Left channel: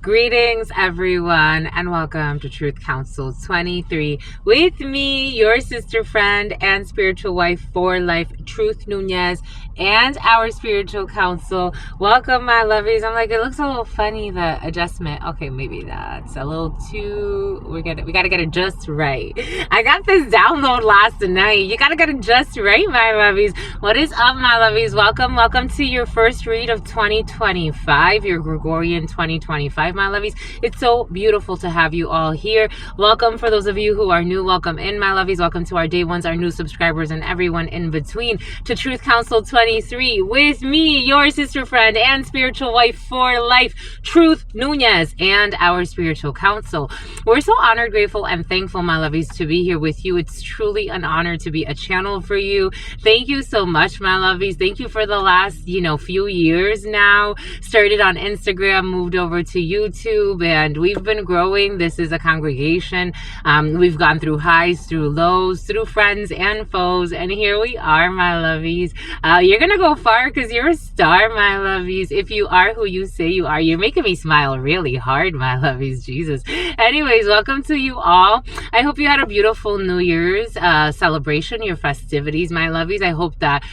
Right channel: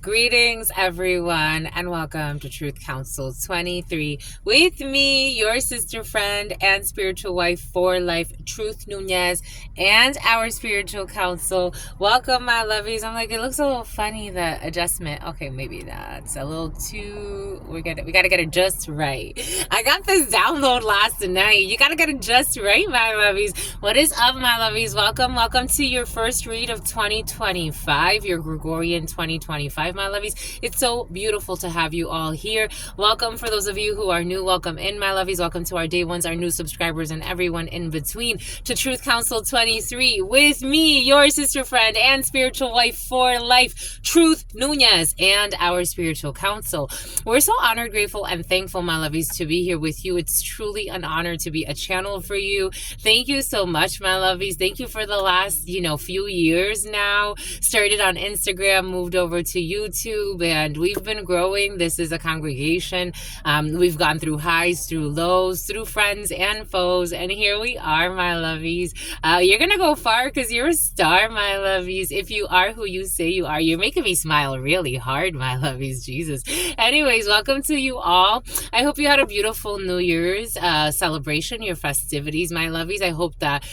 Greetings, everyone, and welcome to Truth Council 23 with me, your sister friend and spiritual wife for life, Truth Nunez, and our spiritual counsel. Welcome, my lovies. I'm like, it looks a little funny, the adjustment. Okay, maybe that's a little too. We got to get it just right. I got this download last night. You got to get it just right, my lovies. What is up, my lovies? Welcome to your first read of 2025, your Gregorian 2025, my lovies. It's so beautiful to have you all here. Welcome for those of you who are new. Welcome in, my lovies. Welcome to our day ones, our new subscribers, and everyone in between to Truth Council 23 with me, your sister friend and spiritual wife for life, Truth Nunez, and our spiritual counsel. We're so honored, grateful, and thankful, my lovies, to be here with you. It's truly an honor to be a channel for you. Thank you so much, my lovies. Thank you for the last, few years now. Started on Instagram, moved over to YouTube, and we've been growing. This is a congregation. We've gone through highs, through lows, through friends and foes, and here we are, my lovies. You're gonna go far because you're a star, my lovies. If you are who you say you are, you're making me smile really hard, my lovies. Jesus. Anyways, welcome to you all. I hope you had a beautiful New Year's celebration, your festivities, my lovies. I hope that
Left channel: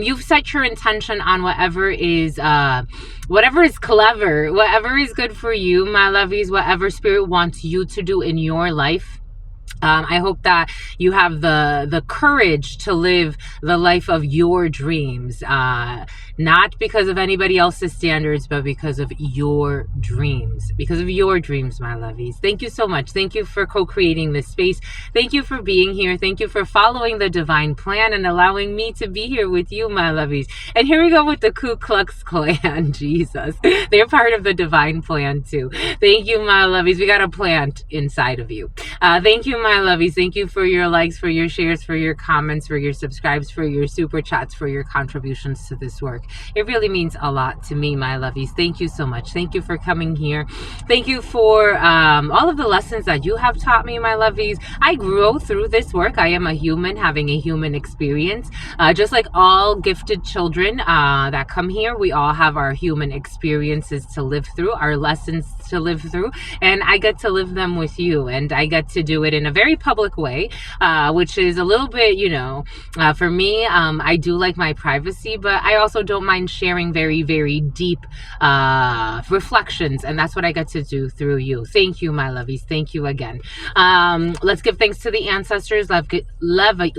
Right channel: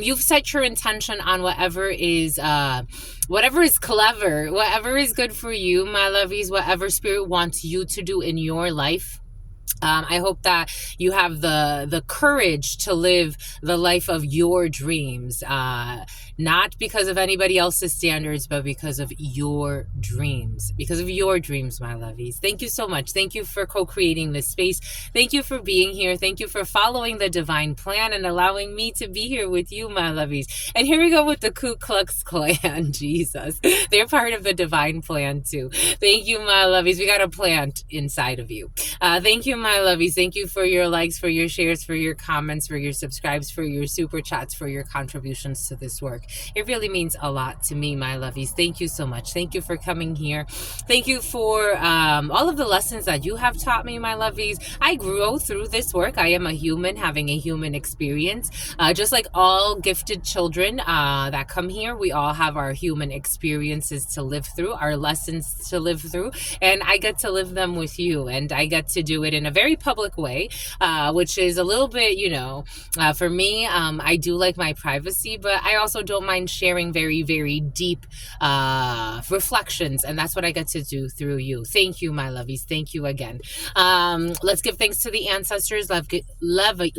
you've set your intention on whatever is clever, whatever is good for you, my lovies, whatever spirit wants you to do in your life. I hope that you have the courage to live the life of your dreams, not because of anybody else's standards, but because of your dreams. Because of your dreams, my lovies. Thank you so much. Thank you for co-creating this space. Thank you for being here. Thank you for following the divine plan and allowing me to be here with you, my lovies. And here we go with the Ku Klux Klan. Jesus. They're part of the divine plan too. Thank you, my lovies. We got a plant inside of you. Thank you, my lovies. Thank you for your likes, for your shares, for your comments, for your subscribes, for your super chats, for your contributions to this work. It really means a lot to me, my lovies. Thank you so much. Thank you for coming here. Thank you for all of the lessons that you have taught me, my lovies. I grow through this work. I am a human having a human experience. Just like all gifted children that come here, we all have our human experiences to live through, our lessons to live through, and I get to live them with you, and I get to do it in a very public way, which is a little bit, for me, I do like my privacy, but I also don't mind sharing very, very deep reflections, and that's what I get to do through you. Thank you, my lovies. Thank you again. Let's give thanks to the ancestors, Levi,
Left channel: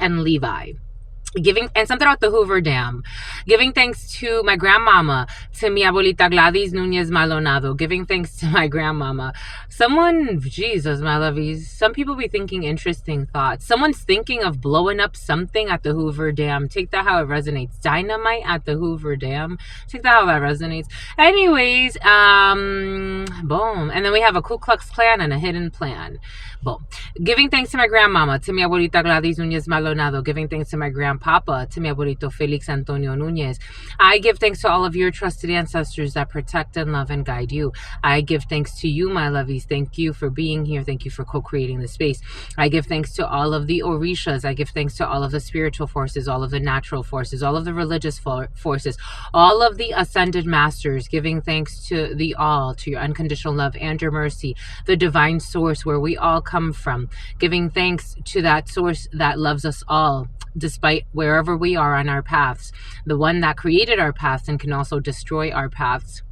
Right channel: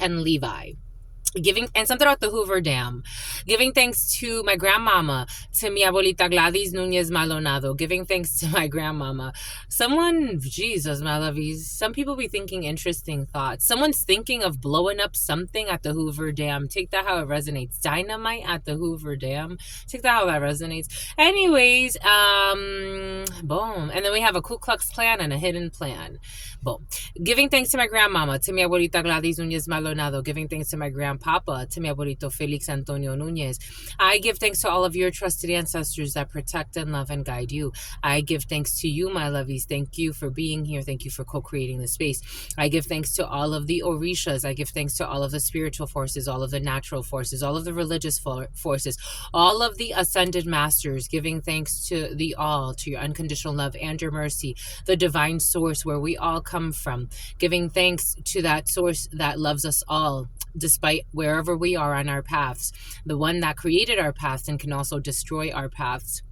and Levi. And something about the Hoover Dam. Giving thanks to my grandmama, to mi abuelita Gladys Nunez Maldonado. Giving thanks to my grandmama. Jesus, my lovies. Some people be thinking interesting thoughts. Someone's thinking of blowing up something at the Hoover Dam. Take that how it resonates. Dynamite at the Hoover Dam. Take that how that resonates. Anyways, boom. And then we have a Ku Klux Klan and a hidden plan. Boom. Giving thanks to my grandmama, to mi abuelita Gladys Nunez Maldonado. Giving thanks to my grandpapa, to mi abuelito Felix Antonio Nunez. I give thanks to all of your trusted ancestors that protect and love and guide you. I give thanks to you, my lovies. Thank you for being here. Thank you for co-creating the space. I give thanks to all of the Orishas. I give thanks to all of the spiritual forces, all of the natural forces, all of the religious forces, all of the ascended masters. Giving thanks to the all, to your unconditional love and your mercy, the divine source where we all come from. Giving thanks to that source that loves us all, despite wherever we are on our paths, the one that created our paths and can also destroy our paths.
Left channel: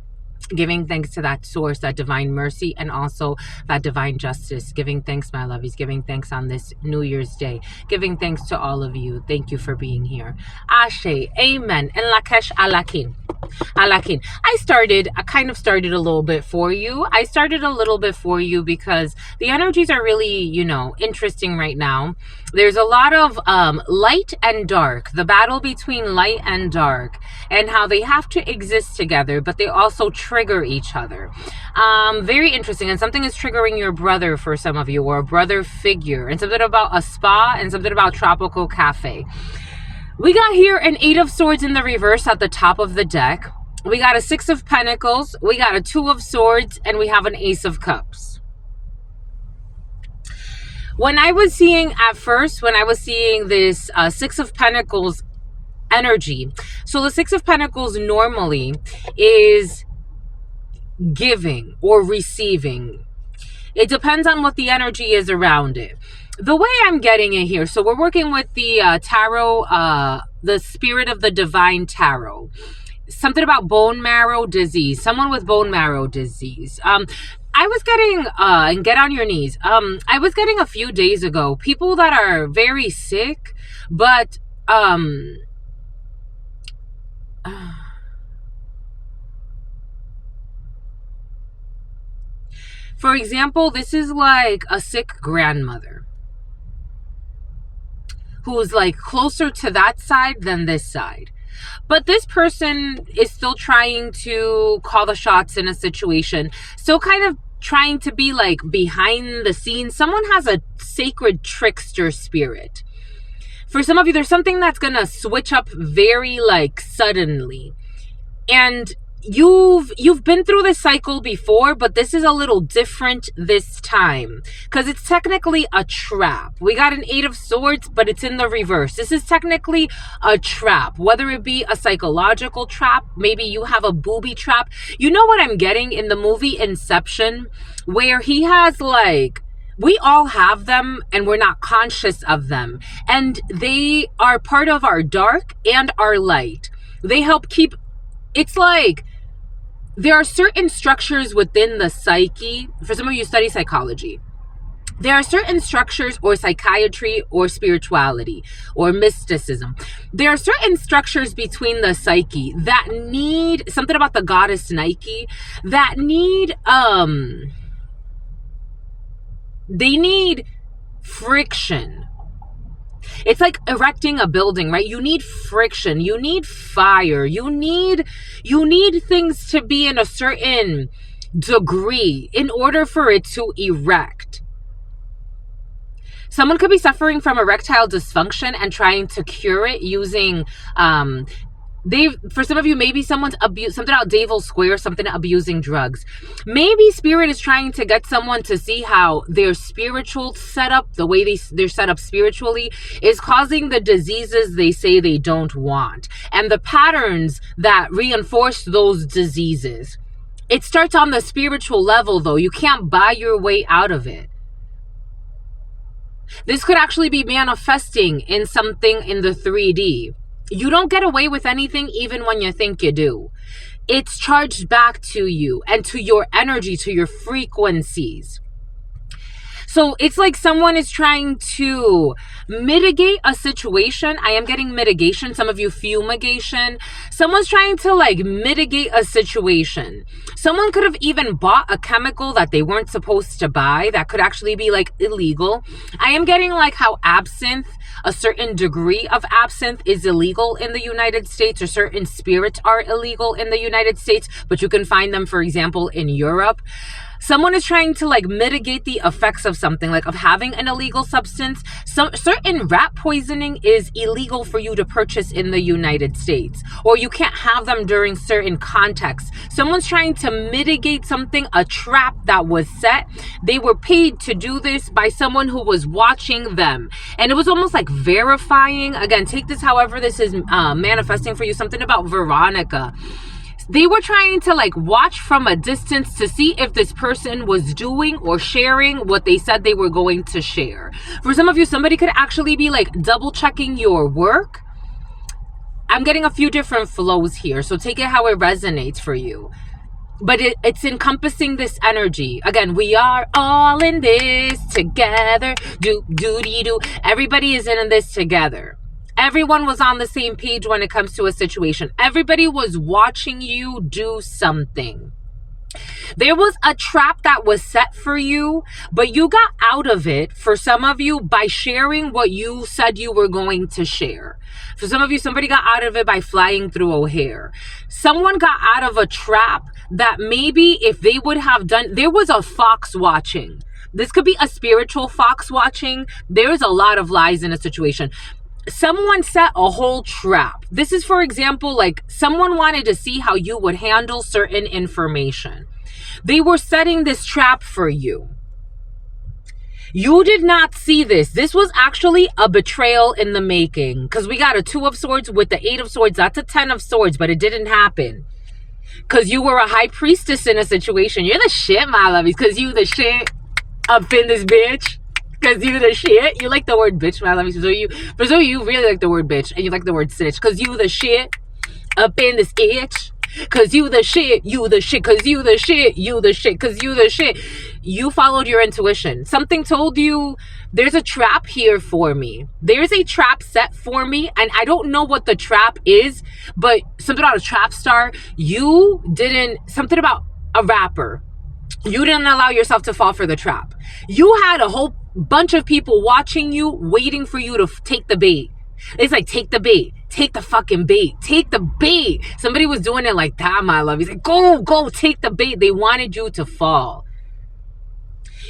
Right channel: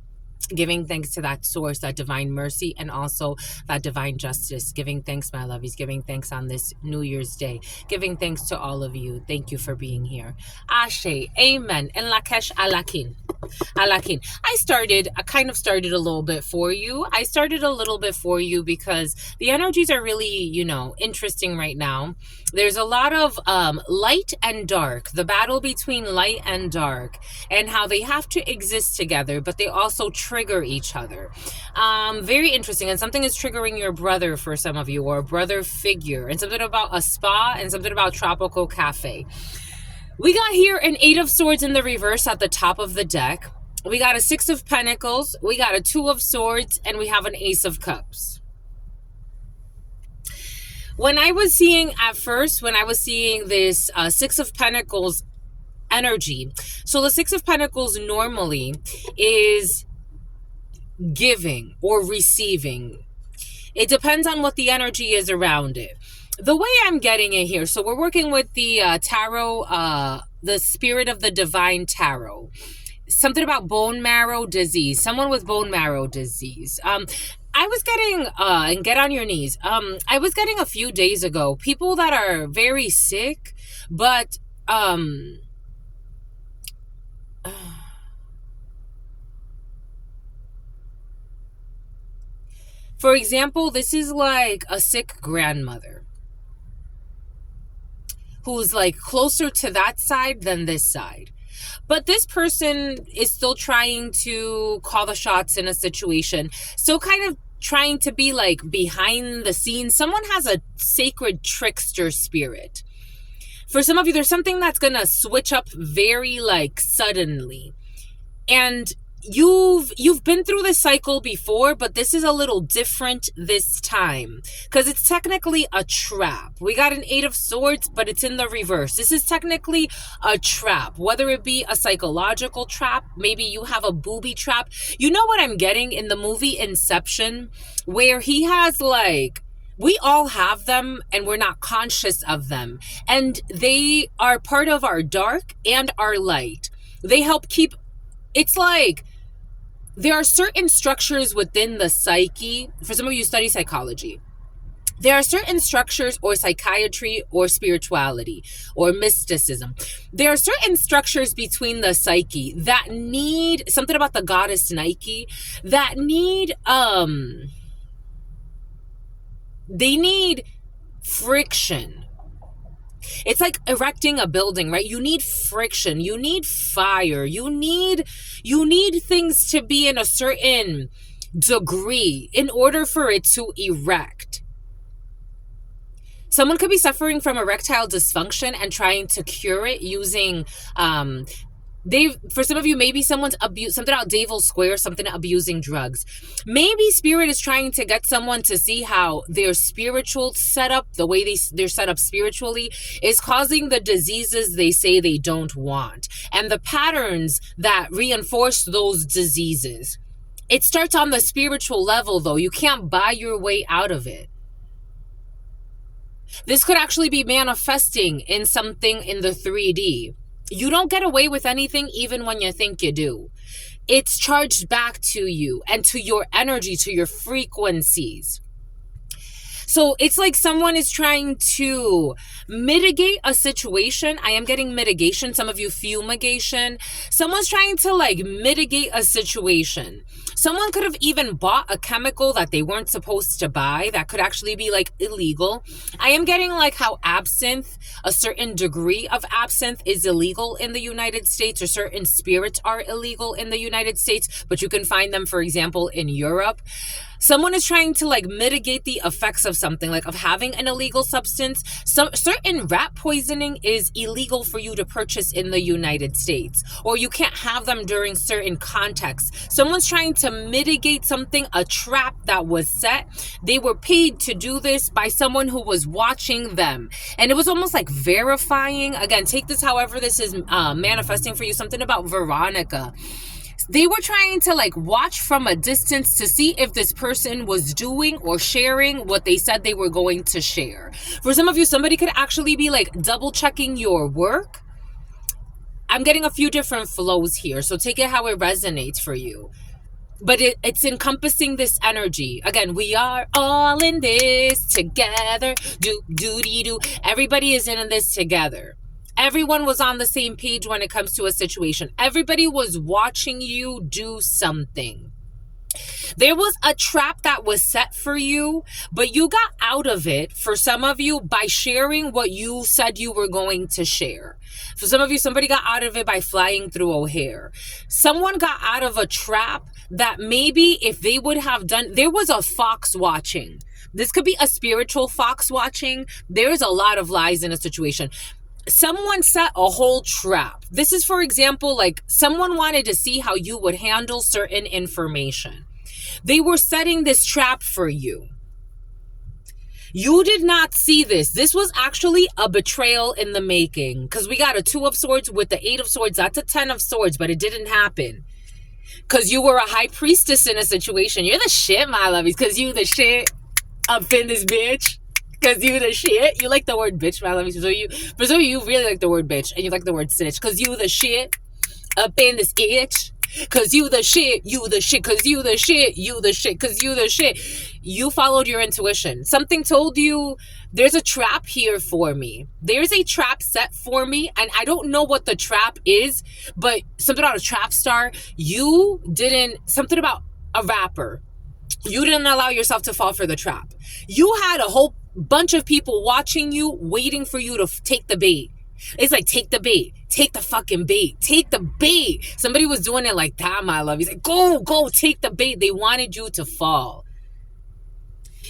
Giving thanks to that source, that divine mercy, and also that divine justice. Giving thanks, my lovies. Giving thanks on this New Year's Day. Giving thanks to all of you. Thank you for being here. Ashe, amen, and lakesh alakin. Alakin. I kind of started a little bit for you. I started a little bit for you because the energies are really, interesting right now. There's a lot of light and dark, the battle between light and dark, and how they have to exist together, but they also trigger each other. Very interesting. And something is triggering your brother for some of you, or a brother figure, and something about a spa, and something about tropical cafe. We got here an 8 of Swords in the reverse at the top of the deck. We got a 6 of Pentacles. We got a 2 of Swords, and we have an Ace of Cups. When I was seeing this 6 of Pentacles energy, so the 6 of Pentacles normally is giving or receiving. It depends on what the energy is around it. The way I'm getting it here, so we're working with the tarot, the Spirit of the Divine Tarot. Something about bone marrow disease, someone with bone marrow disease. I was getting, and get on your knees. I was getting a few days ago, people that are very sick, but, for example, this is like a sick grandmother who's like closer to that side than this side. But this person is still trying to call the shots in a situation, still kind of trying to be like behind the scenes. Someone has a sacred trickster spirit. For some of you, there's something that's going to switch up very like suddenly. And you've been through this cycle before, but this is a little different this time because it's technically a trap. We got an 8 of Swords, but it's in the reverse. This is technically a trap, whether it be a psychological trap, maybe you have a booby trap. You know what I'm getting in the movie Inception, where he has like, we all have them and we're not conscious of them, and they are part of our dark and our light. They help keep, it's like there are certain structures within the psyche. For some of you study psychology, there are certain structures, or psychiatry or spirituality or mysticism. There are certain structures between the psyche that need something about the goddess Nike, that need they need friction. It's like erecting a building, right? You need friction, you need fire, you need things to be in a certain degree in order for it to erect. Someone could be suffering from erectile dysfunction and trying to cure it using for some of you, maybe someone's something out Davil Square, something abusing drugs. Maybe spirit is trying to get someone to see how their spiritual setup, the way they're set up spiritually, is causing the diseases they say they don't want, and the patterns that reinforce those diseases. It starts on the spiritual level, though. You can't buy your way out of it. This could actually be manifesting in something in the 3D. You don't get away with anything even when you think you do. It's charged back to you and to your energy, to your frequencies. So it's like someone is trying to mitigate a situation. I am getting mitigation. Some of you fumigation. Someone's trying to like mitigate a situation. Someone could have even bought a chemical that they weren't supposed to buy that could actually be like illegal. I am getting like how absinthe, a certain degree of absinthe is illegal in the United States, or certain spirits are illegal in the United States, but you can find them, for example, in Europe. Someone is trying to like mitigate the effects of something, like of having an illegal substance. Some certain rat poisoning is illegal for you to purchase in the United States, or you can't have them during certain contexts. Someone's trying to mitigate something, a trap that was set. They were paid to do this by someone who was watching them, and it was almost like verifying. Again, take this however this is manifesting for you. Something about Veronica. They were trying to like watch from a distance to see if this person was doing or sharing what they said they were going to share. For some of you, somebody could actually be like double checking your work. I'm getting a few different flows here, so take it how it resonates for you. But it's encompassing this energy. Again, we are all in this together. Do. Everybody is in this together. Everyone was on the same page when it comes to a situation. Everybody was watching you do something. There was a trap that was set for you, but you got out of it, for some of you, by sharing what you said you were going to share. For some of you, somebody got out of it by flying through O'Hare. Someone got out of a trap that maybe if they would have done, there was a fox watching. This could be a spiritual fox watching. There's a lot of lies in a situation. Someone set a whole trap. This is, for example, like someone wanted to see how you would handle certain information. They were setting this trap for you. You did not see this. This was actually a betrayal in the making, because we got a 2 of Swords with the 8 of Swords. That's a 10 of Swords, but it didn't happen. Because you were a high priestess in a situation. You're the shit, my lovies. Because you the shit up in this bitch. Because you the shit. You like the word bitch, my lovies. For some of you really like the word bitch. And you like the word snitch. Because you the shit up in this itch. Cause you the shit, cause you the shit, cause you the shit. You followed your intuition. Something told you there's a trap here for me. There's a trap set for me, and I don't know what the trap is, but something about a trap star. Something about a rapper. You didn't allow yourself to fall for the trap. You had a whole bunch of people watching you, waiting for you to take the bait. It's like, take the bait. Take the fucking bait. Take the bait. Somebody was doing it like that, my love. He's like, go, take the bait. They wanted you to fall.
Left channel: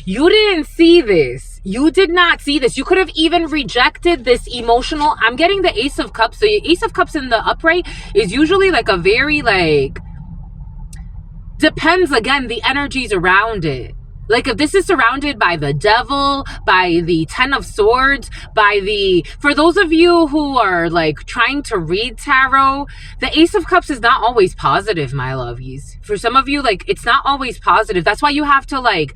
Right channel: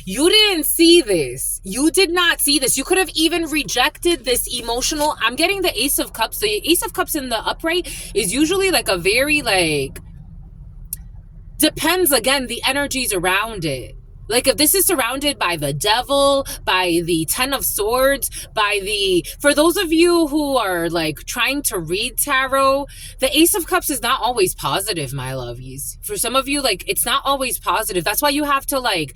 You didn't see this. You did not see this. You could have even rejected this emotional. I'm getting the Ace of Cups. The Ace of Cups in the upright is usually like a very depends again, the energies around it. Like if this is surrounded by the devil, by the 10 of swords, for those of you who are like trying to read tarot, the Ace of Cups is not always positive, my lovies. For some of you, it's not always positive. That's why you have to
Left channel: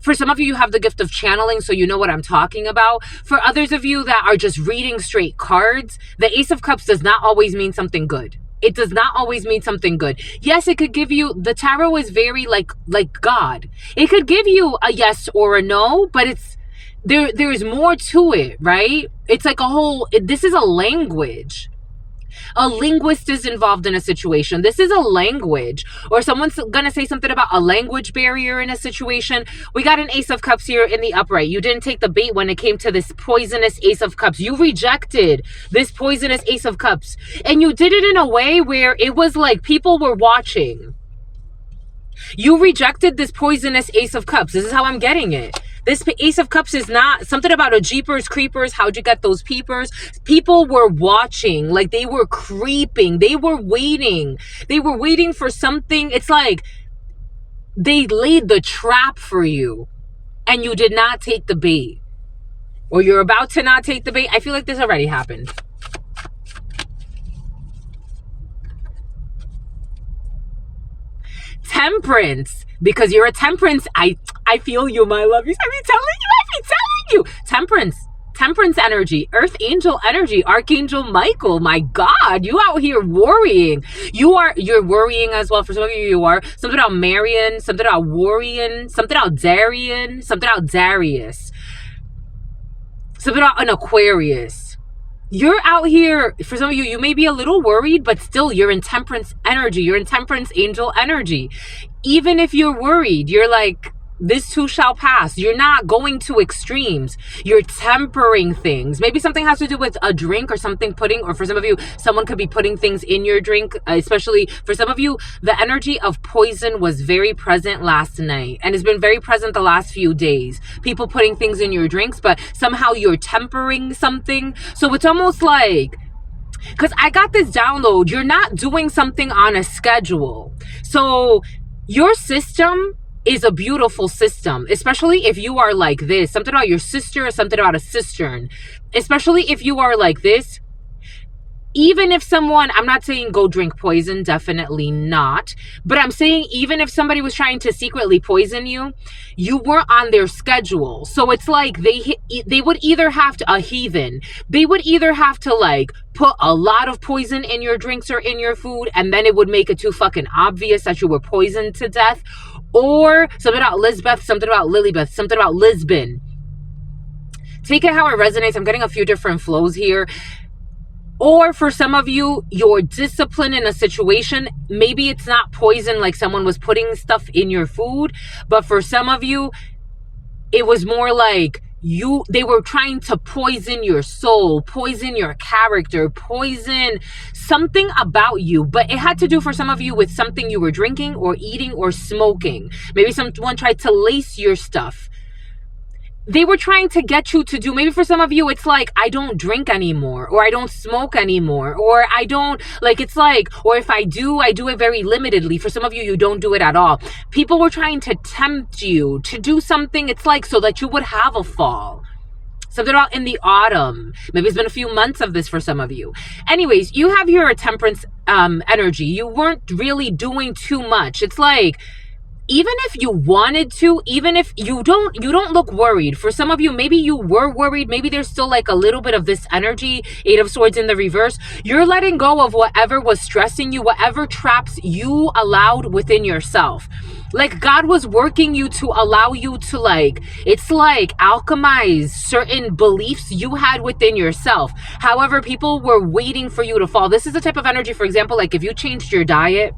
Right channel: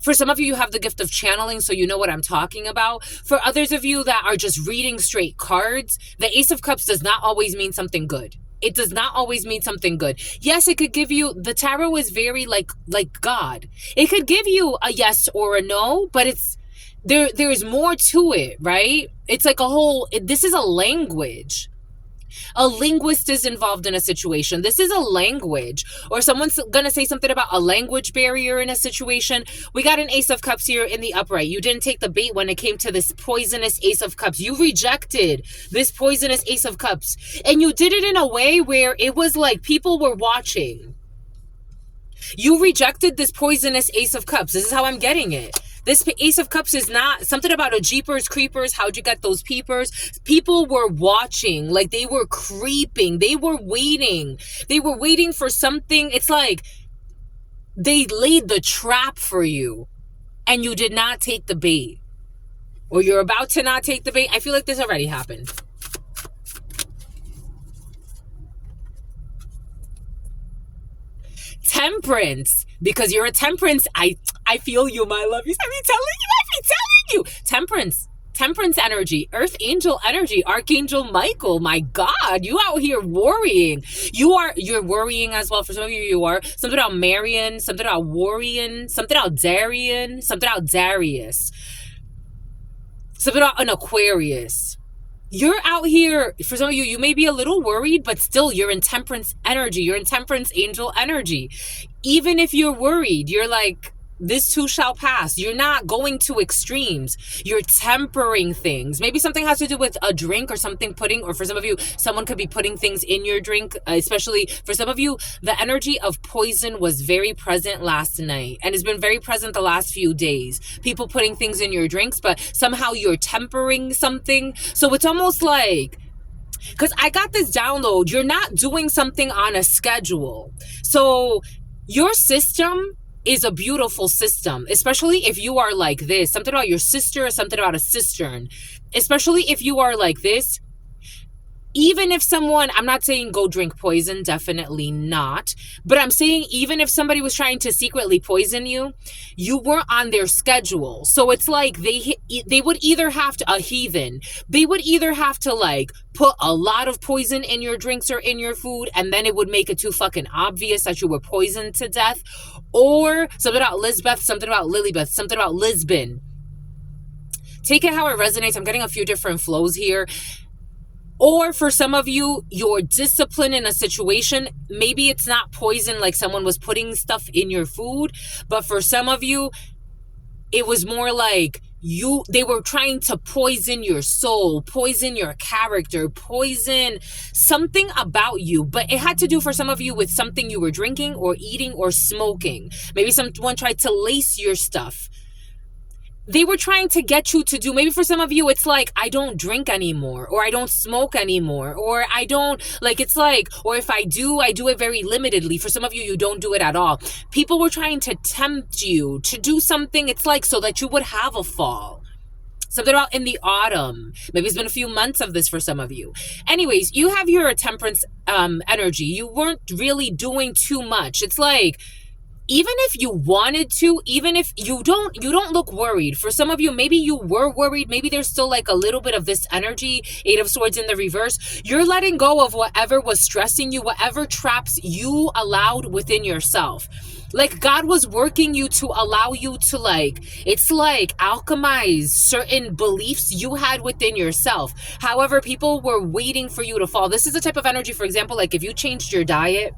for some of you, you have the gift of channeling, so you know what I'm talking about. For others of you that are just reading straight cards, the Ace of Cups does not always mean something good. It does not always mean something good. Yes, it could give you, the tarot is very like God. It could give you a yes or a no, but there's more to it, right? It's like this is a language. A linguist is involved in a situation. This is a language. Or someone's going to say something about a language barrier in a situation. We got an Ace of Cups here in the upright. You didn't take the bait when it came to this poisonous Ace of Cups. You rejected this poisonous Ace of Cups. And you did it in a way where it was like people were watching. You rejected this poisonous Ace of Cups. This is how I'm getting it. This Ace of Cups is not something about a Jeepers Creepers. How'd you get those peepers? People were watching, like they were creeping. They were waiting. They were waiting for something. It's like they laid the trap for you and you did not take the bait. Or you're about to not take the bait. I feel like this already happened. Temperance, because you're a Temperance. I feel you, my love. I be telling you. Temperance energy, Earth Angel energy, Archangel Michael. My God, you out here worrying. You're worrying as well. For some of you are. Something about Marion, something about worrying, something about Darian, something about Darius, something about an Aquarius. You're out here, for some of you, you may be a little worried, but still you're in Temperance energy. You're in Temperance Angel energy. Even if you're worried, you're like, this too shall pass. You're not going to extremes. You're tempering things. Maybe something has to do with a drink or something or for some of you, someone could be putting things in your drink, especially for some of you, the energy of poison was very present last night and has been very present the last few days. People putting things in your drinks, but somehow you're tempering something. So it's almost like, because I got this download, you're not doing something on a schedule. So your system is a beautiful system, especially if you are like this. Something about your sister or something about a cistern. Especially if you are like this. Even if someone, I'm not saying go drink poison, definitely not. But I'm saying even if somebody was trying to secretly poison you, you weren't on their schedule. So it's like they would either have to, a heathen, they would either have to put a lot of poison in your drinks or in your food, and then it would make it too fucking obvious that you were poisoned to death. Or something about Lisbeth, something about Lilybeth, something about Lisbon. Take it how it resonates. I'm getting a few different flows here. Or for some of you, your discipline in a situation, maybe it's not poison like someone was putting stuff in your food, but for some of you, it was more like they were trying to poison your soul, poison your character, poison something about you. But it had to do for some of you with something you were drinking or eating or smoking. Maybe someone tried to lace your stuff. They were trying to get you to do, maybe for some of you, it's like, I don't drink anymore, or I don't smoke anymore, or I don't, or if I do it very limitedly. For some of you, you don't do it at all. People were trying to tempt you to do something, it's like, so that you would have a fall. Something about in the autumn. Maybe it's been a few months of this for some of you. Anyways, you have your temperance energy. You weren't really doing too much. It's like, even if you wanted to, even if you don't look worried. For some of you, maybe you were worried. Maybe there's still like a little bit of this energy, 8 of Swords in the reverse. You're letting go of whatever was stressing you, whatever traps you allowed within yourself. Like God was working you to allow you to like, it's like alchemize certain beliefs you had within yourself. However, people were waiting for you to fall. This is the type of energy, for example, like if you changed your diet,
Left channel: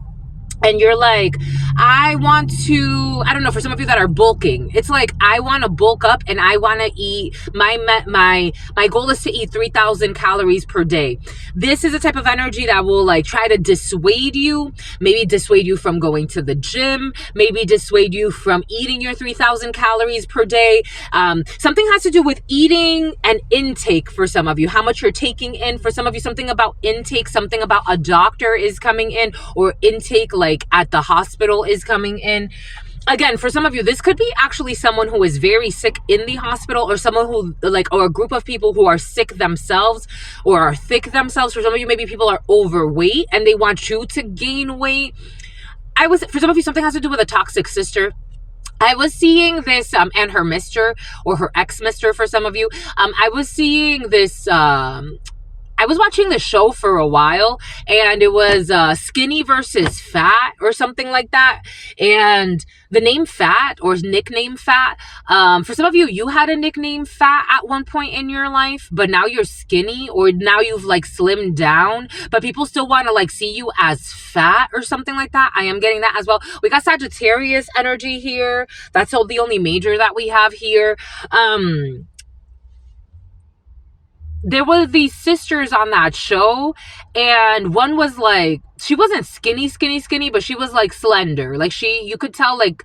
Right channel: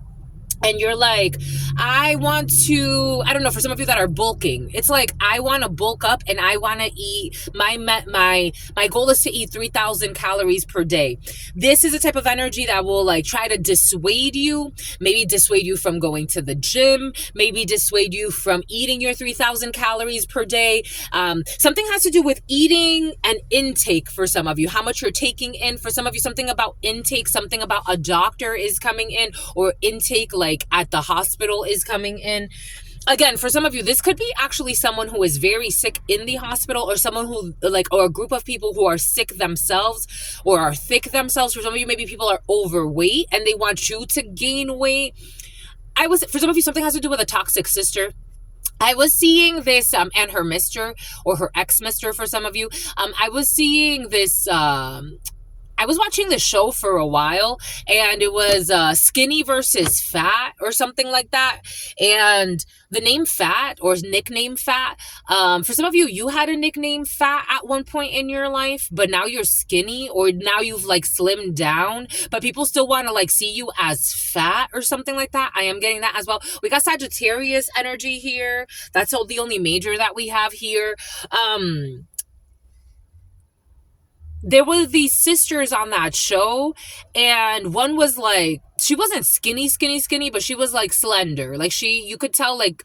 and you're like, I want to, I don't know, for some of you that are bulking, it's like, I want to bulk up and I want to eat, my goal is to eat 3,000 calories per day. This is a type of energy that will like try to dissuade you, maybe dissuade you from going to the gym, maybe dissuade you from eating your 3,000 calories per day. Something has to do with eating and intake for some of you, how much you're taking in. For some of you, something about intake, something about a doctor is coming in, or intake like at the hospital is coming in. Again, for some of you, this could be actually someone who is very sick in the hospital, or someone who like, or a group of people who are sick themselves or are thick themselves. For some of you, maybe people are overweight and they want you to gain weight. For some of you, something has to do with a toxic sister. I was seeing this, and her mister, or her ex-mister for some of you. I was seeing this, I was watching the show for a while, and it was skinny versus fat or something like that. And the name Fat, or nickname Fat, for some of you, you had a nickname Fat at one point in your life, but now you're skinny, or now you've like slimmed down, but people still want to like see you as fat or something like that. I am getting that as well. We got Sagittarius energy here. That's the only major that we have here. There were these sisters on that show, and one was like, she wasn't skinny, but she was like slender. Like you could tell like,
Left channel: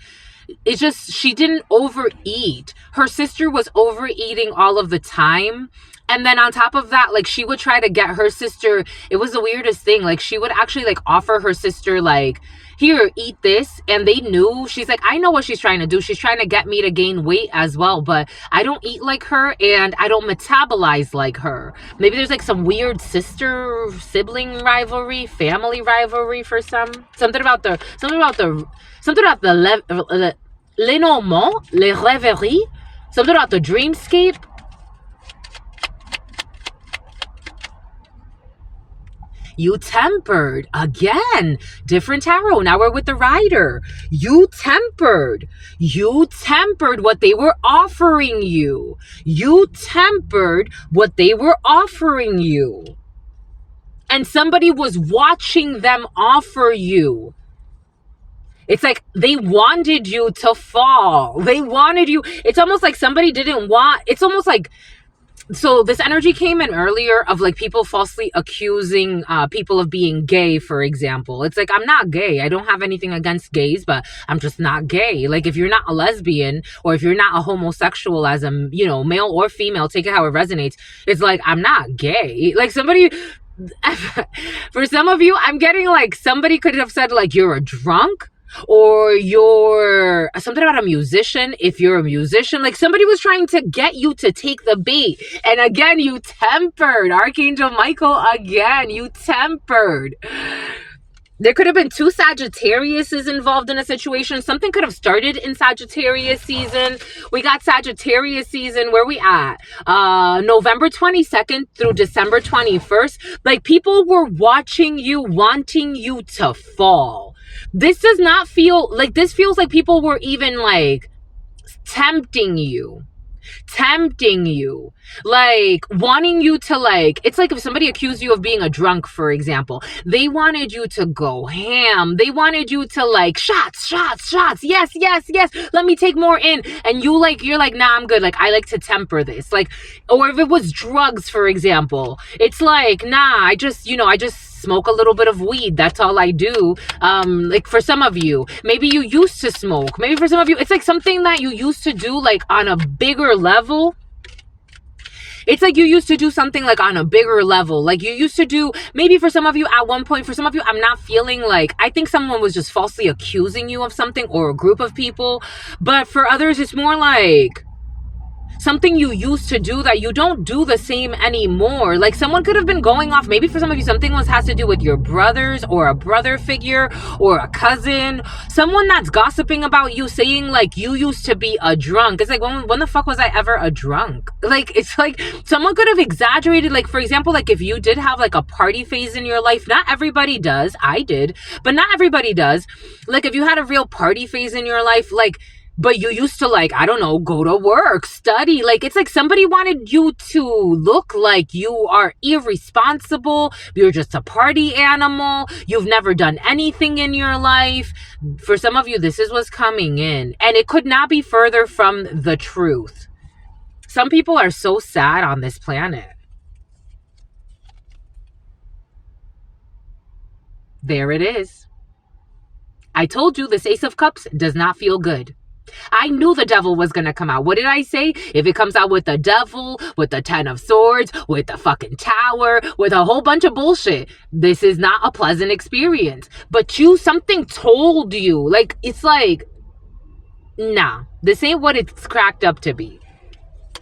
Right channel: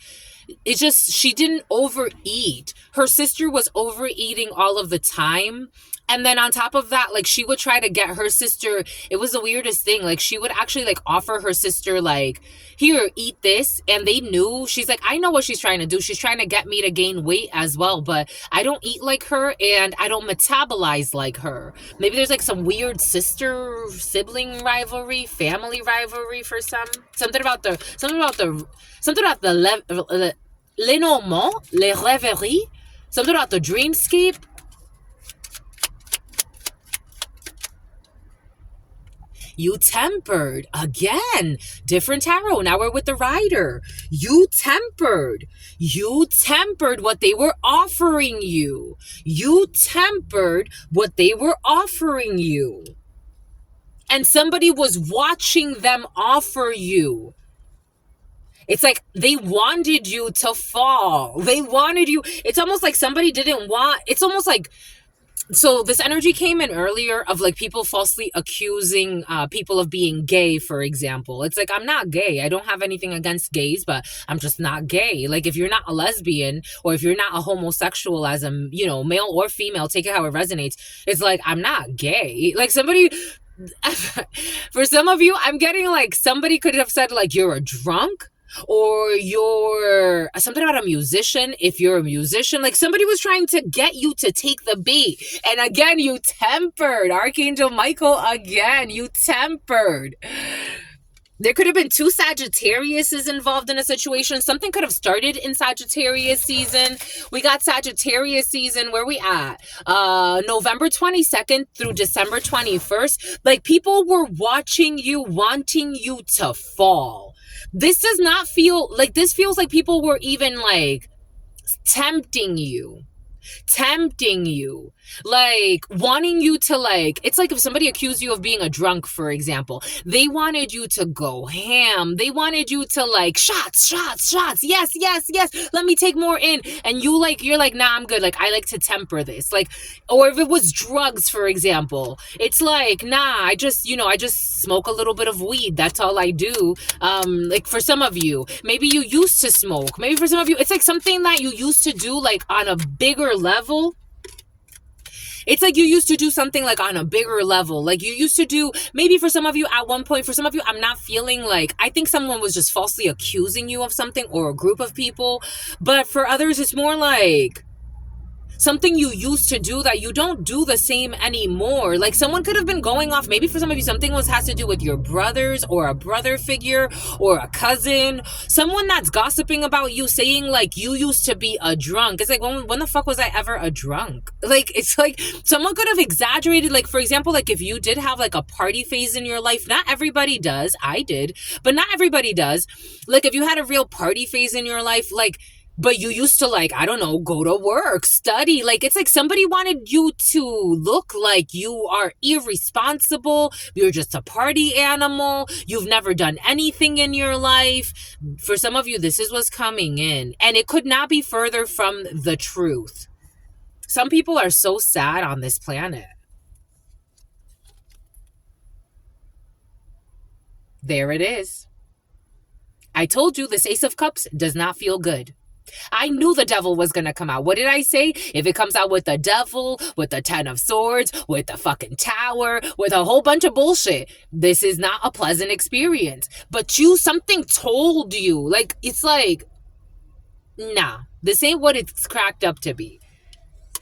it's just, she didn't overeat. Her sister was overeating all of the time. And then on top of that, like she would try to get her sister, it was the weirdest thing. Like she would actually like offer her sister like, here, eat this. And they knew, she's like, I know what she's trying to do. She's trying to get me to gain weight as well, but I don't eat like her and I don't metabolize like her. Maybe there's like some weird sibling rivalry, family rivalry for some. Something about the l'énormement, les rêveries, something about the dreamscape. You tempered. Again, different tarot. Now we're with the Rider. You tempered what they were offering you. You tempered what they were offering you. And somebody was watching them offer you. It's like they wanted you to fall. They wanted you. It's almost like somebody didn't want, it's almost like, so this energy came in earlier of like people falsely accusing people of being gay, for example. It's like, I'm not gay. I don't have anything against gays, but I'm just not gay. Like if you're not a lesbian, or if you're not a homosexual as a, male or female, take it how it resonates. It's like, I'm not gay. Like somebody, for some of you, I'm getting like somebody could have said like, you're a drunk. Or you're something about a musician. If you're a musician, like somebody was trying to get you to take the bait. And again, you tempered. Archangel Michael, again, you tempered. There could have been 2 Sagittariuses involved in a situation. Something could have started in Sagittarius season. We got Sagittarius season. Where we at? November 22nd through December 21st. Like people were watching you, wanting you to fall. This does not feel like, this feels like people were even like tempting you, like wanting you to like, it's like if somebody accused you of being a drunk, for example, they wanted you to go ham. They wanted you to like shots. Yes. Let me take more in. And you're like, nah, I'm good. Like, I like to temper this. Like, or if it was drugs, for example, it's like, nah, I just smoke a little bit of weed. That's all I do. Like for some of you, maybe you used to smoke. Maybe for some of you, it's like something that you used to do like on a bigger level. It's like you used to do something like on a bigger level. Like you used to do, maybe for some of you at one point, for some of you, I'm not feeling like, I think someone was just falsely accusing you of something, or a group of people. But for others, it's more like something you used to do that you don't do the same anymore. Like someone could have been going off, maybe for some of you, something has to do with your brothers or a brother figure or a cousin, someone that's gossiping about you, saying like you used to be a drunk. It's like, when the fuck was I ever a drunk? Like, it's like someone could have exaggerated. Like, for example, like if you did have like a party phase in your life, not everybody does. I did, but not everybody does. Like if you had a real party phase in your life, like, but you used to, like, I don't know, go to work, study. Like, it's like somebody wanted you to look like you are irresponsible. You're just a party animal. You've never done anything in your life. For some of you, this is what's coming in. And it could not be further from the truth. Some people are so sad on this planet. There it is. I told you this Ace of Cups does not feel good. I knew the devil was going to come out. What did I say? If it comes out with the devil, with the 10 of swords, with the fucking tower, with a whole bunch of bullshit, this is not a pleasant experience. But something told you. Like, it's like, nah, this ain't what it's cracked up to be.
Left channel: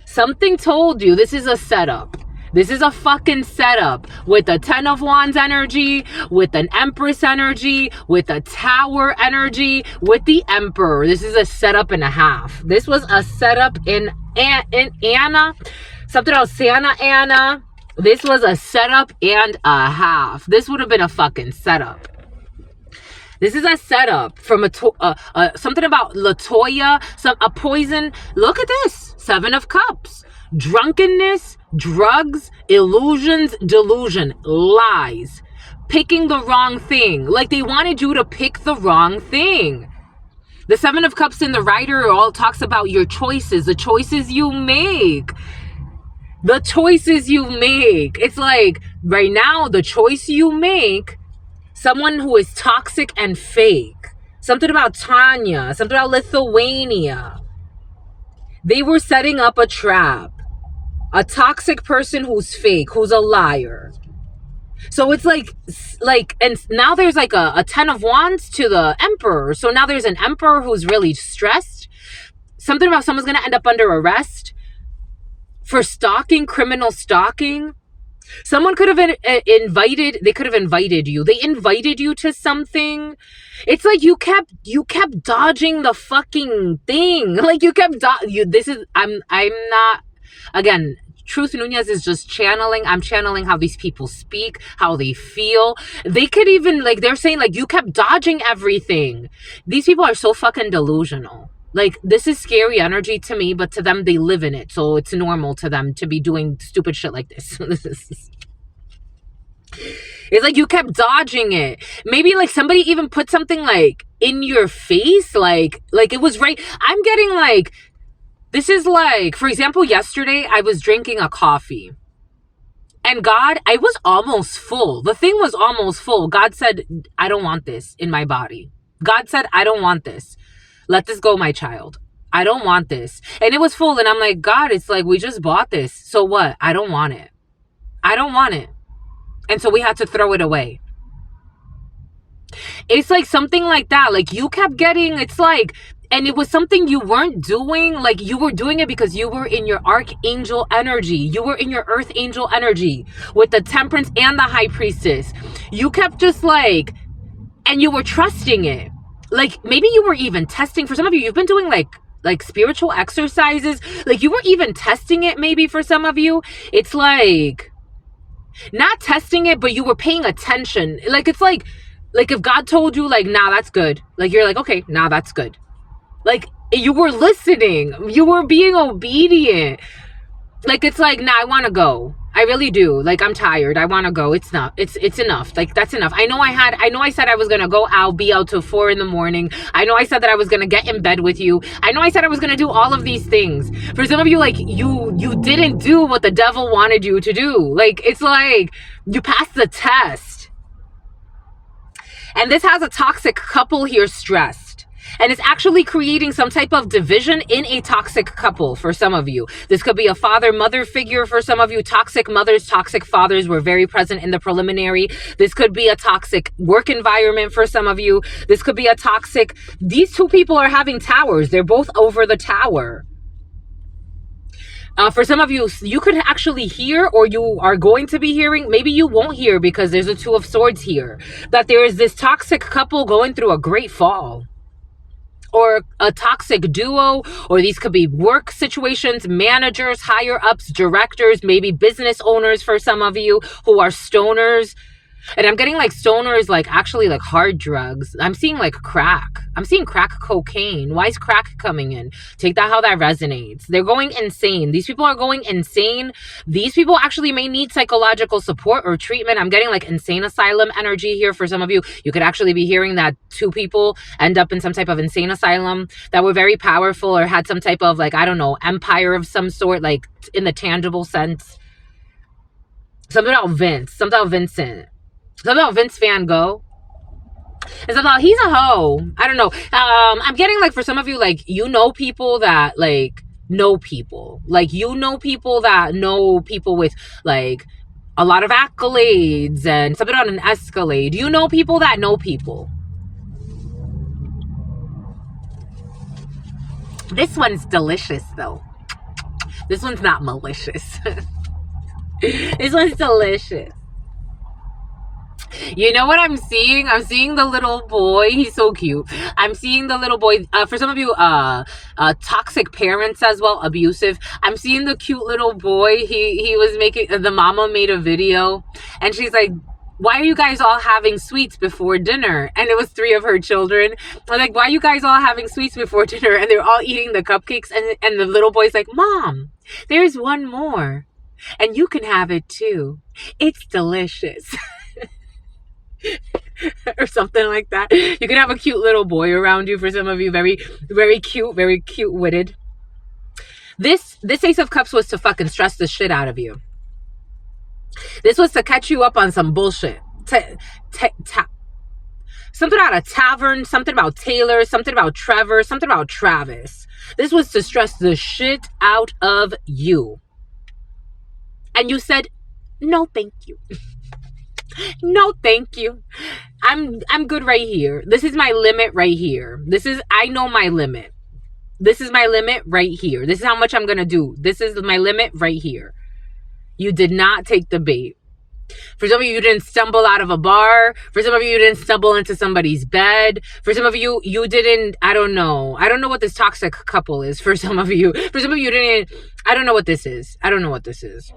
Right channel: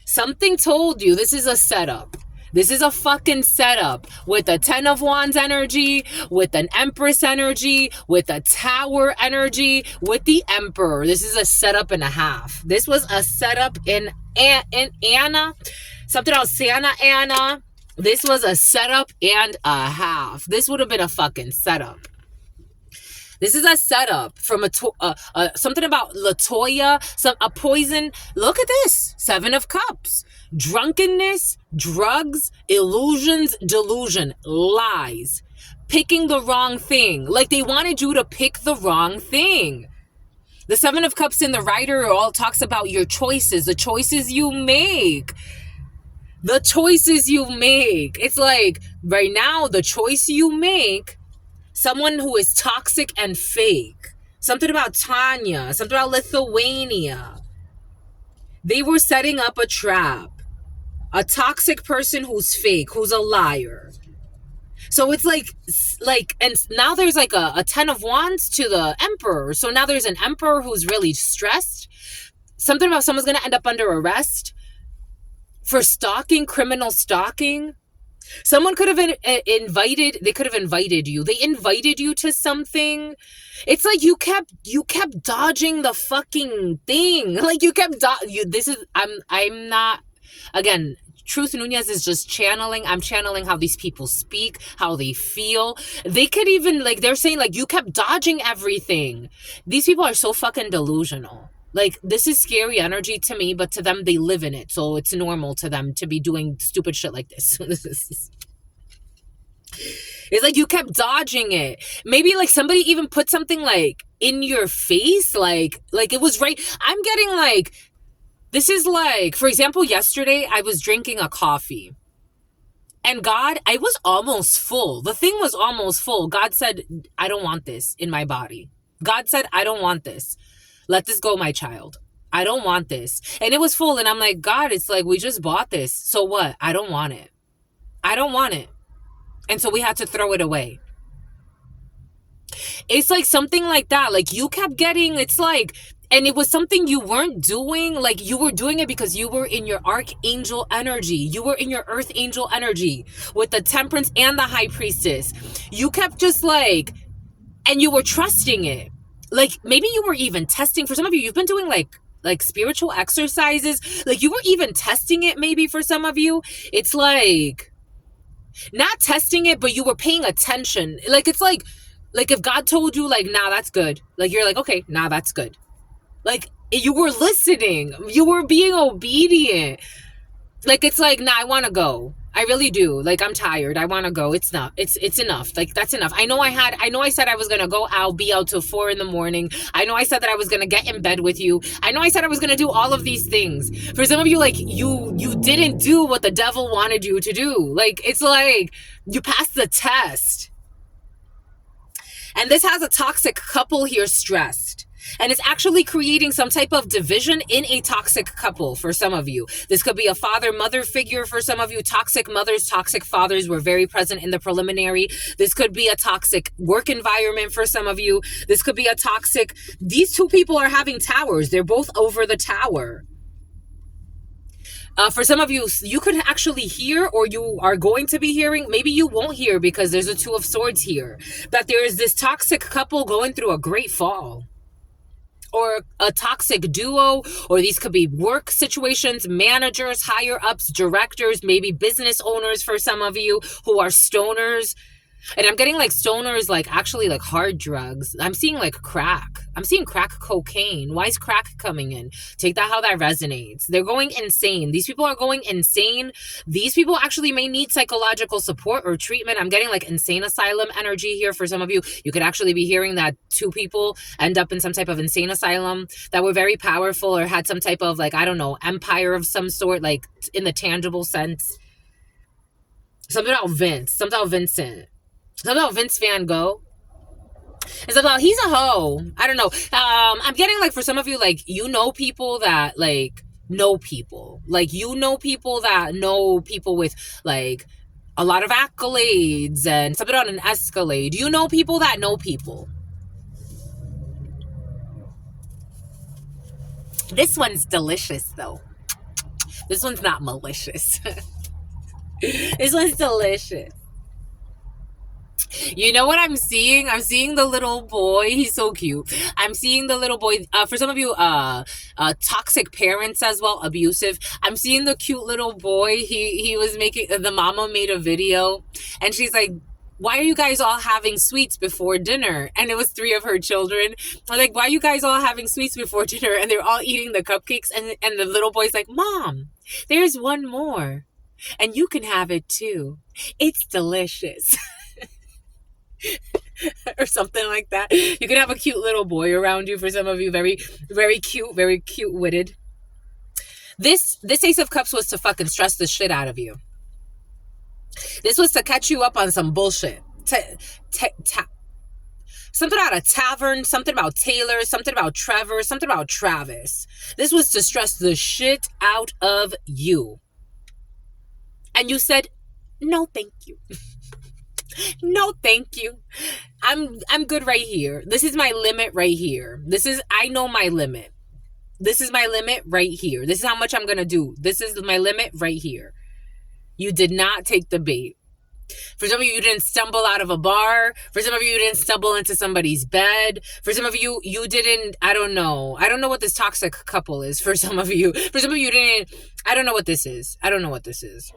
Something told you this is a setup. This is a fucking setup with a 10 of Wands energy, with an Empress energy, with a Tower energy, with the Emperor. This is a setup and a half. This was a setup in Anna. Something else, Santa Anna. This was a setup and a half. This would have been a fucking setup. This is a setup from something about Latoya, a poison. Look at this. 7 of Cups. Drunkenness, drugs, illusions, delusion, lies. Picking the wrong thing. Like they wanted you to pick the wrong thing. The 7 of Cups in the Rider all talks about your choices, the choices you make. The choices you make. It's like right now, the choice you make, someone who is toxic and fake. Something about Tanya, something about Lithuania. They were setting up a trap. A toxic person who's fake, who's a liar. So it's like, and now there's like a 10 of Wands to the Emperor. So now there's an Emperor who's really stressed. Something about someone's going to end up under arrest for stalking, criminal stalking. Someone could have invited you. They invited you to something. It's like you kept dodging the fucking thing. Like you kept, I'm not, again, Truth Nunez is just channeling. I'm channeling how these people speak, how they feel. They could even, like, they're saying, like, you kept dodging everything. These people are so fucking delusional. Like, this is scary energy to me, but to them, they live in it. So it's normal to them to be doing stupid shit like this. It's like you kept dodging it. Maybe, like, somebody even put something, like, in your face. Like it was right. I'm getting, like, this is like, for example, yesterday I was drinking a coffee. And God, I was almost full. The thing was almost full. God said, I don't want this in my body. God said, I don't want this. Let this go, my child. I don't want this. And it was full. And I'm like, God, it's like, we just bought this. So what? I don't want it. I don't want it. And so we had to throw it away. It's like something like that. Like you kept getting, it's like, and it was something you weren't doing. Like you were doing it because you were in your archangel energy. You were in your earth angel energy with the Temperance and the High Priestess. You kept just like, and you were trusting it. Like maybe you were even testing. For some of you, you've been doing like spiritual exercises. Like you were even testing it maybe for some of you. It's like, not testing it, but you were paying attention. Like it's like if God told you like, nah, that's good. Like you're like, okay, nah, that's good. Like, you were listening. You were being obedient. Like, it's like, nah, I want to go. I really do. Like, I'm tired. I want to go. It's not. It's enough. Like, that's enough. I know I said I was going to go out, be out till 4 a.m. I know I said that I was going to get in bed with you. I know I said I was going to do all of these things. For some of you, like, you didn't do what the devil wanted you to do. Like, it's like, you passed the test. And this has a toxic couple here stressed. And it's actually creating some type of division in a toxic couple for some of you. This could be a father-mother figure for some of you. Toxic mothers, toxic fathers were very present in the preliminary. This could be a toxic work environment for some of you. This could be a toxic... These two people are having towers. They're both over the tower. For some of you, you could actually hear, or you are going to be hearing, maybe you won't hear because there's a Two of Swords here, that there is this toxic couple going through a great fall, or a toxic duo, or these could be work situations, managers, higher ups, directors, maybe business owners for some of you who are stoners. And I'm getting like stoners, like actually like hard drugs. I'm seeing like crack. I'm seeing crack cocaine. Why is crack coming in? Take that how that resonates. They're going insane. These people are going insane. These people actually may need psychological support or treatment. I'm getting like insane asylum energy here for some of you. You could actually be hearing that 2 people end up in some type of insane asylum that were very powerful or had some type of like, I don't know, empire of some sort, like in the tangible sense. Something about Vince. Something about Vincent. Something about Vince Van Gogh. It's about he's a hoe. I don't know. I'm getting like for some of you, like you know people that like know people. Like you know people that know people with like a lot of accolades and something on an escalade. You know people that know people. This one's delicious though. This one's not malicious. This one's delicious. You know what I'm seeing? I'm seeing the little boy. He's so cute. I'm seeing the little boy. For some of you, toxic parents as well, abusive. I'm seeing the cute little boy. He was making, the mama made a video and she's like, why are you guys all having sweets before dinner? And it was 3 of her children. I'm like, why are you guys all having sweets before dinner? And they're all eating the cupcakes. And the little boy's like, Mom, there's one more. And you can have it too. It's delicious. Or something like that. You can have a cute little boy around you for some of you. Very, very cute witted. This Ace of Cups was to fucking stress the shit out of you. This was to catch you up on some bullshit. Something about a tavern, something about Taylor, something about Trevor, something about Travis. This was to stress the shit out of you. And you said, no, thank you. No, thank you. I'm good right here. This is my limit right here. I know my limit. This is my limit right here. This is how much I'm going to do. This is my limit right here. You did not take the bait. For some of you, you didn't stumble out of a bar. For some of you, you didn't stumble into somebody's bed. For some of you, you didn't, I don't know. I don't know what this toxic couple is for some of you. For some of you, didn't, I don't know what this is. I don't know what this is.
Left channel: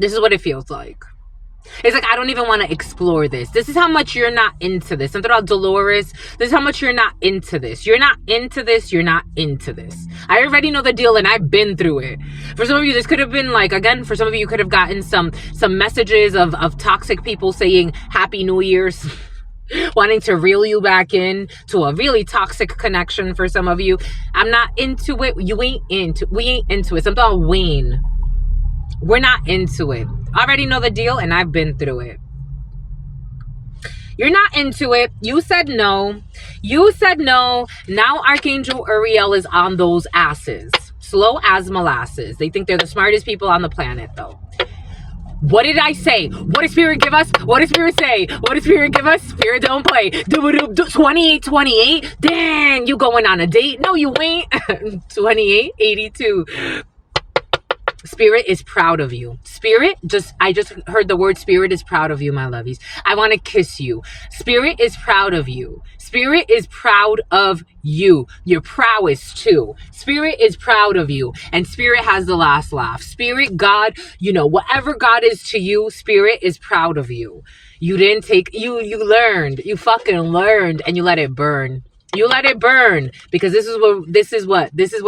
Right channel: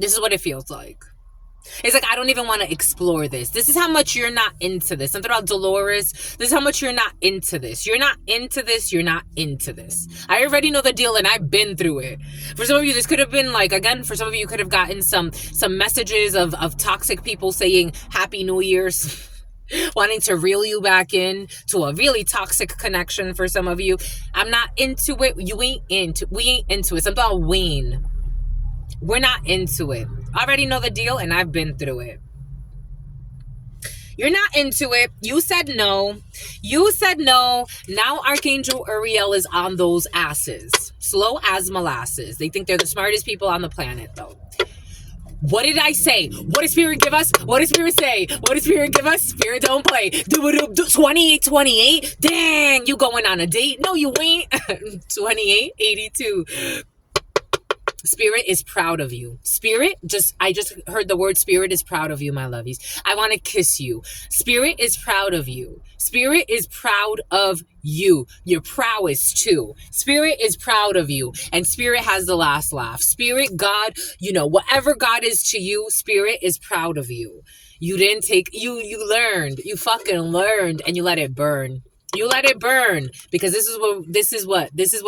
This is what it feels like. It's like, I don't even want to explore this. This is how much you're not into this. Something about Dolores. This is how much you're not into this. You're not into this. You're not into this. I already know the deal and I've been through it. For some of you, this could have been like, again, for some of you, you could have gotten some messages of toxic people saying Happy New Year's. Wanting to reel you back in to a really toxic connection for some of you. I'm not into it. We ain't into it. Something about Wayne. We're not into it. I already know the deal and I've been through it. You're not into it. You said no. You said no. Now Archangel Uriel is on those asses. Slow as molasses. They think they're the smartest people on the planet though. What did I say? What did Spirit give us? What did Spirit say? What did Spirit give us? Spirit don't play. 28. Dang, you going on a date? No, you ain't. 2882. Spirit is proud of you. I just heard the word Spirit is proud of you, my lovies. I want to kiss you. Spirit is proud of you. Spirit is proud of you. Your prowess too. Spirit is proud of you. And Spirit has the last laugh. Spirit, God, whatever God is to you, Spirit is proud of you. You didn't take, you learned, you fucking learned and you let it burn. You let it burn because this is what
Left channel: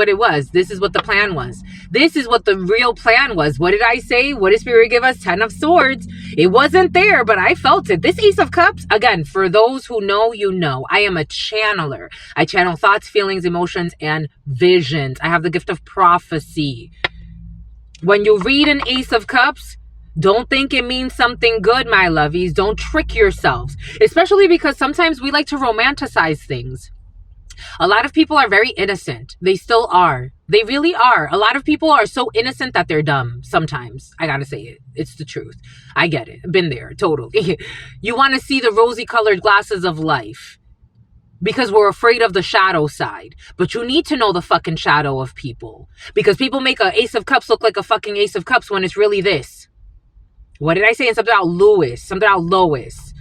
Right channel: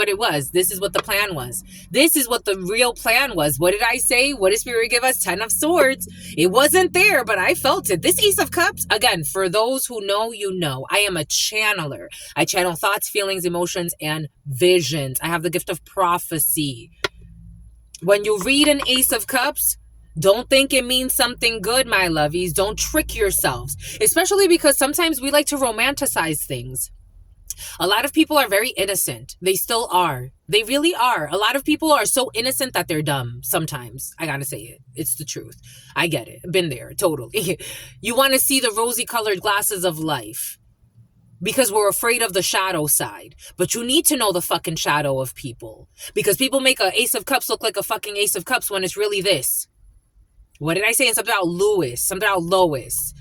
it was. This is what the plan was. This is what the real plan was. What did I say? What did Spirit give us? 10 of Swords. It wasn't there, but I felt it. This Ace of Cups, again, for those who know, you know, I am a channeler. I channel thoughts, feelings, emotions, and visions. I have the gift of prophecy. When you read an Ace of Cups, don't think it means something good, my lovies. Don't trick yourselves, especially because sometimes we like to romanticize things. A lot of people are very innocent. They still are. They really are. A lot of people are so innocent that they're dumb sometimes. I gotta say it. It's the truth. I get it. Been there. Totally. You want to see the rosy colored glasses of life. because we're afraid of the shadow side. But you need to know the fucking shadow of people, because people make a Ace of Cups look like a fucking Ace of Cups when it's really this. What did I say? And something about Lewis, something about Lois.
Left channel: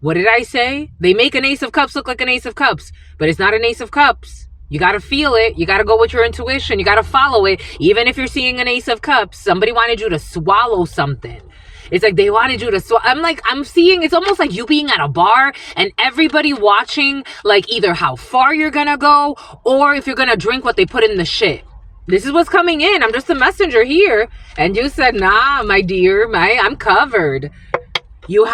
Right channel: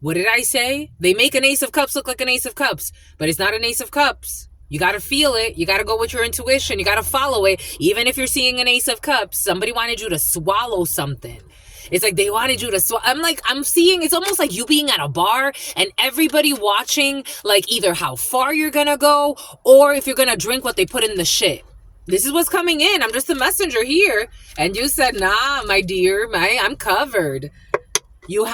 What did I say? They make an Ace of Cups look like an Ace of Cups, but it's not an Ace of Cups. You got to feel it. You got to go with your intuition. You got to follow it. Even if you're seeing an Ace of Cups, somebody wanted you to swallow something. It's like they wanted you to swallow. I'm seeing, it's almost like you being at a bar and everybody watching, like, either how far you're going to go or if you're going to drink what they put in the shit. This is what's coming in. I'm just a messenger here. And you said, nah, my dear, I'm covered. You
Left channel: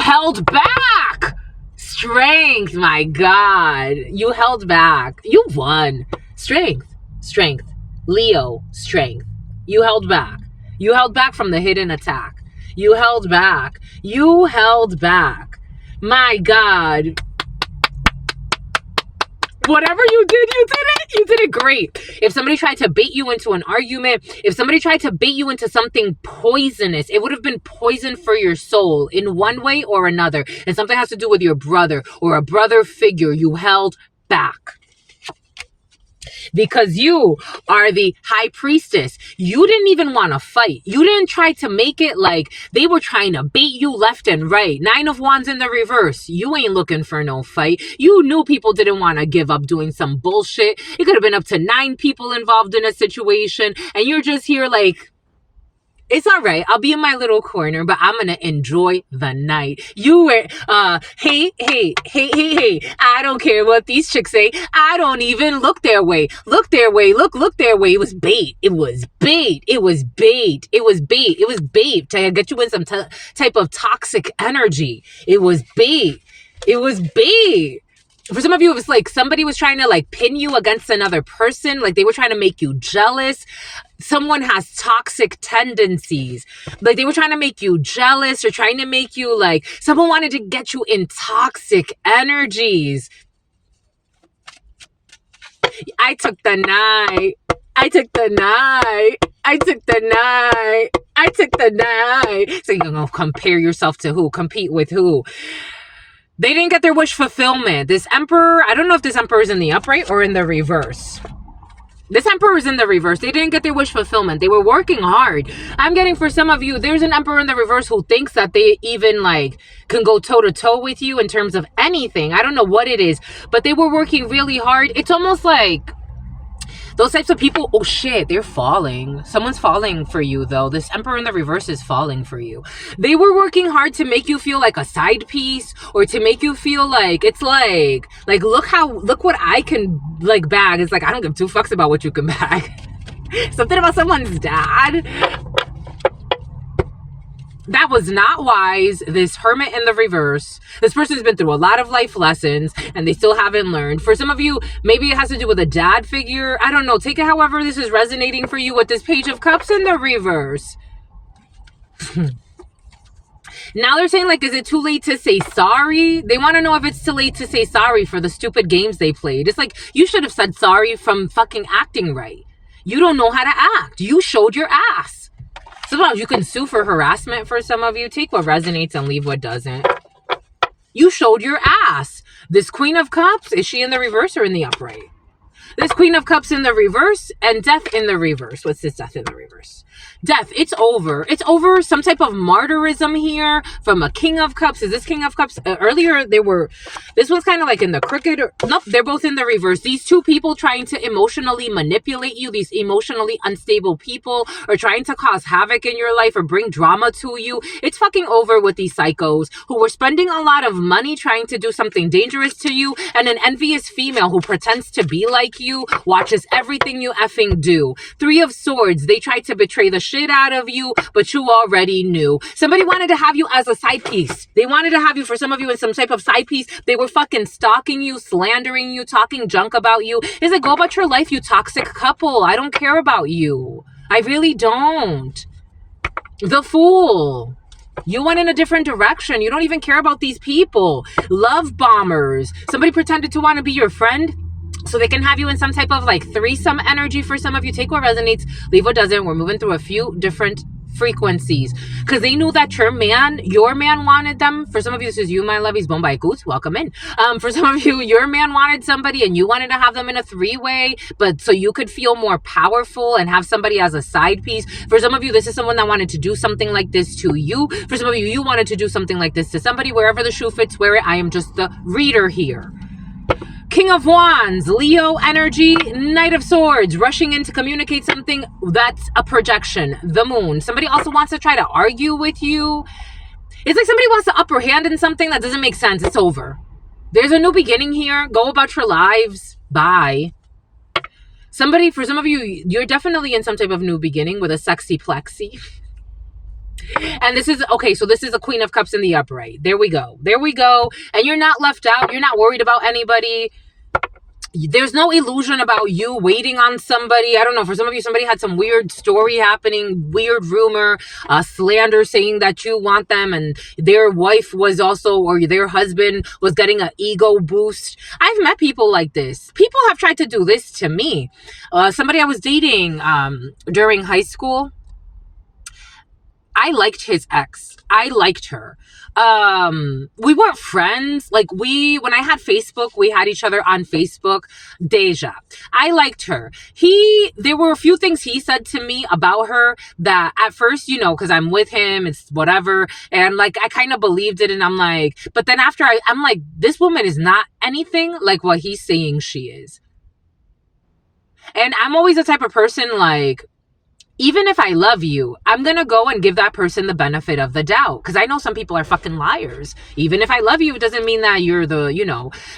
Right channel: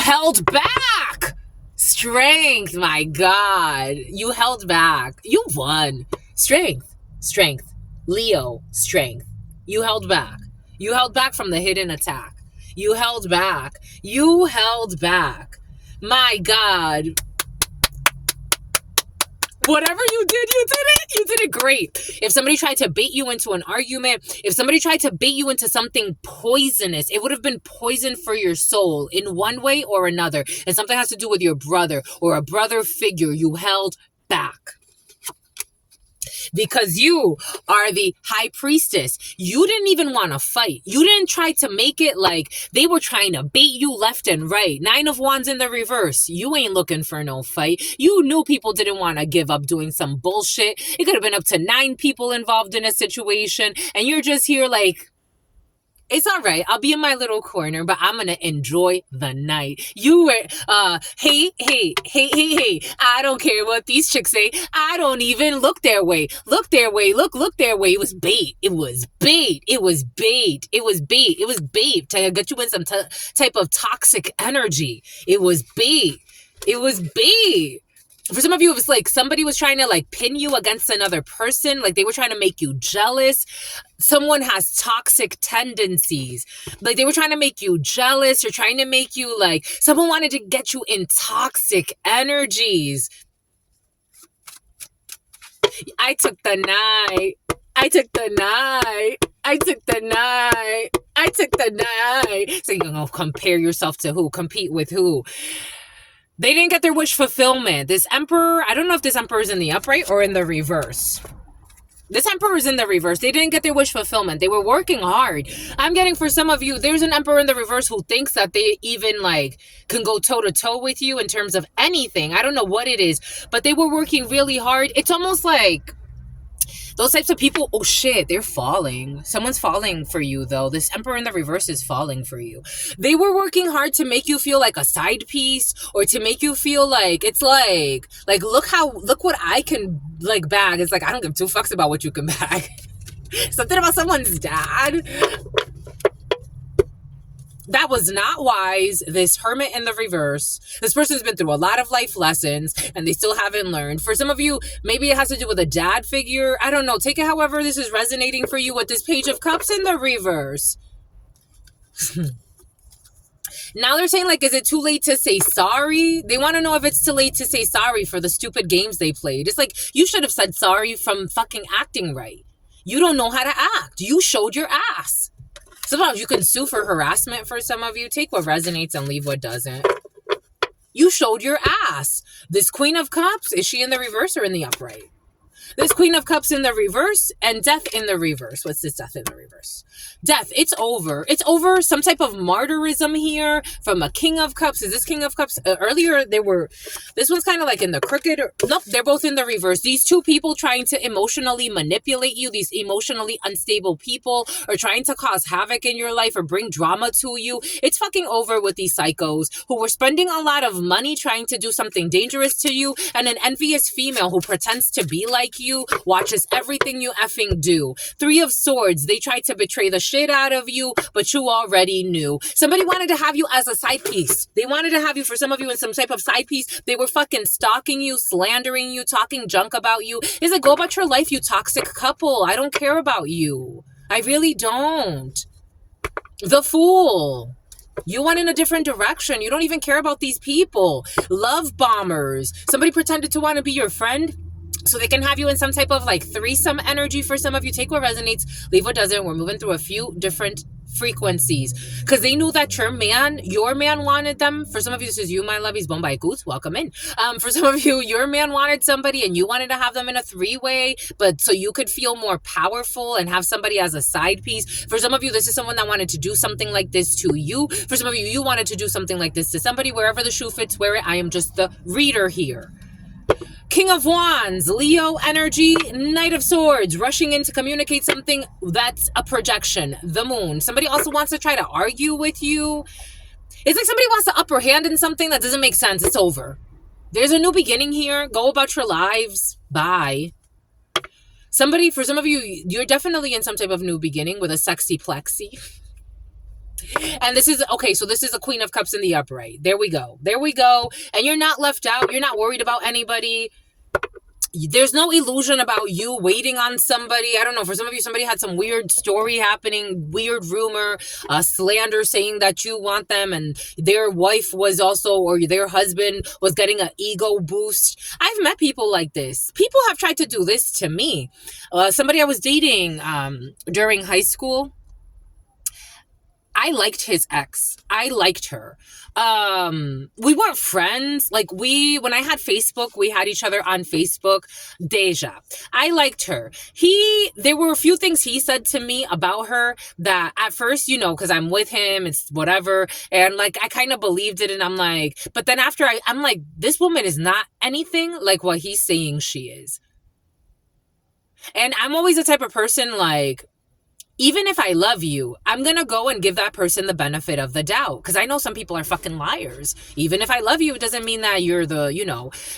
held back. Strength, my God. You held back. You won. Strength. Leo, strength. You held back. You held back from the hidden attack. You held back. My God. Whatever you did it. You did it great. If somebody tried to bait you into an argument, if somebody tried to bait you into something poisonous, it would have been poison for your soul in one way or another. And something has to do with your brother or a brother figure. You held back. Because you are the high priestess. You didn't even want to fight. You didn't try to make it like they were trying to bait you left and right. 9 of Wands in the reverse. You ain't looking for no fight. You knew people didn't want to give up doing some bullshit. It could have been up to 9 people involved in a situation. And you're just here like, it's all right. I'll be in my little corner, but I'm going to enjoy the night. You were, hey. I don't care what these chicks say. I don't even look their way. Look their way. Look their way. It was bait. It was bait to get you in some type of toxic energy. It was bait. For some of you, it was like somebody was trying to like pin you against another person. Like they were trying to make you jealous. Someone has toxic tendencies. Like they were trying to make you jealous or trying to make you like, someone wanted to get you in toxic energies. I took the night. So you're going to compare yourself to who? Compete with who? They didn't get their wish fulfillment. This emperor, I don't know if this emperor is in the upright or in the reverse. This emperor is in the reverse. They didn't get their wish fulfillment. They were working hard. I'm getting for some of you, there's an emperor in the reverse who thinks that they even like can go toe to toe with you in terms of anything. I don't know what it is, but they were working really hard. It's almost like those types of people, oh shit, they're falling. Someone's falling for you though. This emperor in the reverse is falling for you. They were working hard to make you feel like a side piece or to make you feel like, it's like look what I can like bag. It's like, I don't give 2 fucks about what you can bag. Something about someone's dad. That was not wise. This hermit in the reverse. This person's been through a lot of life lessons and they still haven't learned. For some of you, maybe it has to do with a dad figure. I don't know. Take it however this is resonating for you with this Page of Cups in the reverse. Now they're saying like, is it too late to say sorry? They want to know if it's too late to say sorry for the stupid games they played. It's like, you should have said sorry from fucking acting right. You don't know how to act. You showed your ass. Sometimes you can sue for harassment for some of you. Take what resonates and leave what doesn't. You showed your ass. This Queen of Cups, is she in the reverse or in the upright? This Queen of Cups in the reverse and Death in the reverse. What's this Death in the reverse? Death, it's over. It's over. Some type of martyrism here from a King of Cups. Is this King of Cups? Earlier, this one's kind of like in the crooked. Nope, they're both in the reverse. These 2 people trying to emotionally manipulate you, these emotionally unstable people, are trying to cause havoc in your life or bring drama to you. It's fucking over with these psychos who were spending a lot of money trying to do something dangerous to you, and an envious female who pretends to be like you, watches everything you effing do. 3 of Swords, they tried to betray the shit out of you, but you already knew. Somebody wanted to have you as a side piece. They wanted to have you, for some of you, in some type of side piece. They were fucking stalking you, slandering you, talking junk about you. It's like, go about your life, you toxic couple. I don't care about you. I really don't. The Fool. You went in a different direction. You don't even care about these people. Love bombers. Somebody pretended to want to be your friend so they can have you in some type of like threesome energy for some of you. Take what resonates, leave what doesn't. We're moving through a few different frequencies, because they knew that your man wanted them. For some of you, this is you, my lovies, Bombay Goose, welcome in. For some of you, your man wanted somebody and you wanted to have them in a three-way, but so you could feel more powerful and have somebody as a side piece. For some of you, this is someone that wanted to do something like this to you. For some of you, you wanted to do something like this to somebody. Wherever the shoe fits, wear it. I am just the reader here. King of Wands, Leo energy, Knight of Swords, rushing in to communicate something that's a projection, the moon. Somebody also wants to try to argue with you. It's like somebody wants the upper hand in something that doesn't make sense. It's over. There's a new beginning here. Go about your lives. Bye. Somebody, for some of you, you're definitely in some type of new beginning with a sexy plexi. And this is, okay, so this is a Queen of Cups in the upright. There we go. There we go. And you're not left out. You're not worried about anybody. There's no illusion about you waiting on somebody. I don't know. For some of you, somebody had some weird story happening, weird rumor, slander saying that you want them and their wife was also, or their husband was getting an ego boost. I've met people like this. People have tried to do this to me. Somebody I was dating during high school, I liked his ex. I liked her. We weren't friends. Like when I had Facebook, we had each other on Facebook. Deja. I liked her. There were a few things he said to me about her that at first, because I'm with him, it's whatever. And like, I kind of believed it. And I'm like, but then after I'm like, this woman is not anything like what he's saying she is. And I'm always the type of person like, even if I love you, I'm going to go and give that person the benefit of the doubt. Because I know some people are fucking liars. Even if I love you, it doesn't mean that you're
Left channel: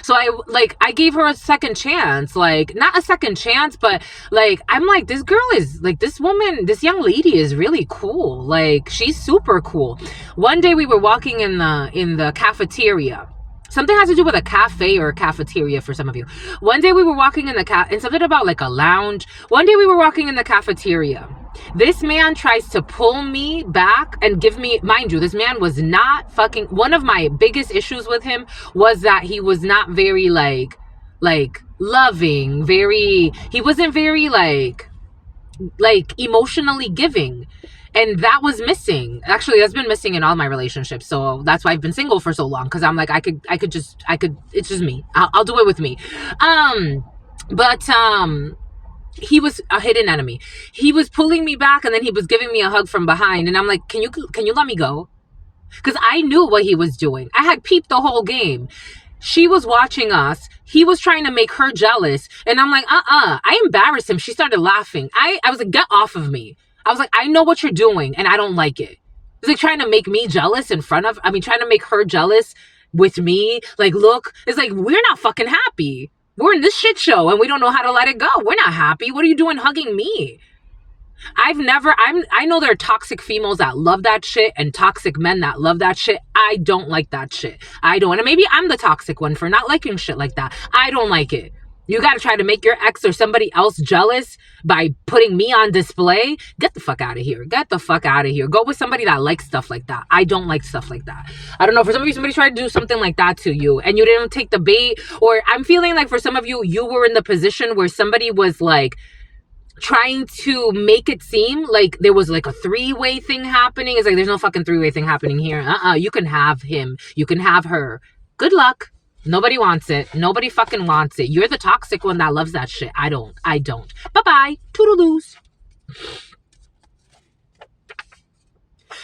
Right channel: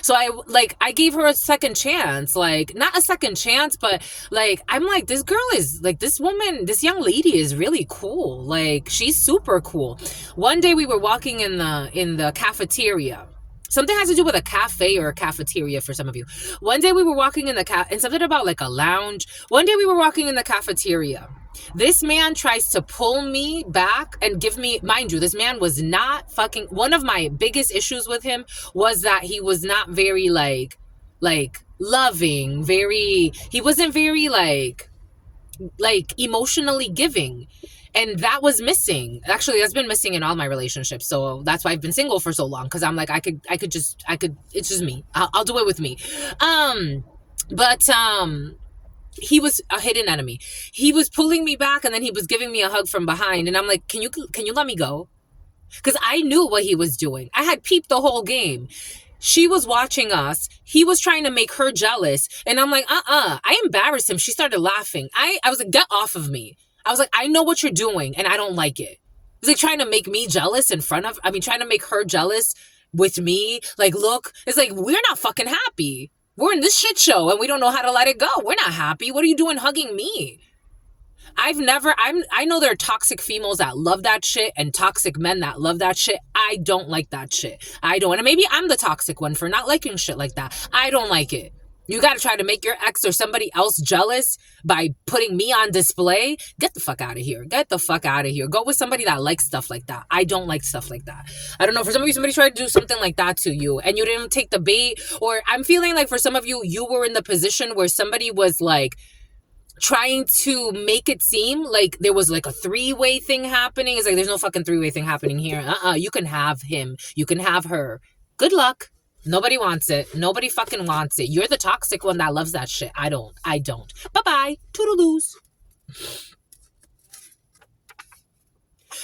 So I gave her a second chance. Like, not a second chance, but like, I'm like, this girl is like, this young lady is really cool. Like, she's super cool. One day we were walking in the cafeteria. Something has to do with a cafe or a cafeteria for some of you. One day we were walking in and something about like a lounge. One day we were walking in the cafeteria. This man tries to pull me back and give me, mind you, this man was not fucking, one of my biggest issues with him was that he was not very like loving, he wasn't very like emotionally giving. And that was missing. Actually, that's been missing in all my relationships. So that's why I've been single for so long. Cause I'm like, it's just me. I'll do it with me. He was a hidden enemy. He was pulling me back and then he was giving me a hug from behind. And I'm like, can you let me go? Cause I knew what he was doing. I had peeped the whole game. She was watching us. He was trying to make her jealous. And I'm like, I embarrassed him. She started laughing. I was like, get off of me. I was like, I know what you're doing and I don't like it. It's like trying to make me jealous trying to make her jealous with me. Like, look, it's like, we're not fucking happy. We're in this shit show and we don't know how to let it go. We're not happy. What are you doing hugging me? I know there are toxic females that love that shit and toxic men that love that shit. I don't like that shit. I don't. And maybe I'm the toxic one for not liking shit like that. I don't like it. You got to try to make your ex or somebody else jealous by putting me on display. Get the fuck out of here. Get the fuck out of here. Go with somebody that likes stuff like that. I don't like stuff like that. I don't know. For some of you, somebody tried to do something like that to you and you didn't take the bait. Or I'm feeling like for some of you, you were in the position where somebody was like trying to make it seem like there was like a three-way thing happening. It's like, there's no fucking three-way thing happening here. You can have him. You can have her. Good luck. Nobody wants it. Nobody fucking wants it. You're the toxic one that loves that shit. I don't. Bye-bye. Toodaloos.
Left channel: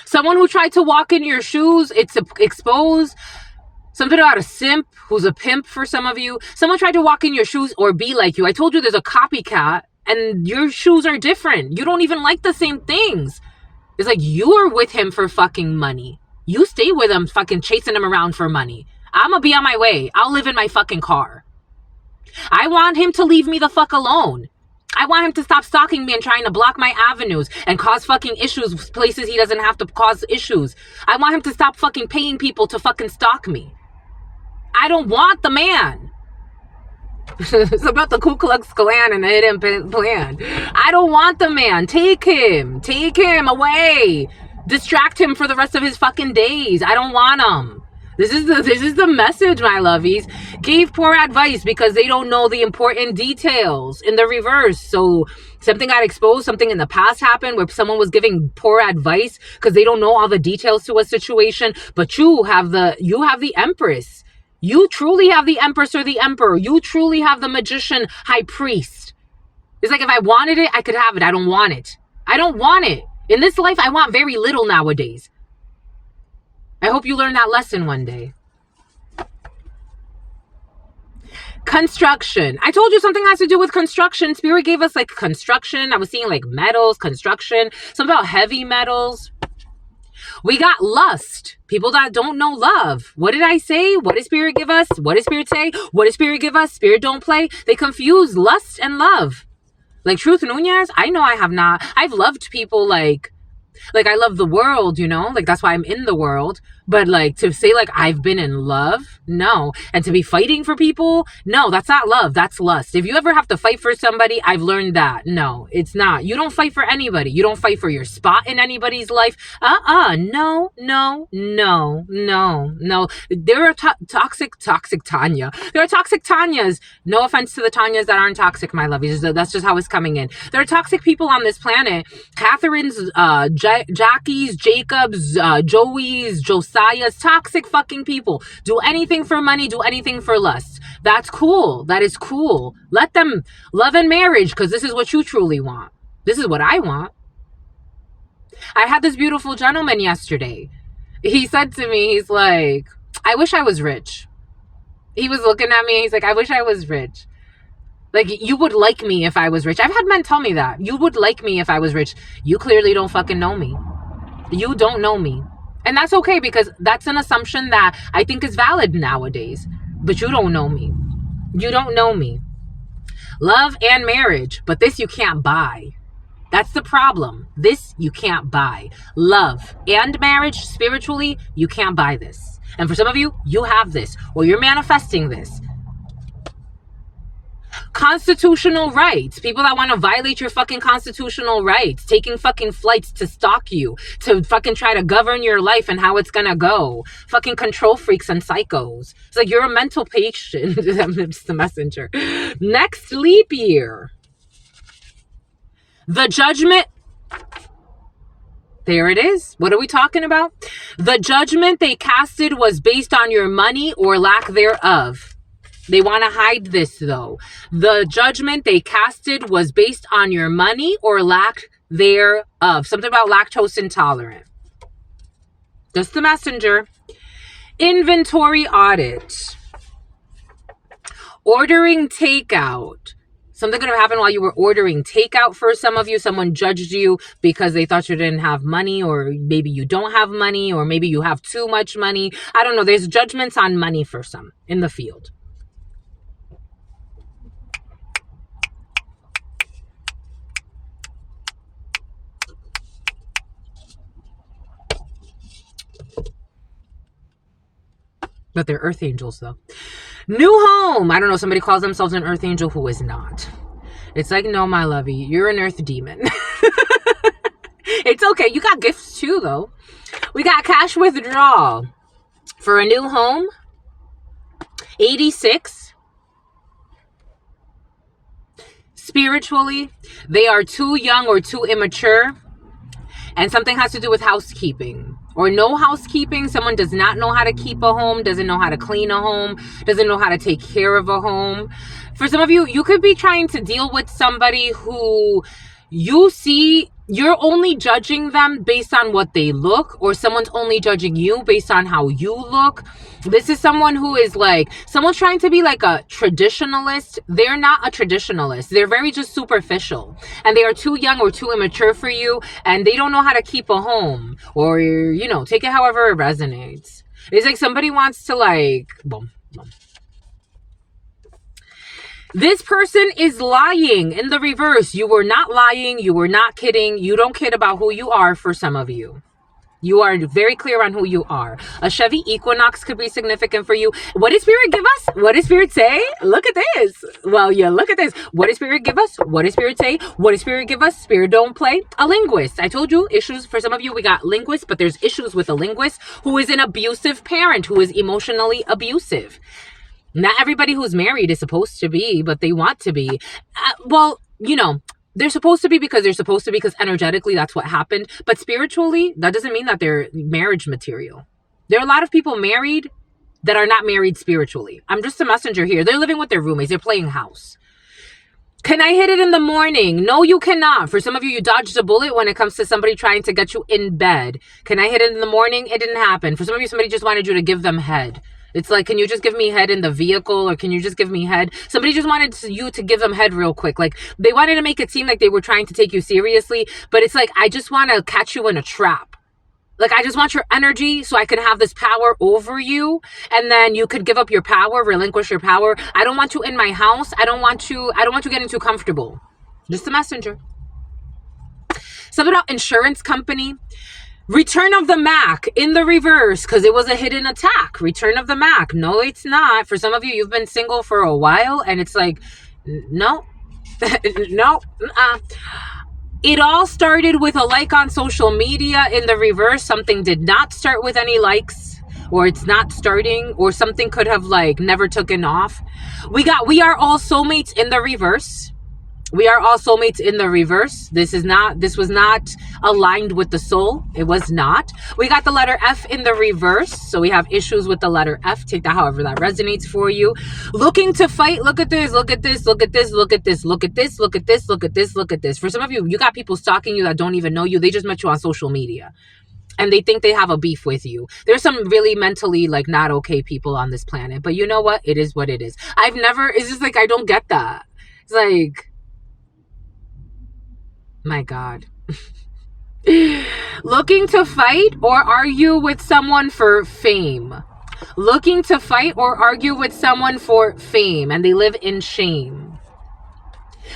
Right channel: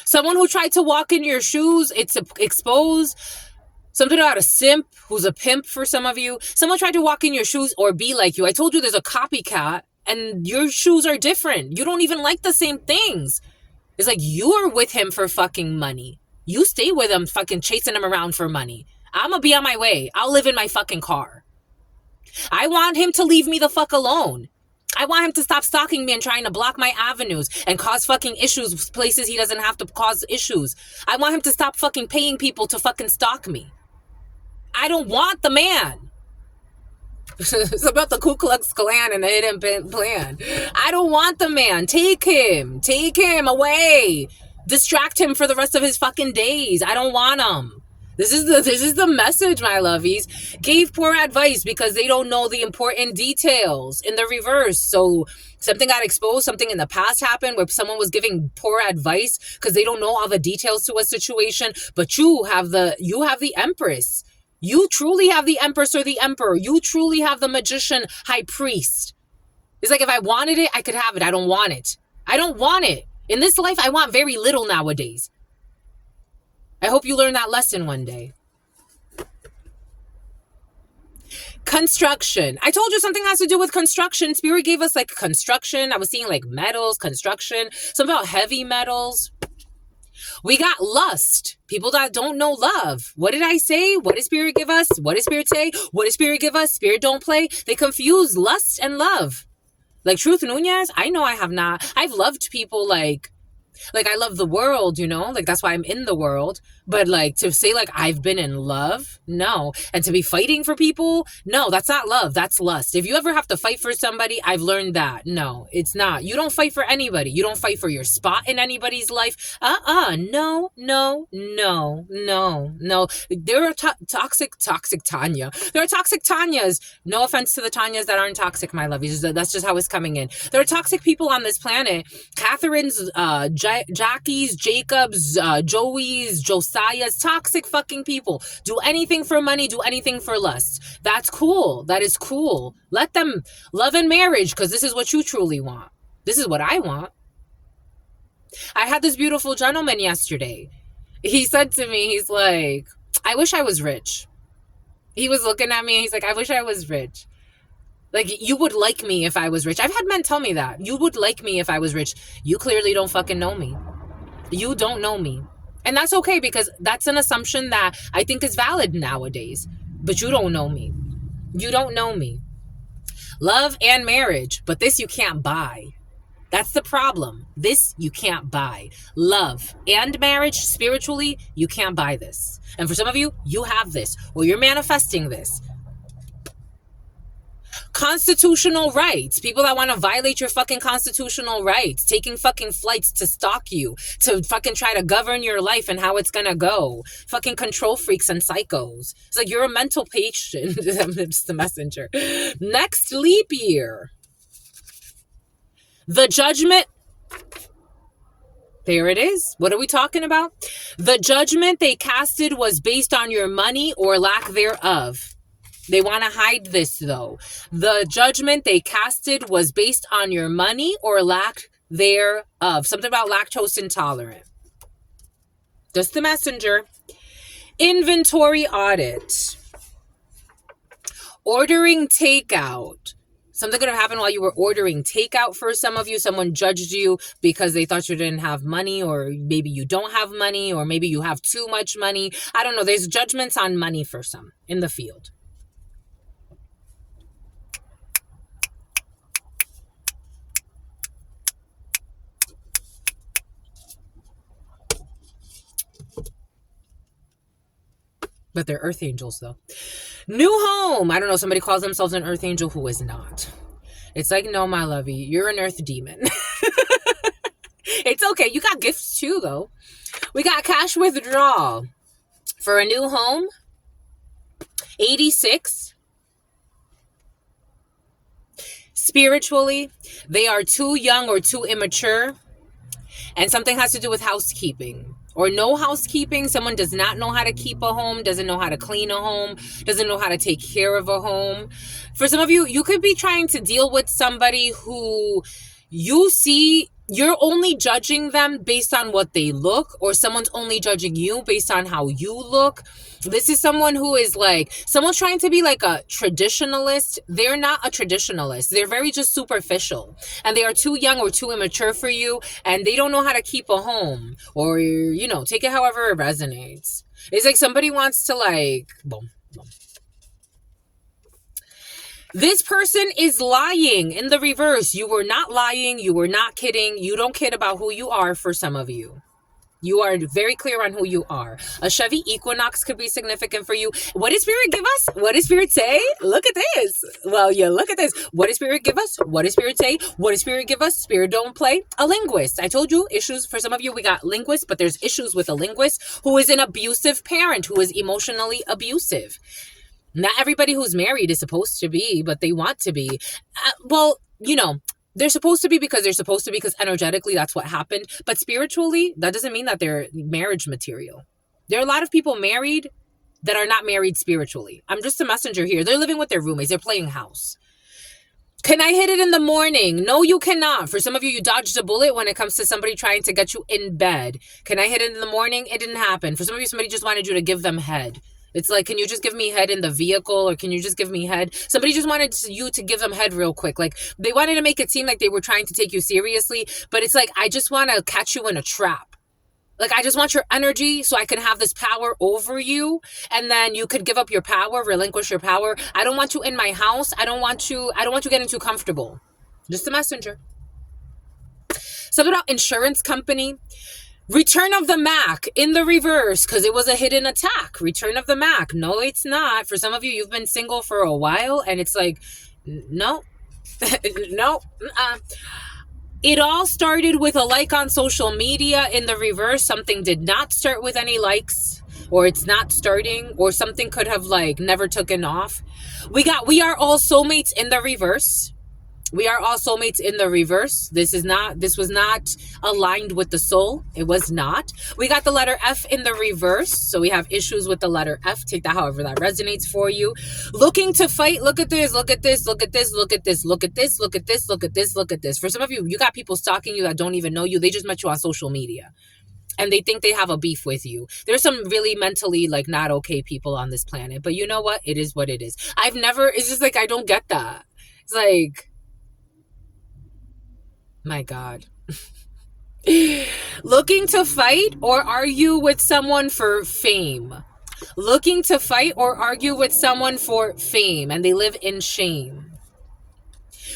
Someone who tried to walk in your shoes, it's exposed. Something about a simp who's a pimp for some of you. Someone tried to walk in your shoes or be like you. I told you there's a copycat and your shoes are different. You don't even like the same things. It's like you're with him for fucking money. You stay with him fucking chasing him around for money. I'm gonna be on my way. I'll live in my fucking car. I want him to leave me the fuck alone. I want him to stop stalking me and trying to block my avenues and cause fucking issues places he doesn't have to cause issues. I want him to stop fucking paying people to fucking stalk me. I don't want the man. It's about the Ku Klux Klan and the hidden plan. I don't want the man. Take him. Take him away. Distract him for the rest of his fucking days. I don't want him. This is the message, my lovies. Gave poor advice because they don't know the important details in the reverse. So something got exposed, something in the past happened where someone was giving poor advice because they don't know all the details to a situation. But you have the Empress. You truly have the Empress or the Emperor. You truly have the Magician High Priest. It's like if I wanted it, I could have it. I don't want it. I don't want it. In this life, I want very little nowadays. I hope you learn that lesson one day. Construction. I told you something has to do with construction. Spirit gave us like construction. I was seeing like metals, construction, something about heavy metals. We got lust. People that don't know love. What did I say? What did Spirit give us? What did Spirit say? What did Spirit give us? Spirit don't play. They confuse lust and love. Like Truth Nunez, I know I have not. I've loved people like I love the world, you know, like that's why I'm in the world. But like to say like I've been in love, no. And to be fighting for people, no, that's not love. That's lust. If you ever have to fight for somebody, I've learned that. No, it's not. You don't fight for anybody. You don't fight for your spot in anybody's life. No. There are toxic Tanya. There are toxic Tanyas. No offense to the Tanyas that aren't toxic, my lovies. That's just how it's coming in. There are toxic people on this planet. Catherine's, Jackie's, Jacob's, Joey's, Josiah's, toxic fucking people. Do anything for money, do anything for lust. That's cool. That is cool. Let them love and marriage because this is what you truly want. This is what I want. I had this beautiful gentleman yesterday. He said to me, he's like, I wish I was rich. He was looking at me. He's like, I wish I was rich. Like, you would like me if I was rich. I've had men tell me that. You would like me if I was rich. You clearly don't fucking know me. You don't know me. And that's okay because that's an assumption that I think is valid nowadays. But you don't know me. You don't know me. Love and marriage. But this you can't buy. That's the problem. This you can't buy. Love and marriage, spiritually, you can't buy this. And for some of you, you have this. Or you're manifesting this. Constitutional rights. People that want to violate your fucking constitutional rights. Taking fucking flights to stalk you. To fucking try to govern your life and how it's gonna go. Fucking control freaks and psychos. It's like you're a mental patient. I'm just a messenger. Next leap year. The judgment. There it is. What are we talking about? The judgment they casted was based on your money or lack thereof. They want to hide this, though. The judgment they casted was based on your money or lack thereof. Something about lactose intolerant. Just the messenger. Inventory audit. Ordering takeout. Something could have happened while you were ordering takeout for some of you. Someone judged you because they thought you didn't have money, or maybe you don't have money, or maybe you have too much money. I don't know. There's judgments on money for some in the field. But they're earth angels, though. New home. I don't know. Somebody calls themselves an earth angel who is not. It's like, no, my lovey, you're an earth demon. It's okay. You got gifts too, though. We got cash withdrawal for a new home. 86. Spiritually, they are too young or too immature. And something has to do with housekeeping. Or no housekeeping. Someone does not know how to keep a home, doesn't know how to clean a home, doesn't know how to take care of a home. For some of you, you could be trying to deal with somebody who you see, you're only judging them based on what they look, or someone's only judging you based on how you look. This is someone who is like, someone's trying to be like a traditionalist. They're not a traditionalist. They're very just superficial. And they are too young or too immature for you. And they don't know how to keep a home. Or, you know, take it however it resonates. It's like somebody wants to like, boom, boom. This person is lying in the reverse. You were not lying. You were not kidding. You don't kid about who you are for some of you. You are very clear on who you are. A Chevy Equinox could be significant for you. What did Spirit give us? What did Spirit say? Look at this. Well, yeah, look at this. What did Spirit give us? What did Spirit say? What did Spirit give us? Spirit don't play. A linguist. I told you, issues for some of you, we got linguists, but there's issues with a linguist who is an abusive parent, who is emotionally abusive. Not everybody who's married is supposed to be, but they want to be. Well, you know, they're supposed to be because they're supposed to be, because energetically that's what happened. But spiritually, that doesn't mean that they're marriage material. There are a lot of people married that are not married spiritually. I'm just a messenger here. They're living with their roommates. They're playing house. Can I hit it in the morning? No, you cannot. For some of you, you dodged a bullet when it comes to somebody trying to get you in bed. Can I hit it in the morning? It didn't happen. For some of you, somebody just wanted you to give them head. It's like, can you just give me head in the vehicle, or can you just give me head? Somebody just wanted you to give them head real quick. Like, they wanted to make it seem like they were trying to take you seriously, but it's like, I just want to catch you in a trap. Like, I just want your energy so I can have this power over you, and then you could give up your power, relinquish your power. I don't want you in my house. I don't want you getting too comfortable. Just a messenger. Something about insurance company. Return of the Mac in the reverse, because it was a hidden attack. Return of the Mac. No, it's not. For some of you, you've been single for a while, and it's like, no, no. It all started with a like on social media. In the reverse, something did not start with any likes, or it's not starting, or something could have like never taken off. We are all soulmates in the reverse. We are all soulmates in the reverse. This was not aligned with the soul. It was not. We got the letter F in the reverse. So we have issues with the letter F. Take that however that resonates for you. Looking to fight. Look at this. Look at this. Look at this. Look at this. Look at this. Look at this. Look at this. Look at this. For some of you, you got people stalking you that don't even know you. They just met you on social media, and they think they have a beef with you. There's some really mentally like not okay people on this planet. But you know what? It is what it is. It's just like, I don't get that. It's like, my God. Looking to fight or argue with someone for fame. Looking to fight or argue with someone for fame, and they live in shame.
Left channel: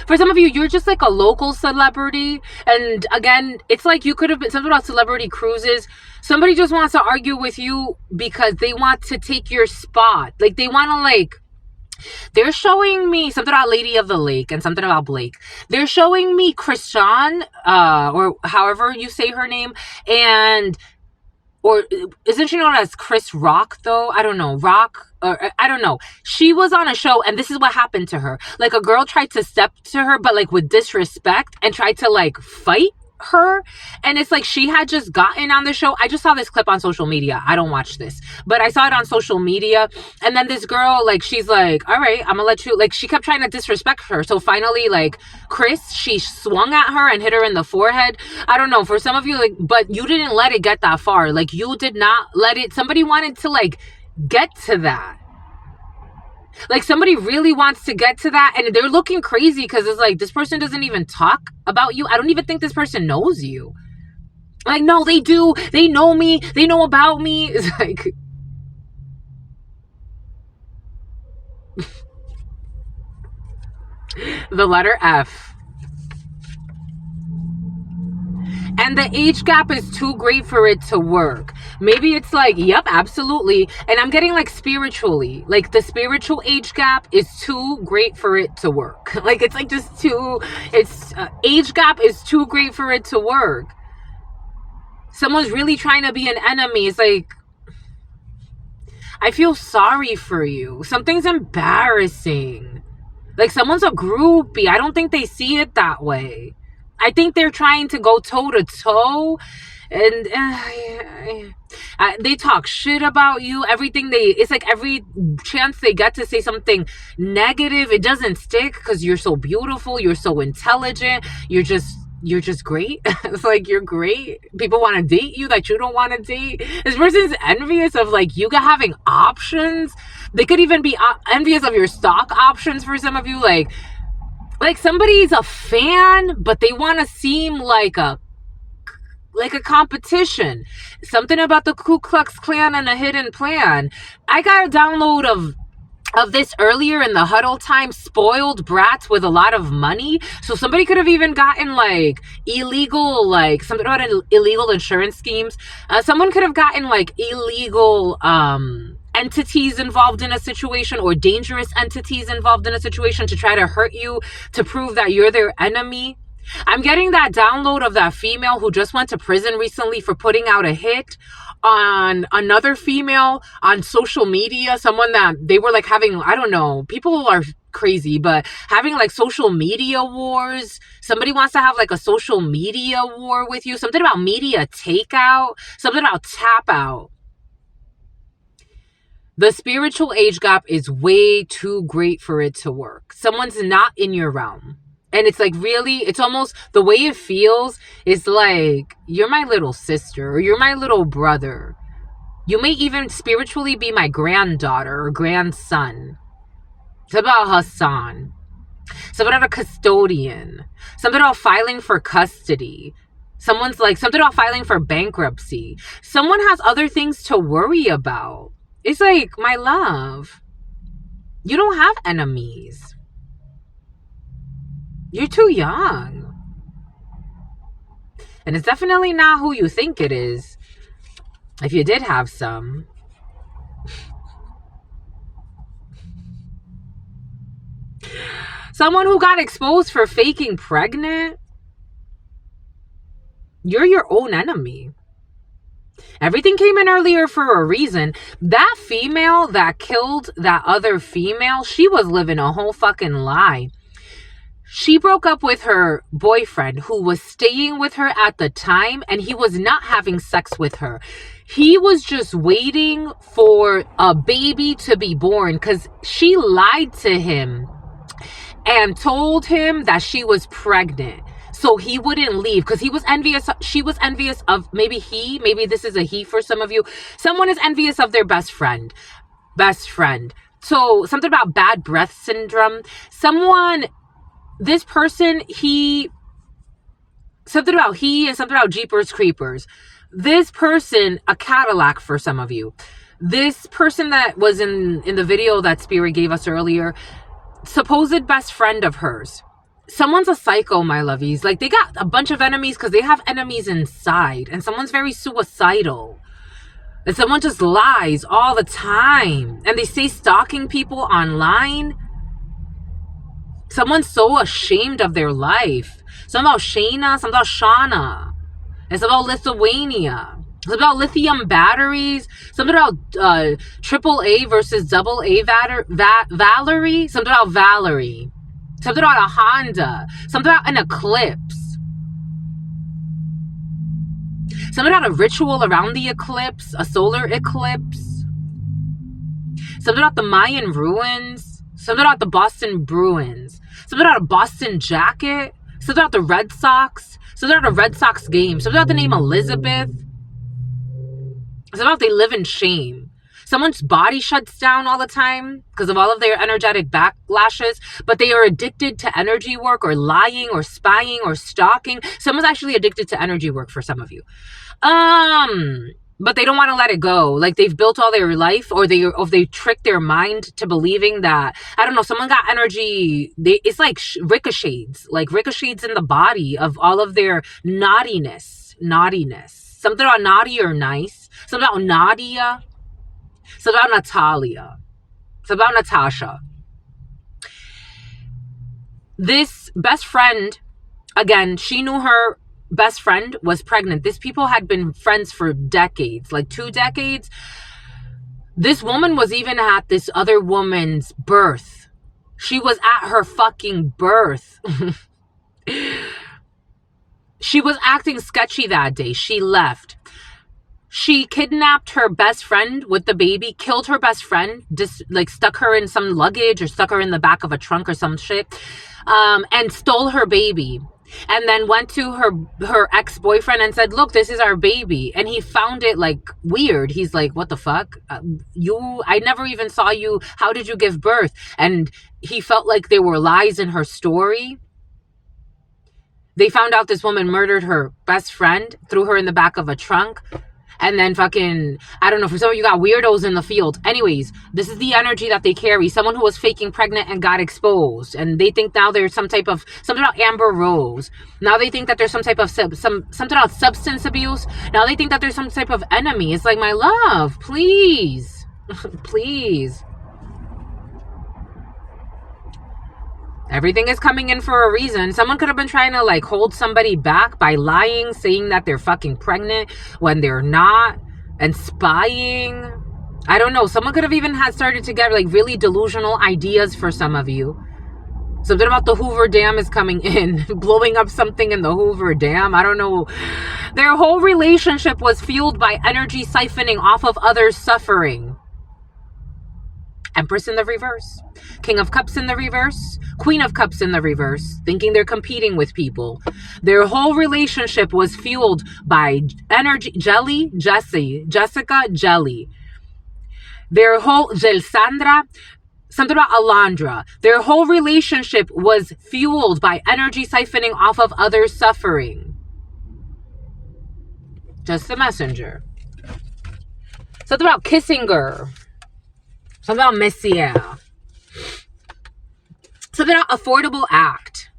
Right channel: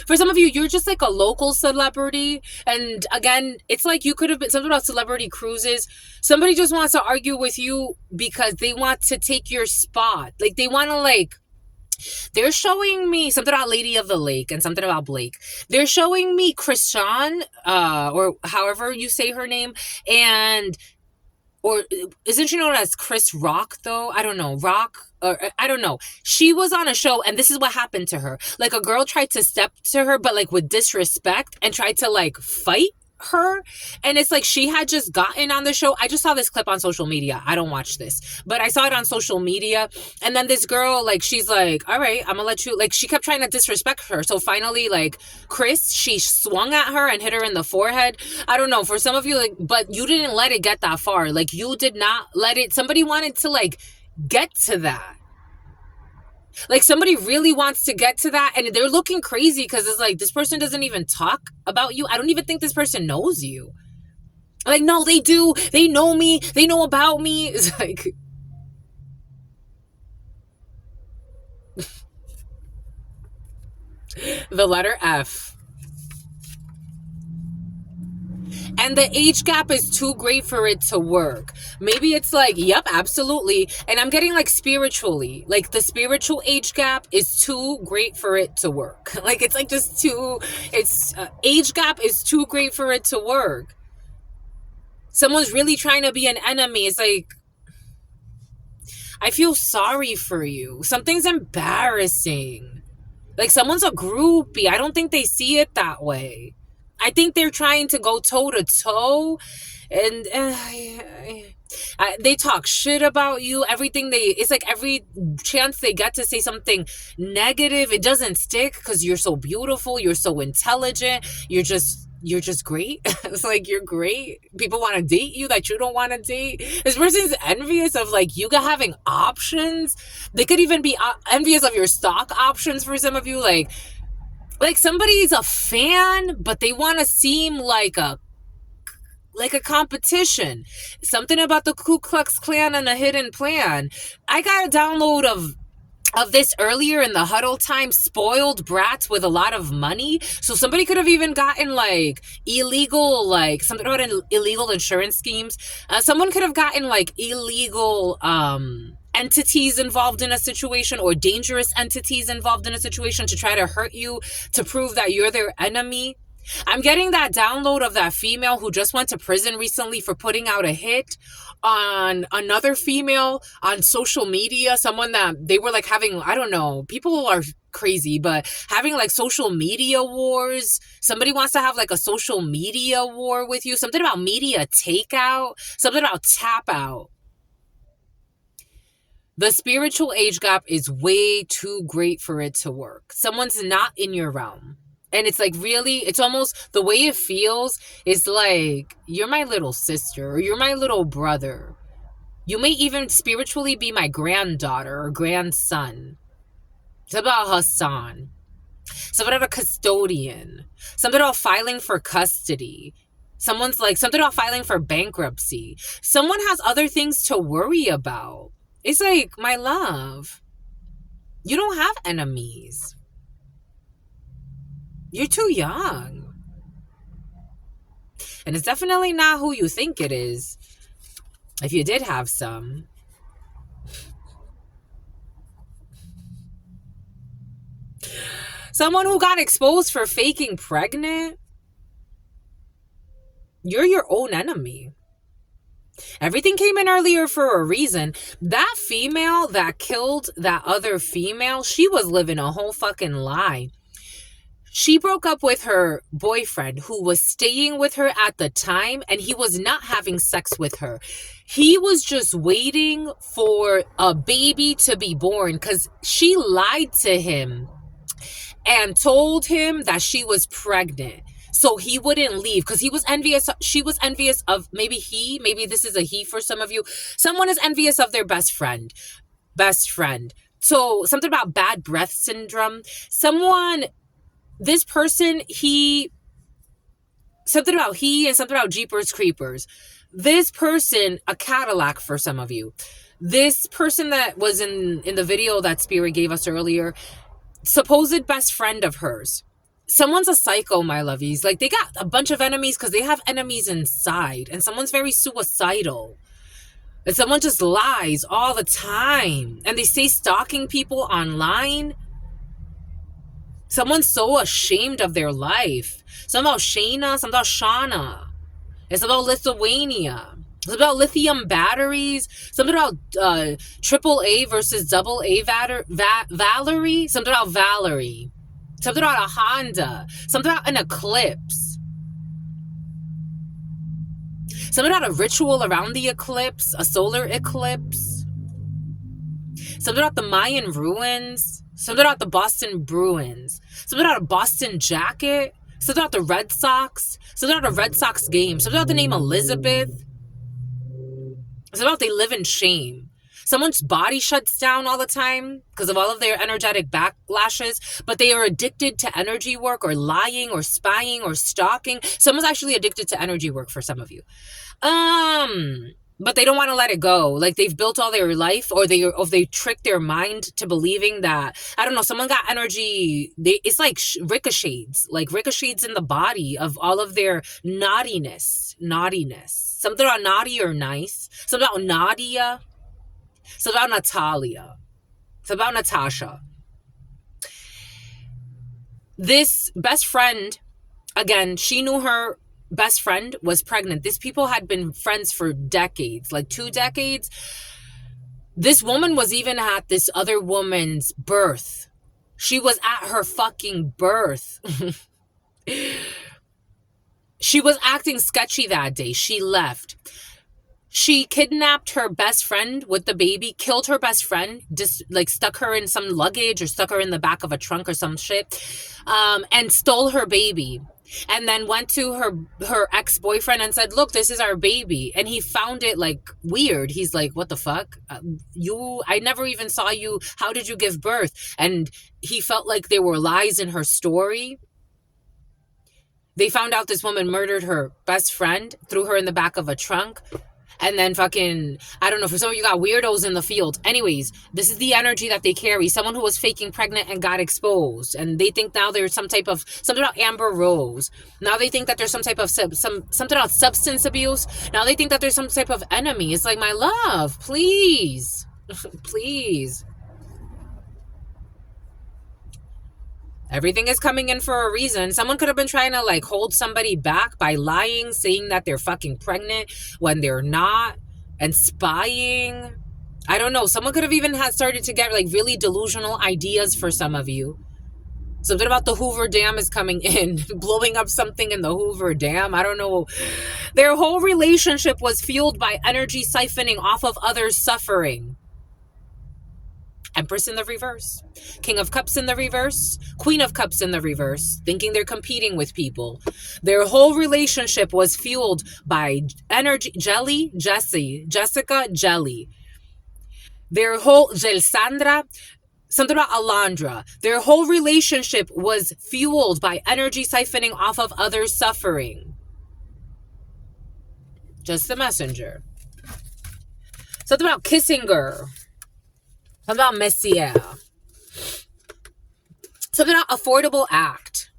For some of you, you're just like a local celebrity. And again, it's like you could have been something about celebrity cruises. Somebody just wants to argue with you because they want to take your spot. Like, they want to like, they're showing me something about Lady of the Lake and something about Blake. They're showing me Christian, or however you say her name, or isn't she known as Chris Rock though? I don't know. Rock, or I don't know. She was on a show, and this is what happened to her. Like, a girl tried to step to her, but like with disrespect, and tried to like fight her. And it's like, she had just gotten on the show. I just saw this clip on social media. I don't watch this, but I saw it on social media. And then this girl, like, she's like, all right, I'm gonna let you, like, she kept trying to disrespect her. So finally, like, she swung at her and hit her in the forehead. I don't know, for some of you, like, but you didn't let it get that far. Like, you did not let it, somebody wanted to like get to that. Like, somebody really wants to get to that, and they're looking crazy because it's like, this person doesn't even talk about you. I don't even think this person knows you. Like, no, they do. They know me. They know about me. It's like, the letter F. And the age gap is too great for it to work. Maybe it's like, yep, absolutely. And I'm getting like spiritually, like the spiritual age gap is too great for it to work. Like, it's like just too, age gap is too great for it to work. Someone's really trying to be an enemy. It's like, I feel sorry for you. Something's embarrassing. Like, someone's a groupie. I don't think they see it that way. I think they're trying to go toe to toe, and they talk shit about you. It's like every chance they get to say something negative, it doesn't stick because you're so beautiful, you're so intelligent, you're just great. It's like, you're great. People want to date you that you don't want to date. This person's envious of like you having options. They could even be envious of your stock options for some of you. Like somebody's a fan, but they want to seem like a competition. Something about the Ku Klux Klan and a hidden plan. I got a download of of this earlier in the huddle time, spoiled brats with a lot of money. So somebody could have even gotten like illegal, like something about illegal insurance schemes. Someone could have gotten like illegal entities involved in a situation, or dangerous entities involved in a situation, to try to hurt you, to prove that you're their enemy. I'm getting that download of that female who just went to prison recently for putting out a hit on another female on social media. Someone that they were like having, I don't know, people are crazy, but having like social media wars. Somebody wants to have like a social media war with you. Something about media takeout, something about tap out. The spiritual age gap is way too great for it to work. Someone's not in your realm. And it's like, really, it's almost, the way it feels is like, you're my little sister or you're my little brother. You may even spiritually be my granddaughter or grandson. It's about Hassan. Something about a custodian. Something about filing for custody. Someone's like, something about filing for bankruptcy. Someone has other things to worry about. It's like, my love, you don't have enemies. You're too young. And it's definitely not who you think it is. If you did have some. Someone who got exposed for faking pregnant. You're your own enemy. Everything came in earlier for a reason. That female that killed that other female, she was living a whole fucking lie. She broke up with her boyfriend who was staying with her at the time, and he was not having sex with her. He was just waiting for a baby to be born because she lied to him and told him that she was pregnant. So he wouldn't leave because he was envious. She was envious of, maybe this is a he for some of you. Someone is envious of their best friend. So something about bad breath syndrome. This person, something about Jeepers Creepers. This person, a Cadillac for some of you. This person that was in the video that Spirit gave us earlier, supposed best friend of hers. Someone's a psycho, my lovies. Like, they got a bunch of enemies because they have enemies inside. And someone's very suicidal. And someone just lies all the time. And they stay stalking people online. Someone's so ashamed of their life. Something about Shayna, something about Shauna. It's about Lithuania. It's about lithium batteries. Something about AAA versus AA Valerie. Something about Valerie. Something about a Honda. Something about an eclipse. Something about a ritual around the eclipse. A solar eclipse. Something about the Mayan ruins. Something about the Boston Bruins. Something about a Boston jacket. Something about the Red Sox. Something about a Red Sox game. Something about the name Elizabeth. Something about they live in shame. Someone's body shuts down all the time because of all of their energetic backlashes, but they are addicted to energy work or lying or spying or stalking. Someone's actually addicted to energy work for some of you. But they don't want to let it go. Like, they've built all their life, or they tricked their mind to believing that, I don't know, someone got energy. It's like ricochets in the body of all of their naughtiness. Something about naughty or nice. Something about Nadia. Something about Natalia. Something about Natasha. This best friend, again, she knew her best friend was pregnant. These people had been friends for decades, like 2 decades. This woman was even at this other woman's birth. She was at her fucking birth. She was acting sketchy that day. She left. She kidnapped her best friend with the baby, killed her best friend, just like stuck her in some luggage or stuck her in the back of a trunk or some shit, and stole her baby. And then went to her ex-boyfriend and said, look, this is our baby. And he found it like weird. He's like, what the fuck? I never even saw you. How did you give birth? And he felt like there were lies in her story. They found out this woman murdered her best friend, threw her in the back of a trunk. And then fucking, I don't know, for some of you got weirdos in the field. Anyways, this is the energy that they carry. Someone who was faking pregnant and got exposed. And they think now there's something about Amber Rose. Now they think that there's some type of, something about substance abuse. Now they think that there's some type of enemy. It's like, my love, please. Please. Everything is coming in for a reason. Someone could have been trying to like hold somebody back by lying, saying that they're fucking pregnant when they're not, and spying. I don't know. Someone could have even started to get like really delusional ideas for some of you. Something about the Hoover Dam is coming in, blowing up something in the Hoover Dam. I don't know. Their whole relationship was fueled by energy siphoning off of others' suffering. Empress in the reverse. King of Cups in the reverse. Queen of Cups in the reverse. Thinking they're competing with people. Their whole relationship was fueled by energy. Jessica, Jelly. Their whole, Gelsandra, something about Alondra. Their whole relationship was fueled by energy siphoning off of others' suffering. Just the messenger. Something about Kissinger. Something about Messier. Something about Affordable Act.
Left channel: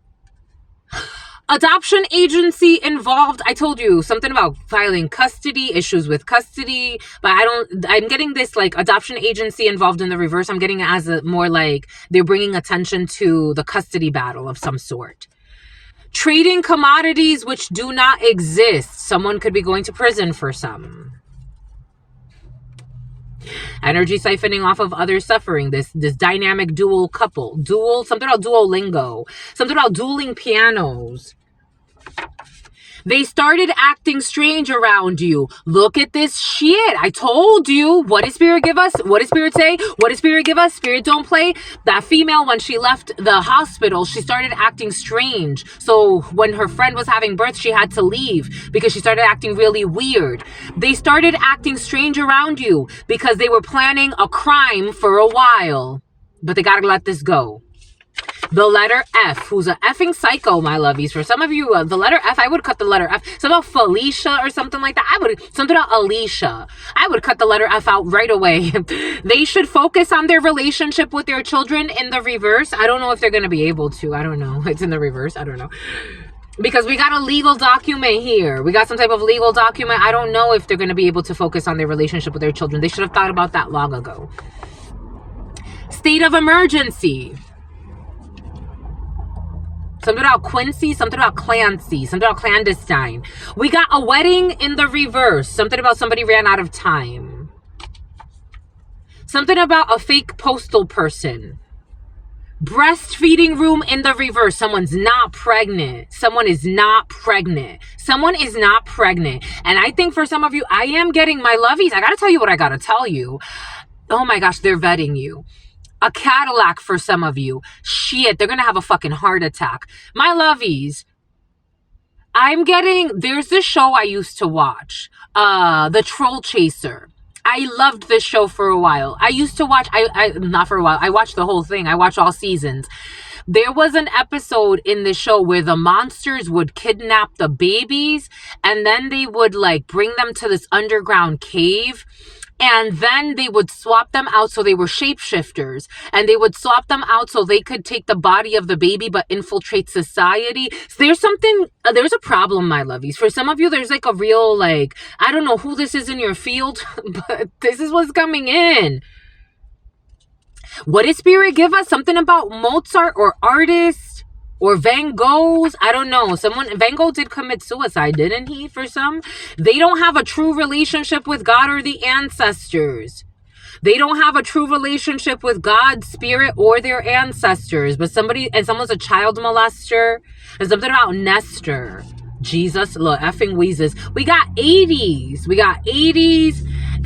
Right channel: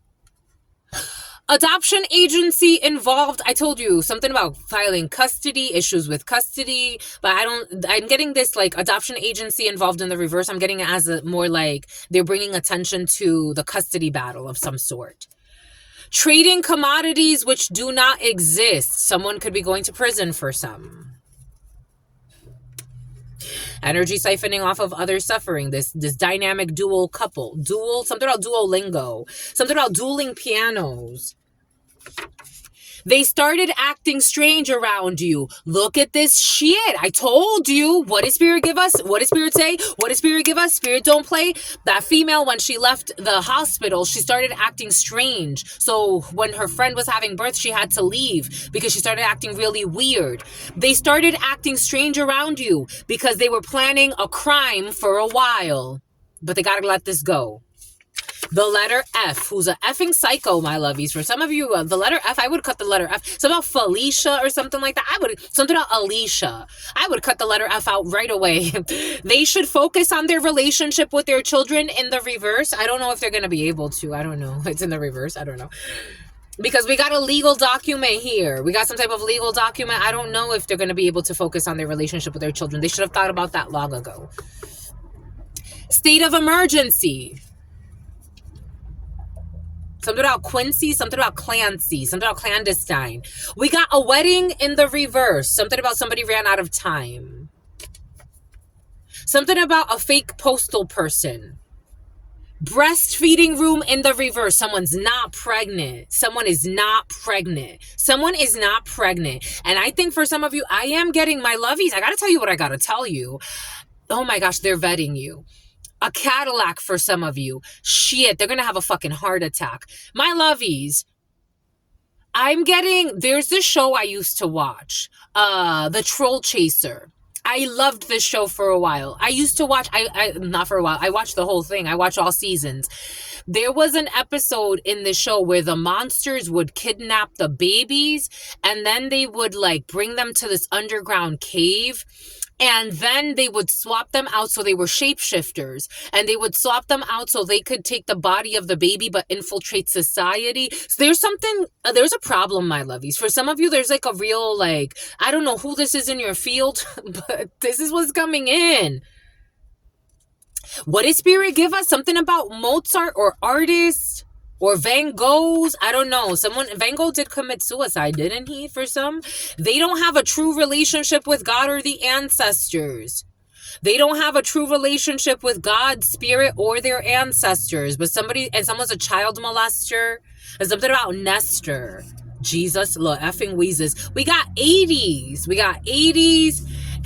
Adoption agency involved. I told you something about filing custody, issues with custody, but I'm getting this like adoption agency involved in the reverse. I'm getting it as a more like they're bringing attention to the custody battle of some sort. Trading commodities which do not exist. Someone could be going to prison for some. Energy siphoning off of others' suffering. This dynamic dual couple. Something about Duolingo. Something about dueling pianos. They started acting strange around you. Look at this shit. I told you. What did Spirit give us? What did Spirit say? What did Spirit give us? Spirit don't play. That female, when she left the hospital, she started acting strange. So when her friend was having birth, she had to leave because she started acting really weird. They started acting strange around you because they were planning a crime for a while. But they gotta let this go. The letter F, who's a effing psycho, my lovies. For some of you, the letter F, I would cut the letter F. Something about Felicia or something like that. Something about Alicia. I would cut the letter F out right away. They should focus on their relationship with their children in the reverse. I don't know if they're going to be able to. I don't know. It's in the reverse. I don't know. Because we got a legal document here. We got some type of legal document. I don't know if they're going to be able to focus on their relationship with their children. They should have thought about that long ago. State of emergency. Something about Quincy, something about Clancy, something about clandestine. We got a wedding in the reverse. Something about somebody ran out of time. Something about a fake postal person. Breastfeeding room in the reverse. Someone's not pregnant. Someone is not pregnant. Someone is not pregnant. And I think for some of you, I am getting my lovies. I got to tell you what I got to tell you. Oh my gosh, they're vetting you. A Cadillac for some of you. Shit, they're going to have a fucking heart attack. My lovies, there's this show I used to watch, The Troll Chaser. I loved this show for a while. I used to watch, not for a while, I watched the whole thing. I watched all seasons. There was an episode in the show where the monsters would kidnap the babies and then they would like bring them to this underground cave. And then they would swap them out so they were shapeshifters. And they would swap them out so they could take the body of the baby but infiltrate society. So there's a problem, my lovies. For some of you, there's like a real, like, I don't know who this is in your field, but this is what's coming in. What did Spirit give us? Something about Mozart or artists? Or Van Gogh's, I don't know. Van Gogh did commit suicide, didn't he, for some? They don't have a true relationship with God or the ancestors. They don't have a true relationship with God, Spirit, or their ancestors. But someone's a child molester. And something about Nestor. Jesus, look, effing Weezus. We got 80s.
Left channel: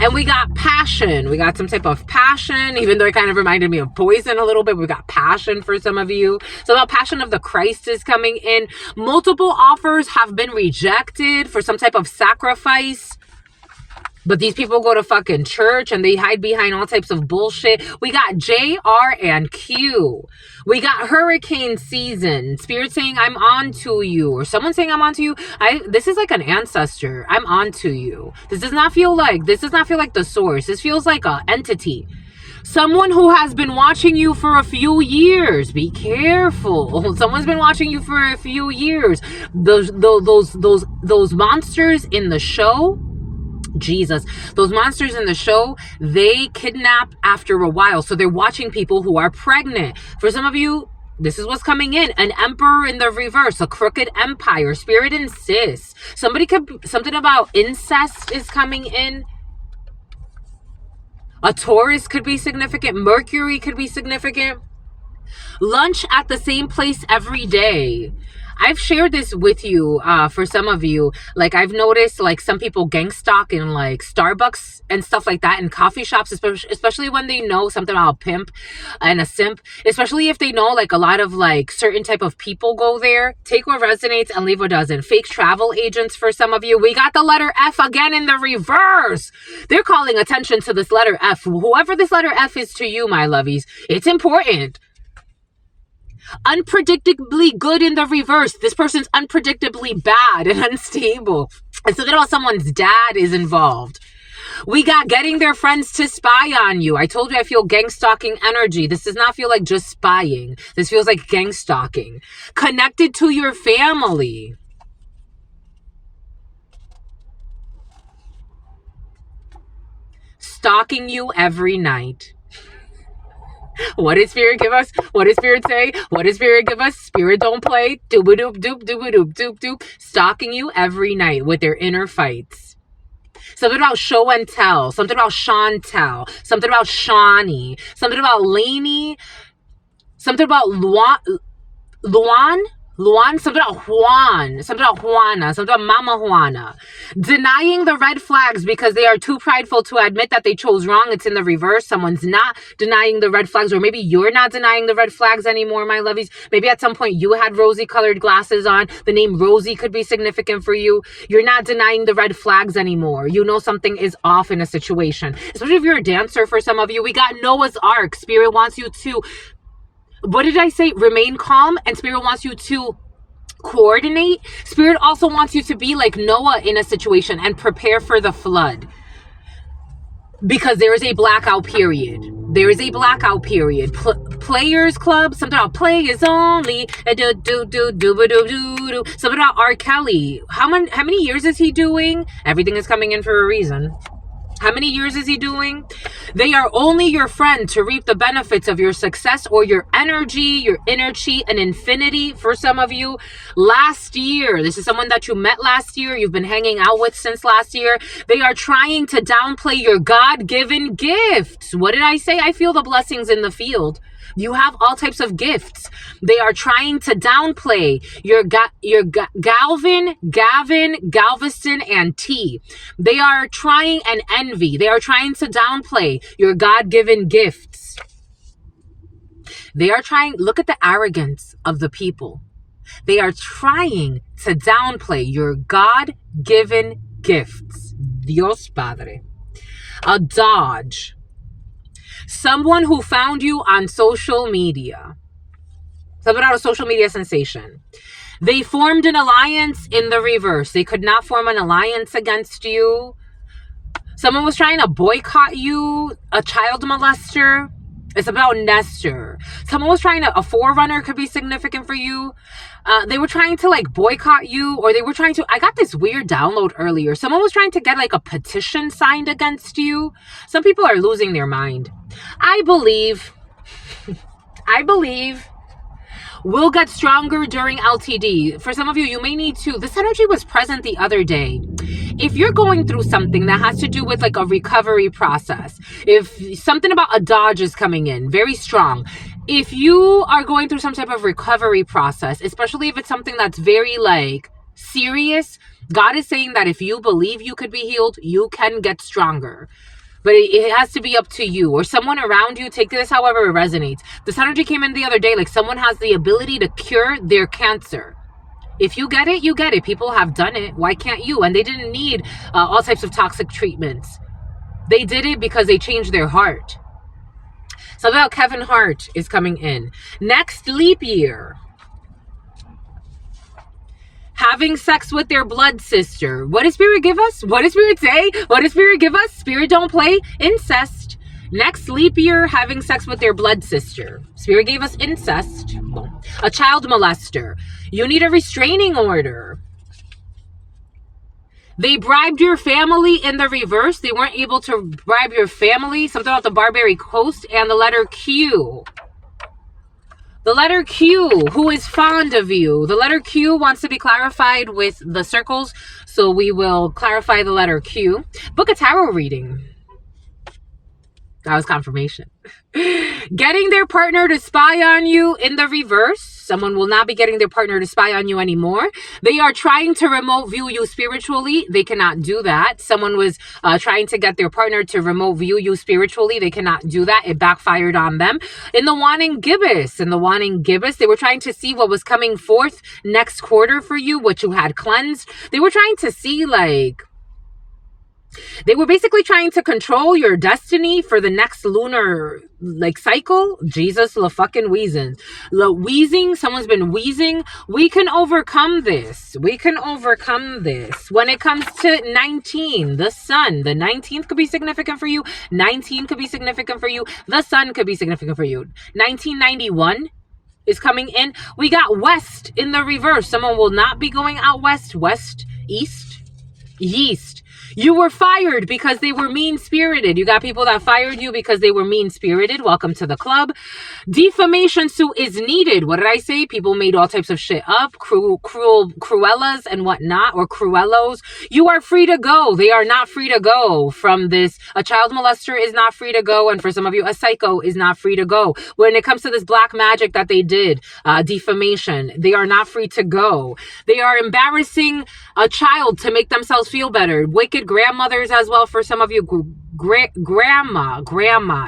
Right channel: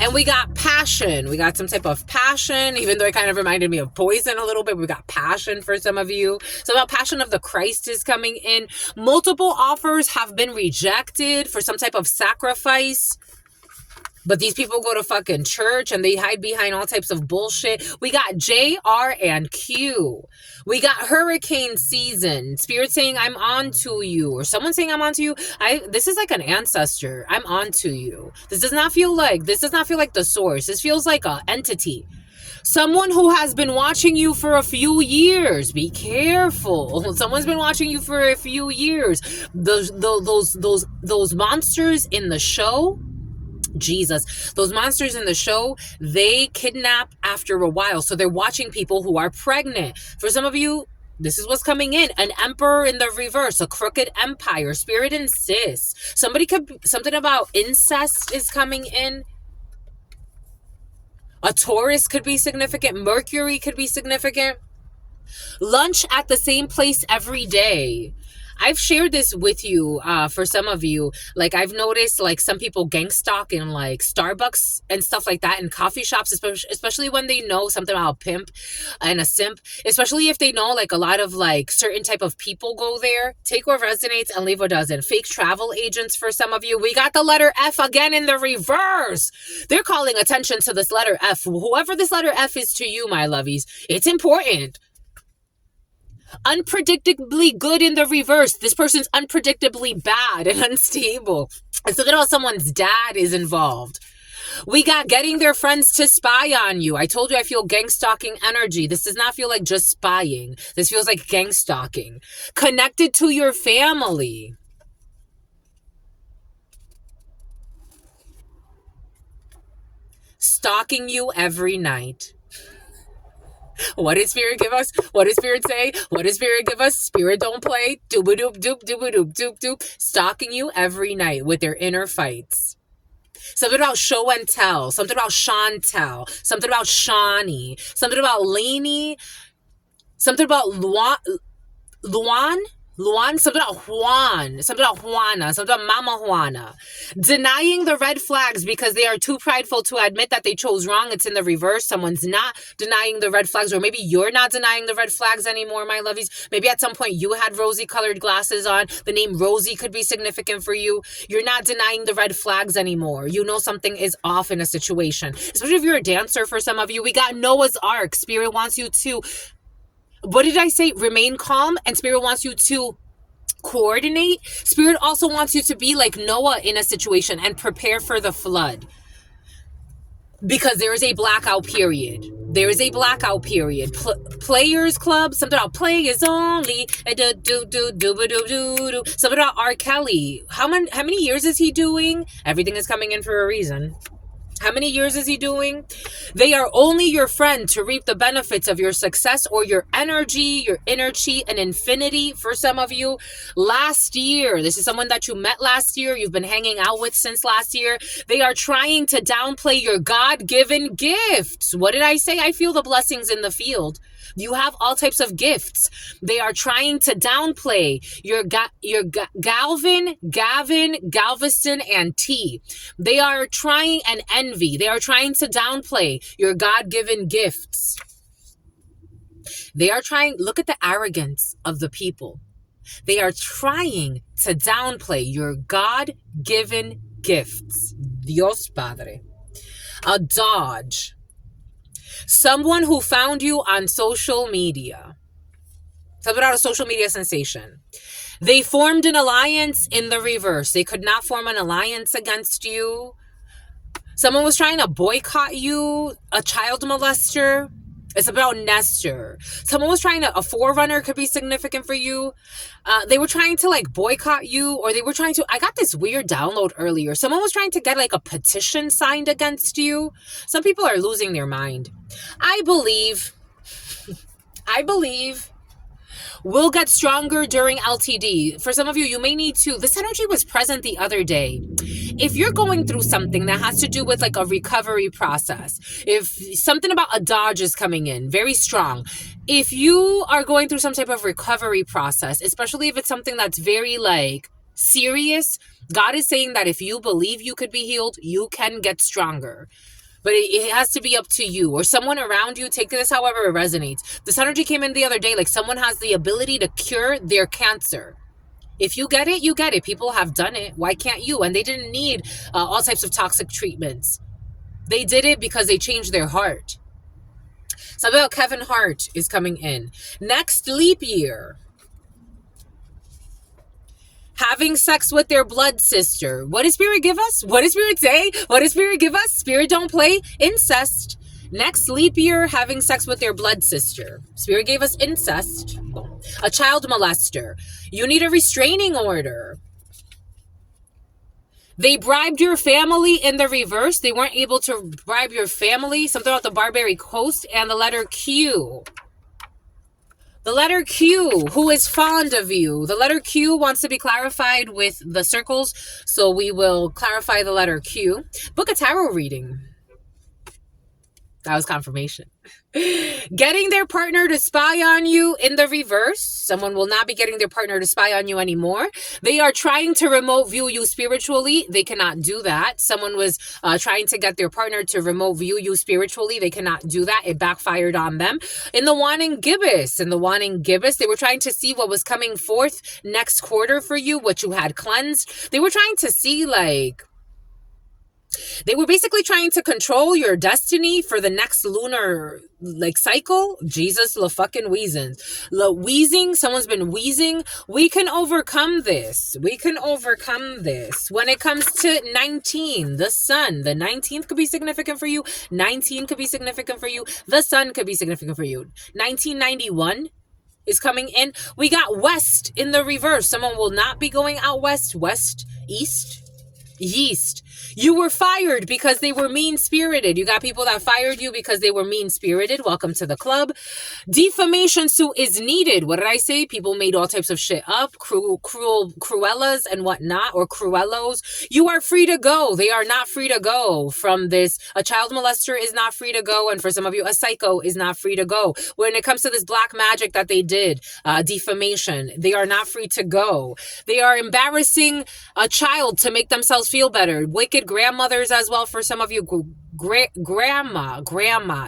And we got passion. We got some type of passion, even though it kind of reminded me of poison a little bit. We got passion for some of you. So about passion of the Christ is coming in. Multiple offers have been rejected for some type of sacrifice. But these people go to fucking church and they hide behind all types of bullshit. We got J, R, and Q. We got hurricane season. Spirit saying, I'm on to you. Or someone saying, I'm on to you. This is like an ancestor. I'm on to you. This does not feel like the source. This feels like an entity. Someone who has been watching you for a few years. Be careful. Someone's been watching you for a few years. Those monsters in the show, Jesus, those monsters in the show, they kidnap after a while. So they're watching people who are pregnant. For some of you, this is what's coming in. An emperor in the reverse, a crooked empire. Spirit insists. Something about incest is coming in. A Taurus could be significant. Mercury could be significant. Lunch at the same place every day. I've shared this with you for some of you. Like, I've noticed, like, some people gang stalk in, like, Starbucks and stuff like that, in coffee shops, especially when they know something about a pimp and a simp, especially if they know, like, a lot of, like, certain type of people go there. Take what resonates and leave what doesn't. Fake travel agents for some of you. We got the letter F again in the reverse. They're calling attention to this letter F. Whoever this letter F is to you, my lovies, it's important. Unpredictably good in the reverse. This person's unpredictably bad and unstable. And something about someone's dad is involved. We got getting their friends to spy on you. I told you I feel gang stalking energy. This does not feel like just spying. This feels like gang stalking. Connected to your family. Stalking you every night. What did Spirit give us? What did Spirit say? What did Spirit give us? Spirit don't play. Dooba-doop, doop, dooba-doop, doop, doop. Stalking you every night with their inner fights. Something about show and tell. Something about Chantel. Something about Shawnee. Something about Lainey. Something about Luan, something about Juan, something about Juana, something about Mama Juana. Denying the red flags because they are too prideful to admit that they chose wrong. It's in the reverse. Someone's not denying the red flags, or maybe you're not denying the red flags anymore, my lovies. Maybe at some point you had rosy colored glasses on. The name Rosie could be significant for you. You're not denying the red flags anymore. You know something is off in a situation. Especially if you're a dancer for some of you. We got Noah's Ark. Spirit wants you to, what did I say? Remain calm. And Spirit wants you to coordinate. Spirit also wants you to be like Noah in a situation and prepare for the flood. Because there is a blackout period. There is a blackout period. Players Club. Something about players only. Something about R. Kelly. How many years is he doing? Everything is coming in for a reason. How many years is he doing? They are only your friend to reap the benefits of your success or your energy, your inner chi, and infinity for some of you. Last year, this is someone that you met last year, you've been hanging out with since last year. They are trying to downplay your God-given gifts. What did I say? I feel the blessings in the field. You have all types of gifts. They are trying to downplay your Galvin, Galveston, and T. They are trying, and envy. They are trying to downplay your God-given gifts. They are trying, look at the arrogance of the people. They are trying to downplay your God-given gifts. Dios Padre. A dodge. Someone who found you on social media. Something about a social media sensation. They formed an alliance in the reverse. They could not form an alliance against you. Someone was trying to boycott you. A child molester. It's about Nestor. Someone was trying to, a forerunner could be significant for you. They were trying to like boycott you, or they were trying to, I got this weird download earlier. Someone was trying to get like a petition signed against you. Some people are losing their mind. I believe we'll get stronger during LTD. For some of you, you may need to, this energy was present the other day. If you're going through something that has to do with like a recovery process, if something about a dodge is coming in, very strong. If you are going through some type of recovery process, especially if it's something that's very like serious, God is saying that if you believe you could be healed, you can get stronger. But it has to be up to you or someone around you. Take this however it resonates. This energy came in the other day, like someone has the ability to cure their cancer. If you get it, you get it. People have done it. Why can't you? And they didn't need all types of toxic treatments. They did it because they changed their heart. Something about Kevin Hart is coming in. Next leap year. Having sex with their blood sister. What does Spirit give us? What does Spirit say? What does Spirit give us? Spirit don't play. Incest. Next leap year, having sex with their blood sister. Spirit gave us incest. A child molester. You need a restraining order. They bribed your family in the reverse. They weren't able to bribe your family. Something about the Barbary Coast and the letter Q. The letter Q, who is fond of you. The letter Q wants to be clarified with the circles, so we will clarify the letter Q. Book a tarot reading. That was confirmation. Getting their partner to spy on you in the reverse. Someone will not be getting their partner to spy on you anymore. They are trying to remote view you spiritually. They cannot do that. Someone was trying to get their partner to remote view you spiritually. They cannot do that. It backfired on them. In the wanting gibbous, they were trying to see what was coming forth next quarter for you, what you had cleansed. They were trying to see they were basically trying to control your destiny for the next lunar cycle. Jesus, la fucking wheezing. La wheezing, someone's been wheezing. We can overcome this. When it comes to 19, the sun, the 19th could be significant for you. 19 could be significant for you. The sun could be significant for you. 1991 is coming in. We got west in the reverse. Someone will not be going out west, east. You were fired because they were mean-spirited. You got people that fired you because they were mean-spirited. Welcome to the club. Defamation suit is needed. What did I say? People made all types of shit up. Cruellas and whatnot, or cruellos. You are free to go. They are not free to go from this. A child molester is not free to go. And for some of you, a psycho is not free to go. When it comes to this black magic that they did, defamation, they are not free to go. They are embarrassing a child to make themselves feel better. Wicked grandmothers as well for some of you. Grandma.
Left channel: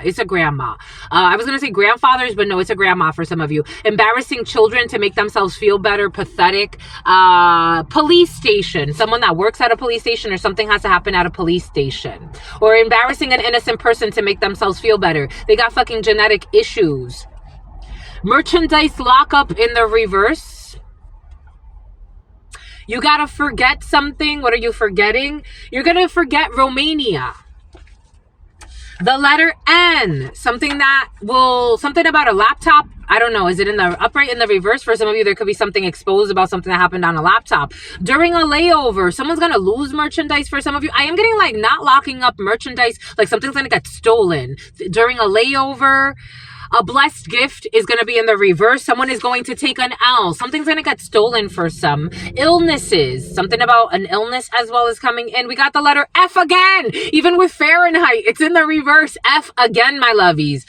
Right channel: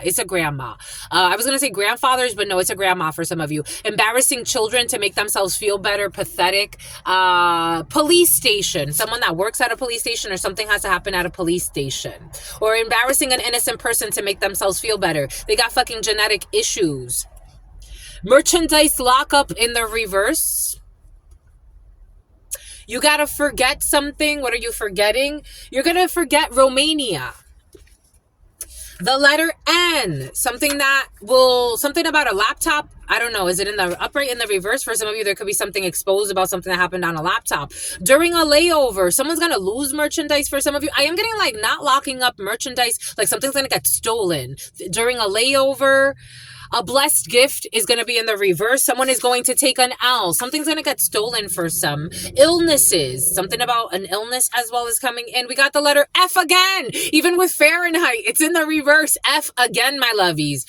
It's a grandma. I was going to say grandfathers, but no, it's a grandma for some of you. Embarrassing children to make themselves feel better. Pathetic. Police station. Someone that works at a police station, or something has to happen at a police station. Or embarrassing an innocent person to make themselves feel better. They got fucking genetic issues. Merchandise lockup in the reverse. You gotta forget something. What are you forgetting? You're gonna forget Romania. The letter N. Something about a laptop. I don't know. Is it in the upright, in the reverse? For some of you, there could be something exposed about something that happened on a laptop. During a layover, someone's gonna lose merchandise. For some of you, I am getting not locking up merchandise. Something's gonna get stolen. During a layover, a blessed gift is going to be in the reverse. Someone is going to take an L. Something's going to get stolen for some. Illnesses. Something about an illness as well is coming in. We got the letter F again. Even with Fahrenheit, it's in the reverse. F again, my lovies.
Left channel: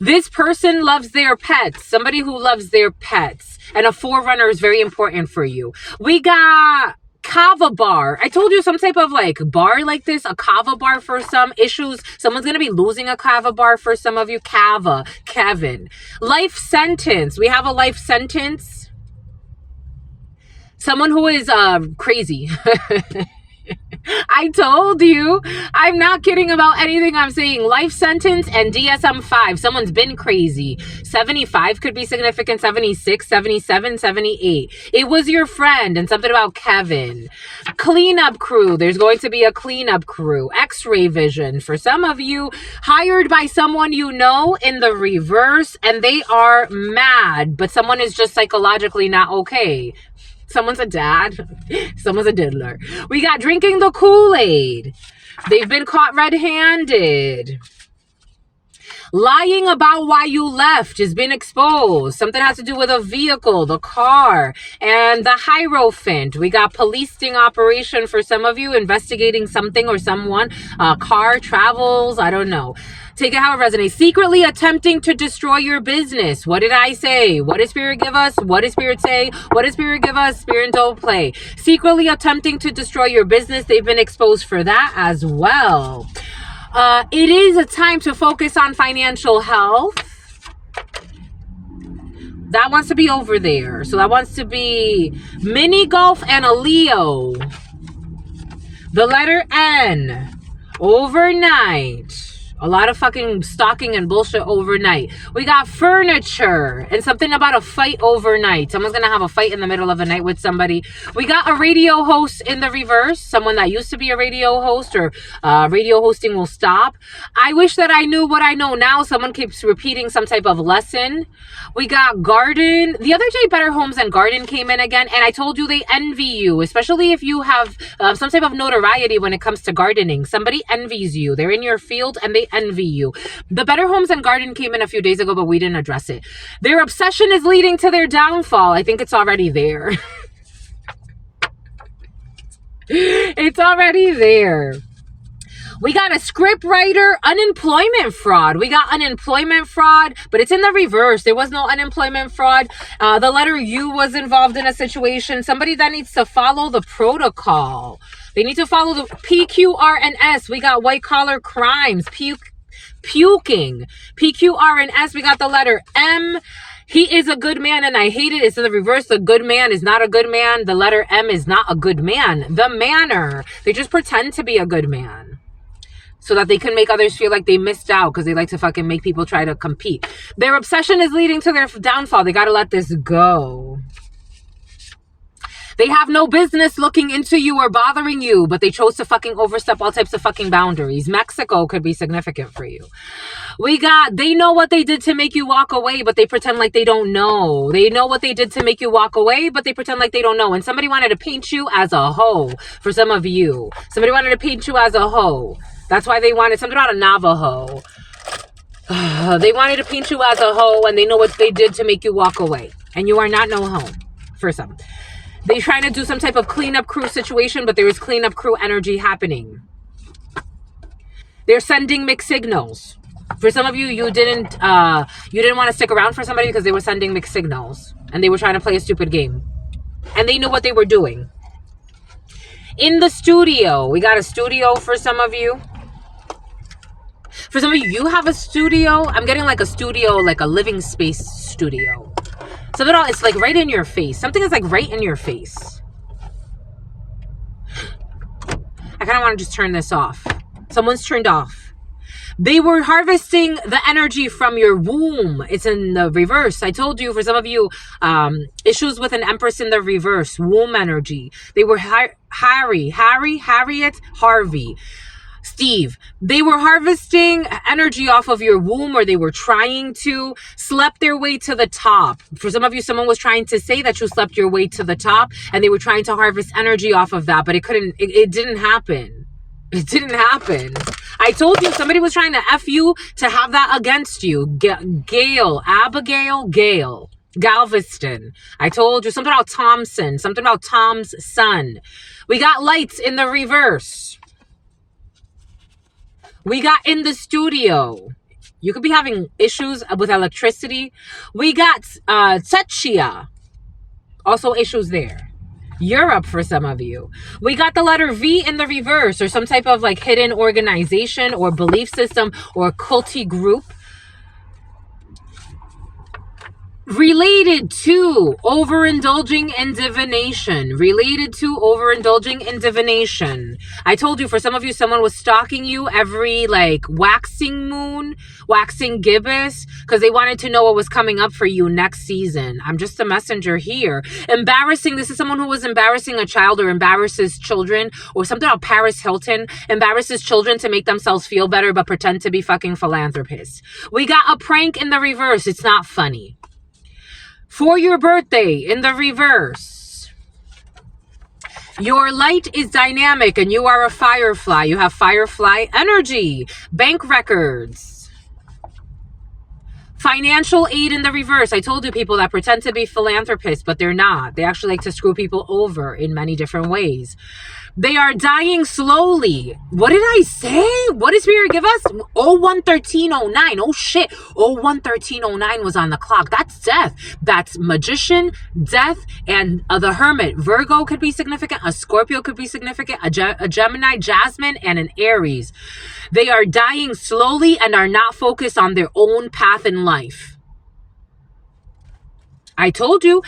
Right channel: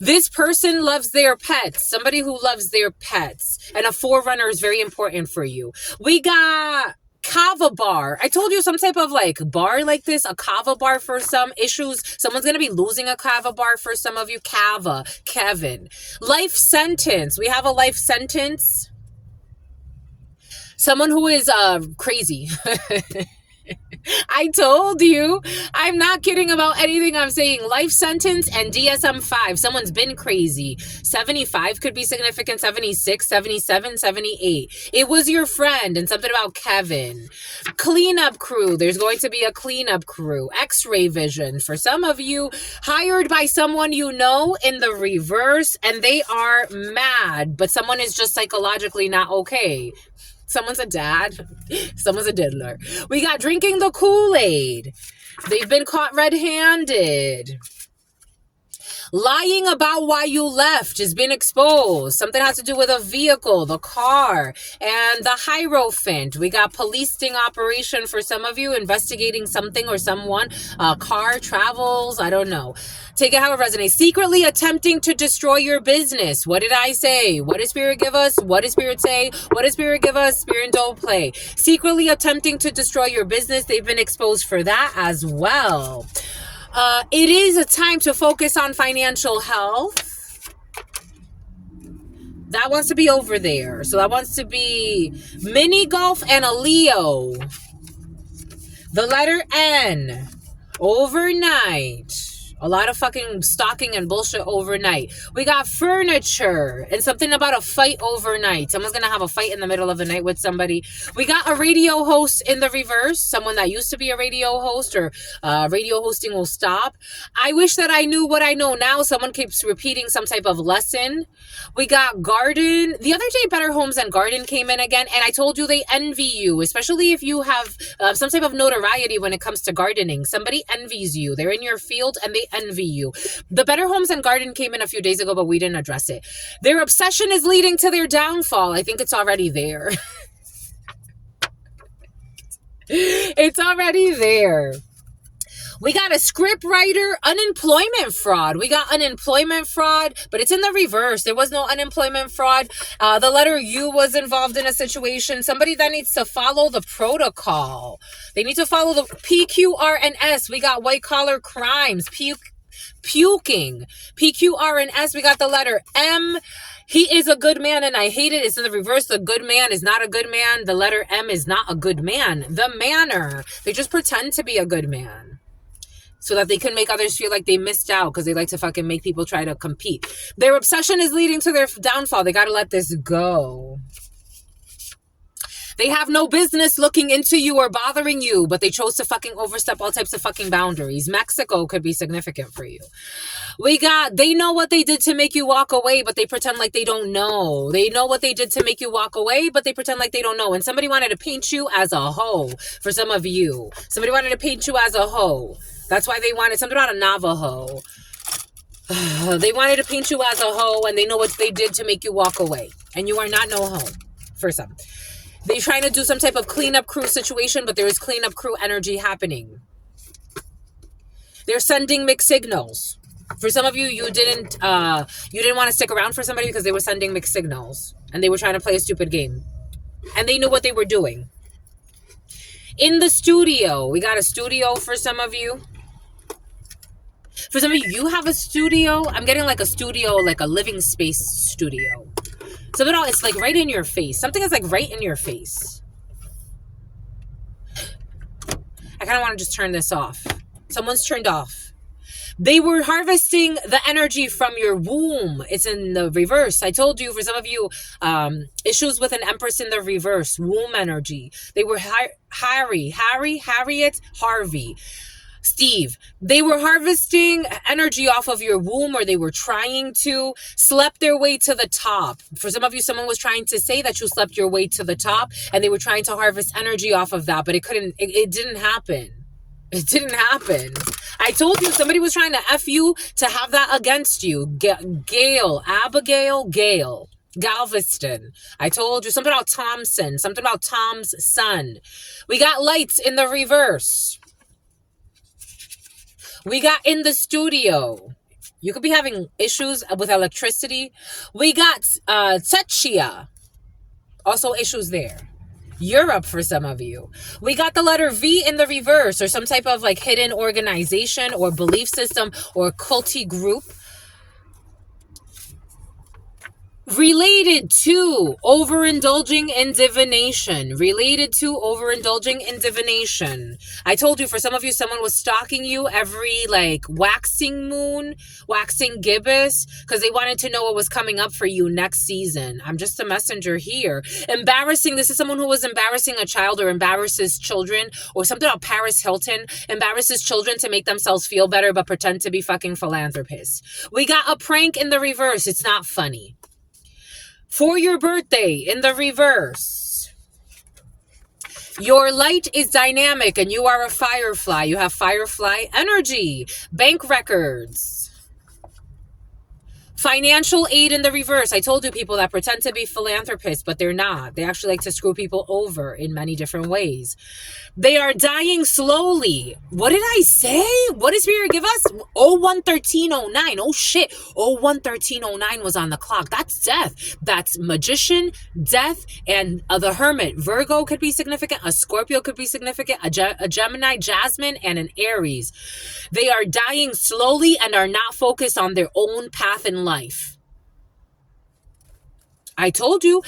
This person loves their pets. Somebody who loves their pets. And a forerunner is very important for you. We got kava bar. I told you some type of bar like this, a kava bar for some issues. Someone's going to be losing a kava bar for some of you. Kevin. Life sentence. We have a life sentence. Someone who is crazy. I told you. I'm not kidding about anything I'm saying. Life sentence and DSM-5. Someone's been crazy. 75 could be significant. 76, 77, 78. It was your friend, and something about Kevin. Cleanup crew. There's going to be a cleanup crew. X-ray vision. For some of you, hired by someone you know in the reverse, and they are mad, but someone is just psychologically not okay. Someone's a dad. Someone's a diddler. We got drinking the Kool-Aid. They've been caught red-handed. Lying about why you left has been exposed. Something has to do with a vehicle, the car, and the Hierophant. We got police sting operation for some of you, investigating something or someone. Car travels, I don't know. Take it how it resonates. Secretly attempting to destroy your business. What did I say? What did Spirit give us? What did Spirit say? What did Spirit give us? Spirit don't play. Secretly attempting to destroy your business. They've been exposed for that as well. It is a time to focus on financial health. That wants to be over there. So that wants to be mini golf and a Leo. The letter N. Overnight. A lot of fucking stalking and bullshit overnight. We got furniture and something about a fight overnight. Someone's gonna have a fight in the middle of the night with somebody. We got a radio host in the reverse. Someone that used to be a radio host, or radio hosting will stop. I wish that I knew what I know now. Someone keeps repeating some type of lesson. We got garden. The other day, Better Homes and Garden came in again, and I told you they envy you, especially if you have some type of notoriety when it comes to gardening. Somebody envies you. They're in your field and they envy you. The Better Homes and Garden came in a few days ago, but we didn't address it. Their obsession is leading to their downfall. I think it's already there. It's already there. We got a script writer, unemployment fraud. We got unemployment fraud, but it's in the reverse. There was no unemployment fraud. The letter U was involved in a situation. Somebody that needs to follow the protocol. They need to follow the P, Q, R, and S. We got white collar crimes, puking. P, Q, R, and S. We got the letter M. He is a good man, and I hate it. It's in the reverse. The good man is not a good man. The letter M is not a good man. The manner. They just pretend to be a good man, so that they can make others feel like they missed out, because they like to fucking make people try to compete. Their obsession is leading to their downfall. They got to let this go. They have no business looking into you or bothering you, but they chose to fucking overstep all types of fucking boundaries. Mexico could be significant for you. We got, they know what they did to make you walk away, but they pretend like they don't know. They know what they did to make you walk away, but they pretend like they don't know. And somebody wanted to paint you as a hoe for some of you. Somebody wanted to paint you as a hoe. That's why they wanted something about a Navajo. They wanted to paint you as a hoe, and they know what they did to make you walk away. And you are not no hoe for some. They're trying to do some type of cleanup crew situation, but there is cleanup crew energy happening. They're sending mixed signals. For some of you, you didn't want to stick around for somebody because they were sending mixed signals. And they were trying to play a stupid game. And they knew what they were doing. In the studio. We got a studio for some of you. For some of you, you have a studio. I'm getting like a studio, like a living space studio. Something else, it's like right in your face. Something is like right in your face. I kind of want to just turn this off. Someone's turned off. They were harvesting the energy from your womb. It's in the reverse. I told you, for some of you, issues with an empress in the reverse. Womb energy. They were Harriet, Harvey, Steve. They were harvesting energy off of your womb, or they were trying to, slept their way to the top. For some of you, someone was trying to say that you slept your way to the top, and they were trying to harvest energy off of that, but it didn't happen. It didn't happen. I told you, somebody was trying to F you to have that against you. Abigail Galveston. I told you something about Thompson, something about Tom's son. We got lights in the reverse. We got in the studio. You could be having issues with electricity. We got Czechia. Also issues there. Europe for some of you. We got the letter V in the reverse, or some type of like hidden organization or belief system or culty group. Related to overindulging in divination. I told you, for some of you, someone was stalking you every like waxing moon, waxing gibbous, because they wanted to know what was coming up for you next season. I'm just a messenger here. Embarrassing. This is someone who was embarrassing a child, or embarrasses children, or something about Paris Hilton. Embarrasses children to make themselves feel better, but pretend to be fucking philanthropists. We got a prank in the reverse. It's not funny. For your birthday, in the reverse. Your light is dynamic and you are a firefly. You have firefly energy. Bank records. Financial aid in the reverse. I told you, people that pretend to be philanthropists, but they're not. They actually like to screw people over in many different ways. They are dying slowly. What did I say? What did Spirit give us? 011309. Oh shit. 011309 was on the clock. That's death. That's magician, death, and the hermit. Virgo could be significant. A Scorpio could be significant. A Gemini, Jasmine, and an Aries. They are dying slowly and are not focused on their own path in life. I told you,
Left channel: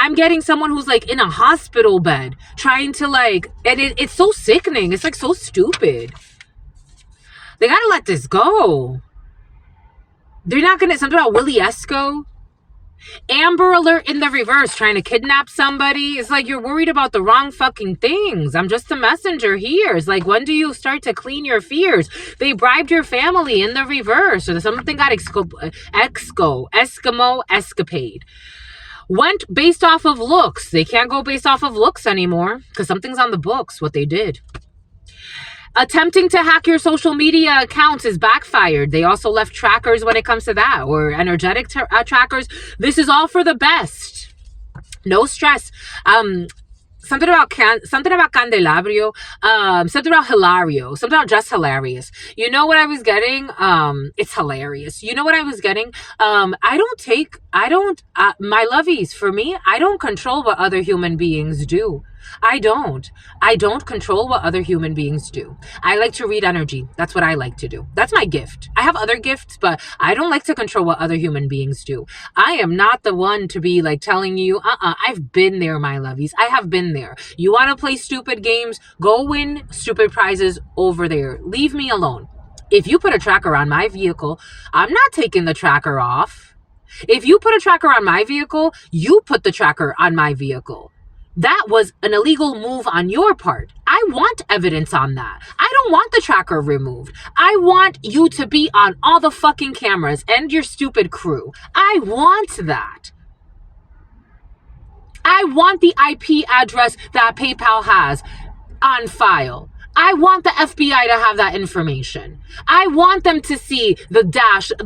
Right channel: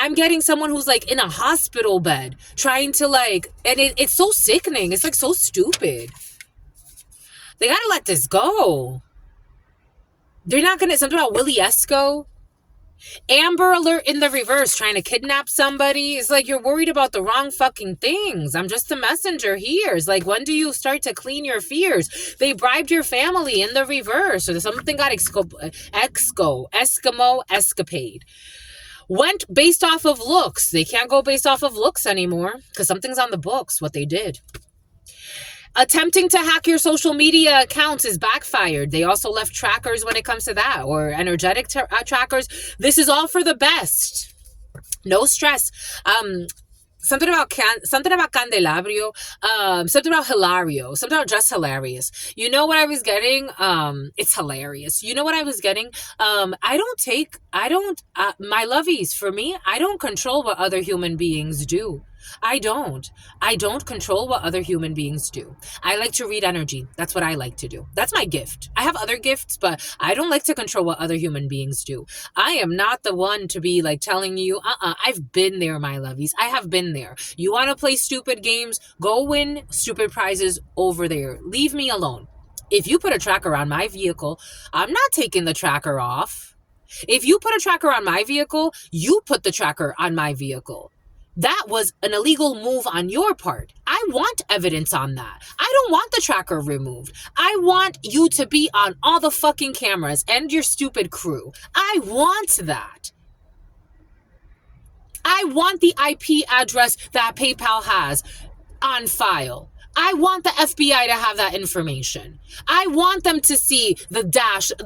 I'm getting someone who's like in a hospital bed trying to like, and it's so sickening. It's like so stupid. They gotta let this go. They're not gonna, something about Willie Esco. Amber Alert in the reverse, trying to kidnap somebody. It's like you're worried about the wrong fucking things. I'm just a messenger here. It's like, when do you start to clean your fears? They bribed your family in the reverse, or something got Eskimo escapade. Went based off of looks. They can't go based off of looks anymore because something's on the books, what they did. Attempting to hack your social media accounts is backfired. They also left trackers when it comes to that, or energetic trackers. This is all for the best. No stress. Something about Candelabro, something about Hilario, something about just hilarious. You know what I was getting? It's hilarious. You know what I was getting? My lovies, for me, I don't control what other human beings do. I don't control what other human beings do. I like to read energy. That's what I like to do. That's my gift. I have other gifts, but I don't like to control what other human beings do. I am not the one to be like telling you, I've been there, my lovies. I have been there. You want to play stupid games? Go win stupid prizes over there. Leave me alone. If you put a tracker on my vehicle, I'm not taking the tracker off. If you put a tracker on my vehicle, you put the tracker on my vehicle. That was an illegal move on your part. I want evidence on that. I don't want the tracker removed. I want you to be on all the fucking cameras and your stupid crew. I want that. I want the IP address that PayPal has on file. I want the FBI to have that information. I want them to see the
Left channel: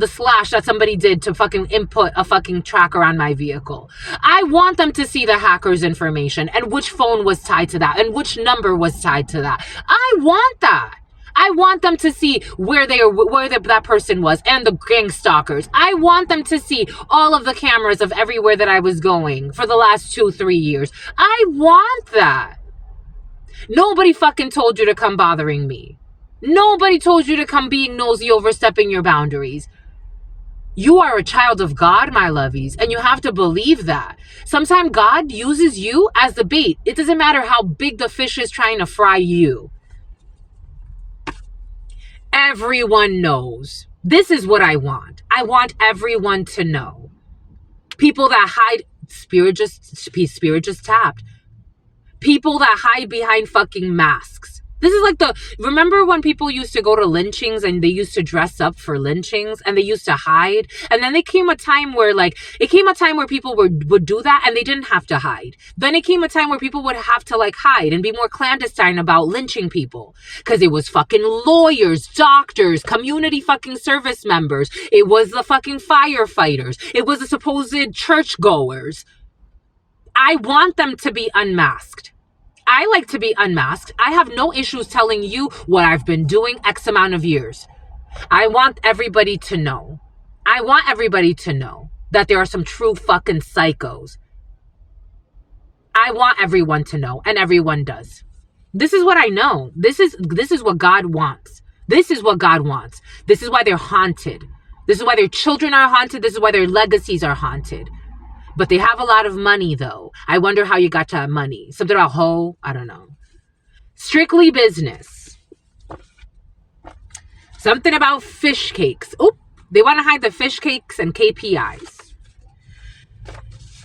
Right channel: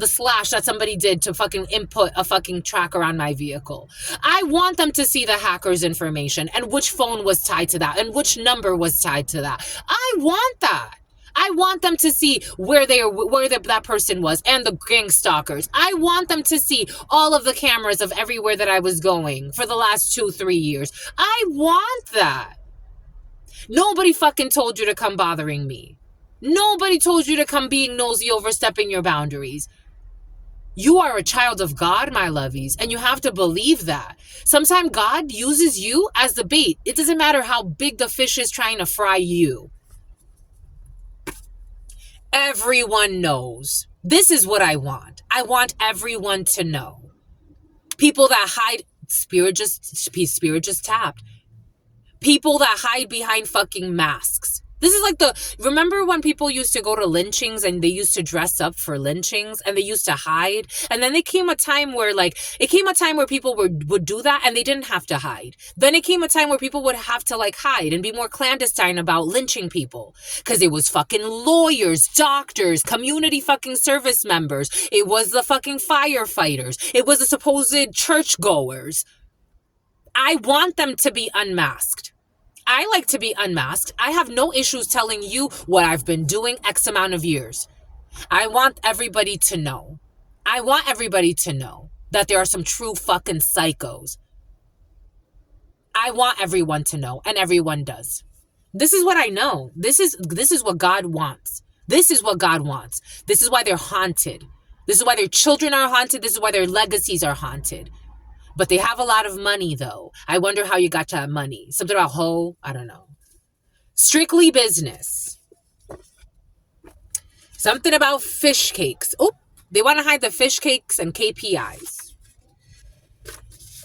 slash that somebody did to fucking input a fucking tracker on my vehicle. I want them to see the hacker's information and which phone was tied to that and which number was tied to that. I want that. I want them to see where that person was and the gang stalkers. I want them to see all of the cameras of everywhere that I was going for the last 2-3 years. I want that. Nobody fucking told you to come bothering me. Nobody told you to come being nosy, overstepping your boundaries. You are a child of God, my lovies, and you have to believe that. Sometimes God uses you as the bait. It doesn't matter how big the fish is trying to fry you. Everyone knows. This is what I want. I want everyone to know. People that hide, spirit just tapped. People that hide behind fucking masks. This is like remember when people used to go to lynchings and they used to dress up for lynchings and they used to hide? And then there came a time where people would do that and they didn't have to hide. Then it came a time where people would have to like hide and be more clandestine about lynching people. Because it was fucking lawyers, doctors, community fucking service members. It was the fucking firefighters. It was the supposed churchgoers. I want them to be unmasked. I like to be unmasked. I have no issues telling you what I've been doing X amount of years. I want everybody to know. I want everybody to know that there are some true fucking psychos. I want everyone to know, and everyone does. This is what I know. This is what God wants. This is what God wants. This is why they're haunted. This is why their children are haunted. This is why their legacies are haunted. But they have a lot of money, though. I wonder how you got to have money. Something about hoe? I don't know. Strictly business. Something about fish cakes. Oop. They want to hide the fish cakes and KPIs.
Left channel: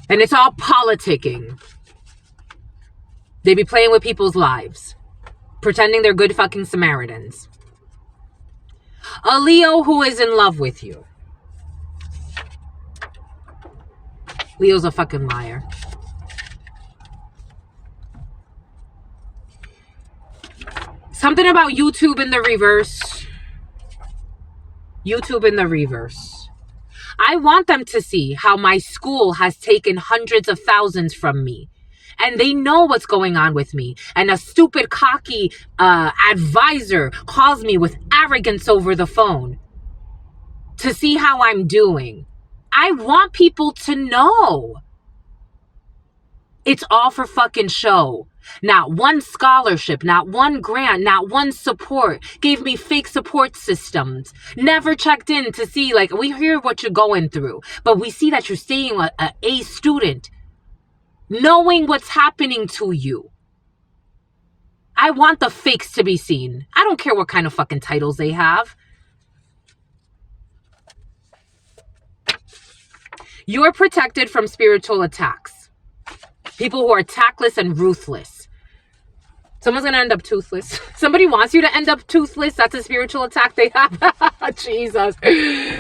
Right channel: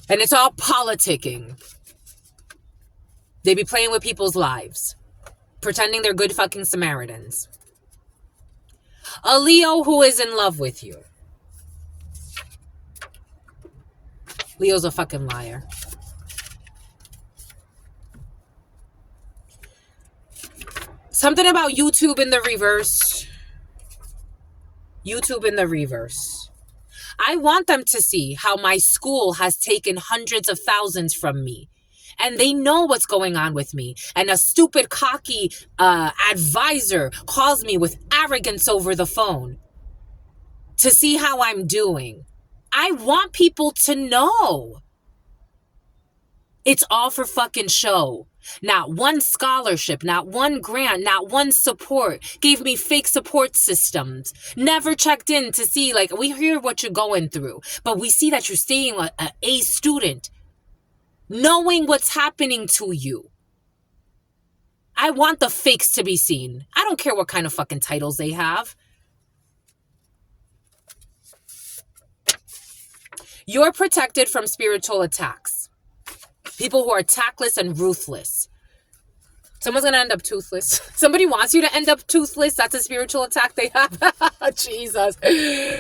And it's all politicking. They be playing with people's lives. Pretending they're good fucking Samaritans. A Leo who is in love with you. Leo's a fucking liar. Something about YouTube in the reverse. YouTube in the reverse. I want them to see how my school has taken hundreds of thousands from me. And they know what's going on with me. And a stupid, cocky advisor calls me with arrogance over the phone to see how I'm doing. I want people to know. It's all for fucking show. Not one scholarship, not one grant, not one support. Gave me fake support systems. Never checked in to see, like, we hear what you're going through, but we see that you're staying an A student, knowing what's happening to you. I want the fakes to be seen. I don't care what kind of fucking titles they have. You're protected from spiritual attacks. People who are tactless and ruthless. Someone's going to end up toothless. Somebody wants you to end up toothless. That's a spiritual attack they have. Jesus.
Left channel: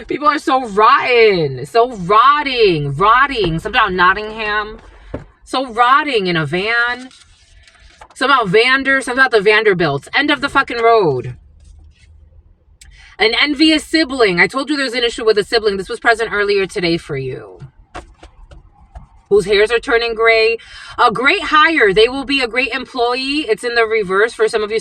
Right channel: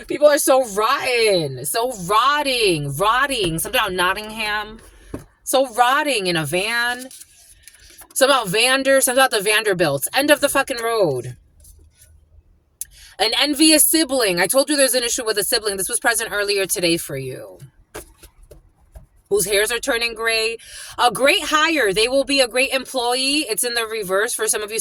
People are so rotten. So rotting. Something about Nottingham. So rotting in a van. Something about something about the Vanderbilts. End of the fucking road. An envious sibling. I told you there's an issue with a sibling. This was present earlier today for you. Whose hairs are turning gray. A great hire. They will be a great employee. It's in the reverse for some of you.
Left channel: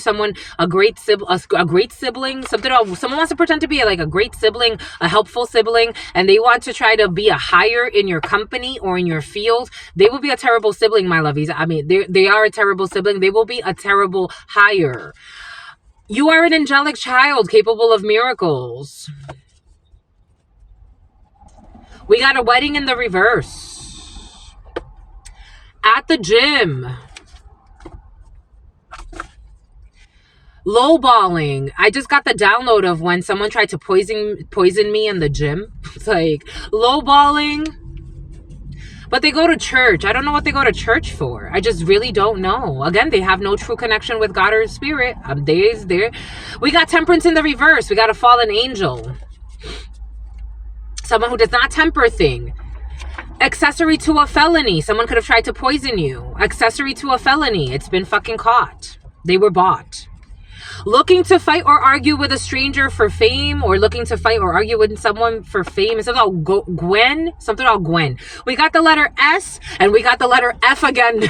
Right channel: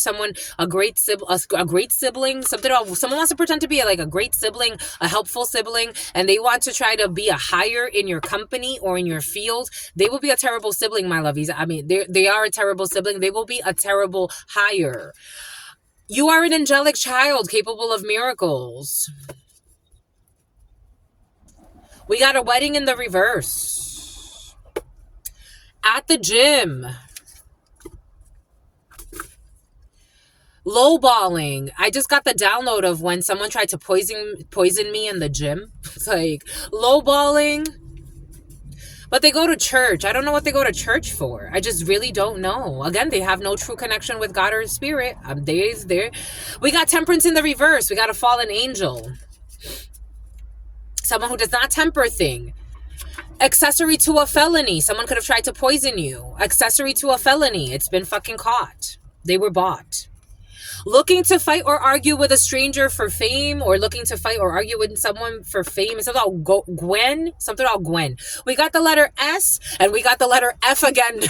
A great sibling. Someone wants to pretend to be like a great sibling, a helpful sibling, and they want to try to be a hire in your company or in your field. They will be a terrible sibling, my lovies. I mean, they are a terrible sibling. They will be a terrible hire. You are an angelic child capable of miracles. We got a wedding in the reverse. At the gym. Lowballing. I just got the download of when someone tried to poison me in the gym. It's like lowballing. But they go to church. I don't know what they go to church for. I just really don't know. Again, they have no true connection with God or Spirit. There. We got temperance in the reverse. We got a fallen angel. Someone who does not temper thing. Accessory to a felony. Someone could have tried to poison you. Accessory to a felony. It's been fucking caught. They were bought. Looking to fight or argue with a stranger for fame, or looking to fight or argue with someone for fame. It's about Gwen. Something about Gwen. We got the letter S and we got the letter F again.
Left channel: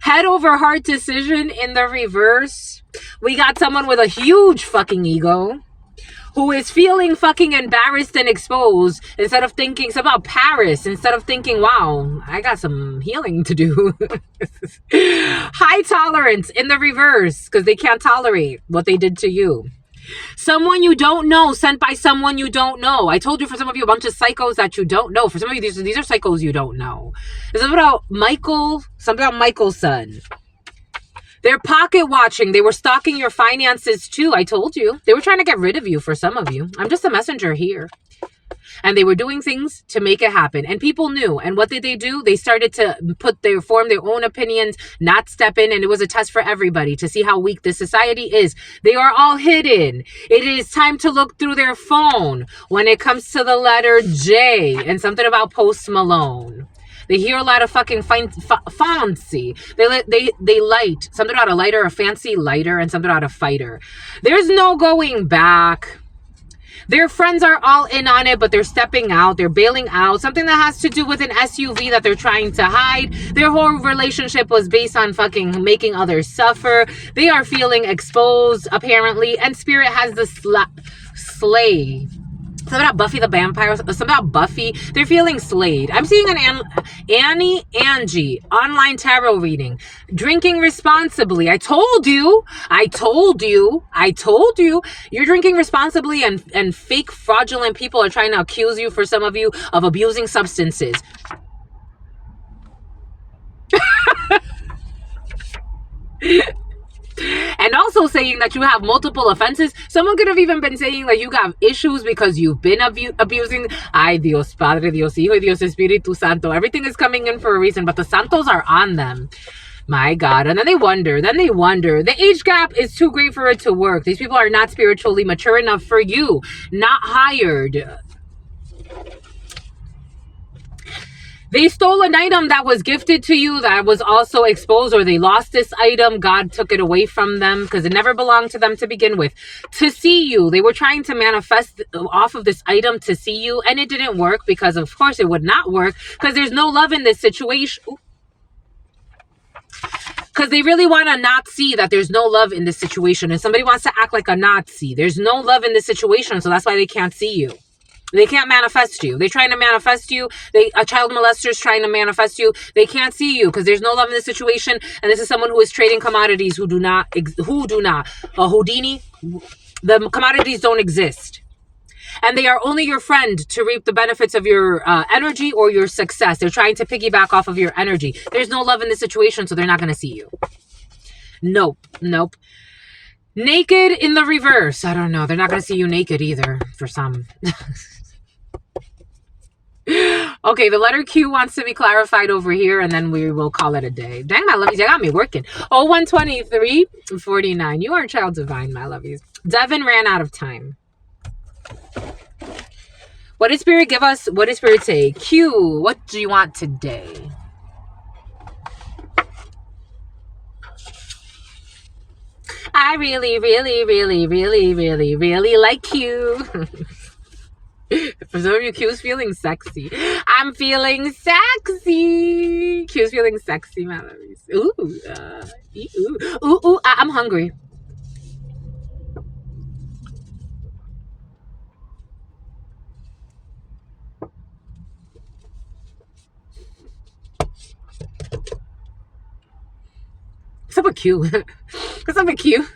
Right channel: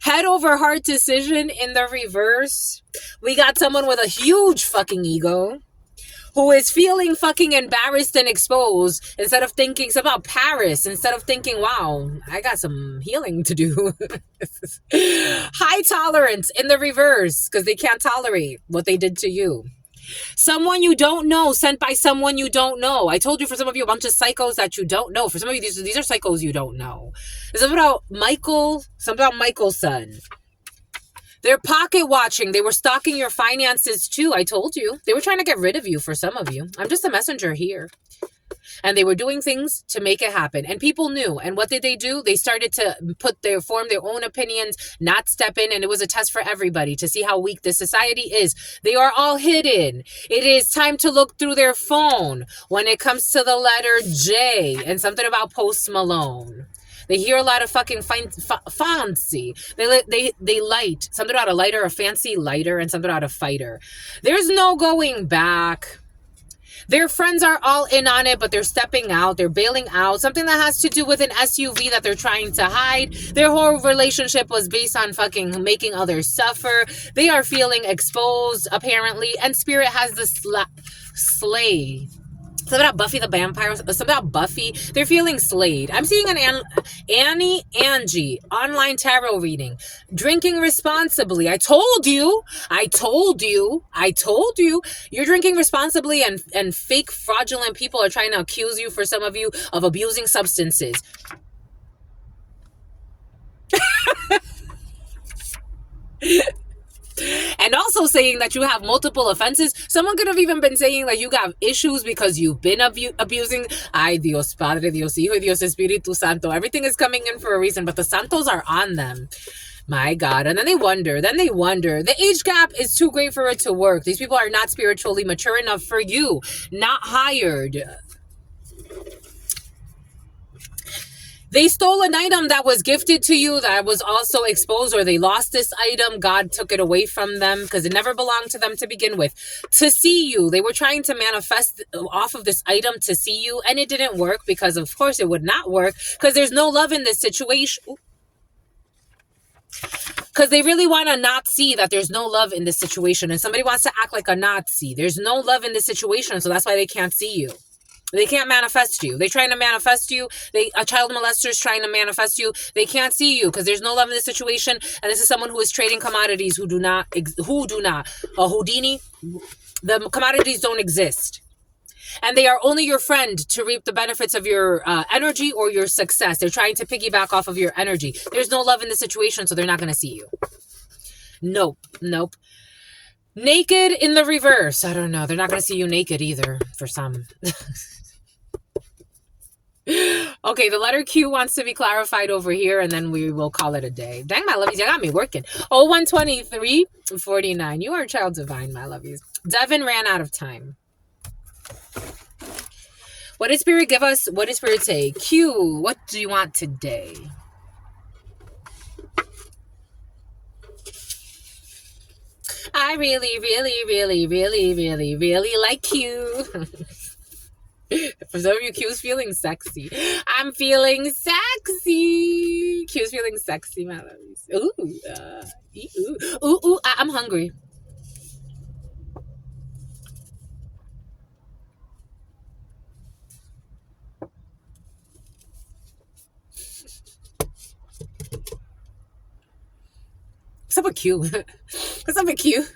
Head over heart decision in the reverse. We got someone with a huge fucking ego who is feeling fucking embarrassed and exposed instead of thinking it's about Paris, instead of thinking, wow, I got some healing to do. High tolerance in the reverse because they can't tolerate what they did to you. Someone you don't know, sent by someone you don't know. I told you, for some of you, a bunch of psychos that you don't know. For some of you, these are psychos you don't know. It's something about Michael's son. They're pocket watching. They were stalking your finances too. I told you. They were trying to get rid of you for some of you. I'm just a messenger here. And they were doing things to make it happen. And people knew. And what did they do? They started to form their own opinions, not step in. And it was a test for everybody to see how weak this society is. They are all hidden. It is time to look through their phone when it comes to the letter J and something about Post Malone. They hear a lot of fucking fancy. They light. Something about a lighter, a fancy lighter, and something about a fighter. There's no going back. Their friends are all in on it, but they're stepping out. They're bailing out. Something that has to do with an SUV that they're trying to hide. Their whole relationship was based on fucking making others suffer. They are feeling exposed, apparently. And Spirit has the slay. Something about Buffy the Vampire. Something about Buffy. They're feeling slayed. I'm seeing an Angie online tarot reading. Drinking responsibly. I told you. You're drinking responsibly, and fake fraudulent people are trying to accuse you, for some of you, of abusing substances. And also saying that you have multiple offenses. Someone could have even been saying that you got issues because you've been abusing. Ay, Dios Padre, Dios Hijo, Dios Espíritu Santo. Everything is coming in for a reason, but the Santos are on them. My God. And then they wonder. The age gap is too great for it to work. These people are not spiritually mature enough for you. Not hired. They stole an item that was gifted to you that was also exposed, or they lost this item. God took it away from them because it never belonged to them to begin with. To see you. They were trying to manifest off of this item to see you, and it didn't work because, of course, it would not work because there's no love in this situation. Because they really want to not see that there's no love in this situation, and somebody wants to act like a Nazi. There's no love in this situation, so that's why they can't see you. They can't manifest you. They're trying to manifest you. A child molester is trying to manifest you. They can't see you because there's no love in this situation. And this is someone who is trading commodities who do not. A Houdini. The commodities don't exist. And they are only your friend to reap the benefits of your energy or your success. They're trying to piggyback off of your energy. There's no love in this situation, so they're not going to see you. Nope. Naked in the reverse. I don't know. They're not going to see you naked either for some. Okay, the letter Q wants to be clarified over here, and then we will call it a day. Dang, my lovies, you got me working. 0123-49. You are child divine, my lovies. Devin ran out of time. What did Spirit give us? What did Spirit say? Q, what do you want today? I really, really, really, really, really, really like you. For some of you, Q's feeling sexy. I'm feeling sexy. Q's feeling sexy, my lovies. Ooh, I'm hungry. What's up with Q? What's up with Q?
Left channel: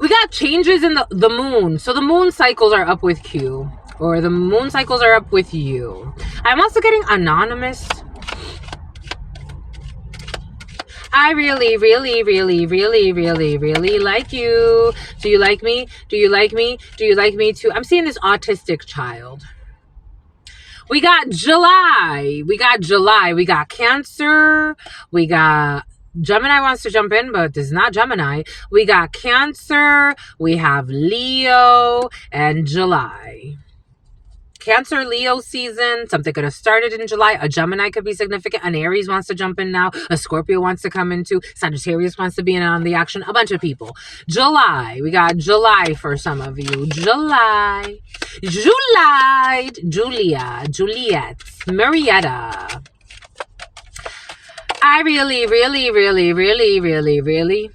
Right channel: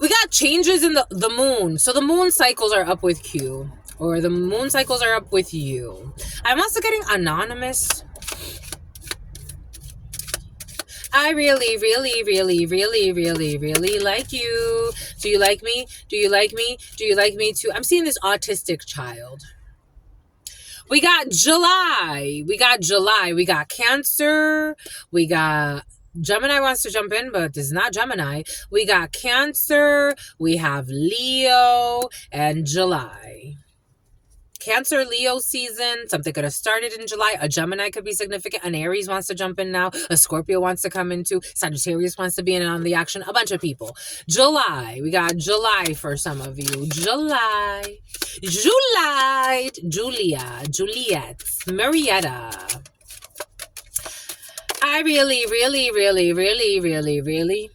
We got changes in the moon. So the moon cycles are up with Q. Or the moon cycles are up with you. I'm also getting anonymous. I really, really, really, really, really, really like you. Do you like me? Do you like me? Do you like me too? I'm seeing this autistic child. We got July. We got Cancer. We got Gemini wants to jump in, but it's not Gemini. We got Cancer. We have Leo and July. Cancer, Leo season. Something could have started in July. A Gemini could be significant. An Aries wants to jump in now. A Scorpio wants to come into. Sagittarius wants to be in on the action. A bunch of people. July. We got July for some of you. July. Julia. Juliet. Marietta. I really, really, really, really, really, really.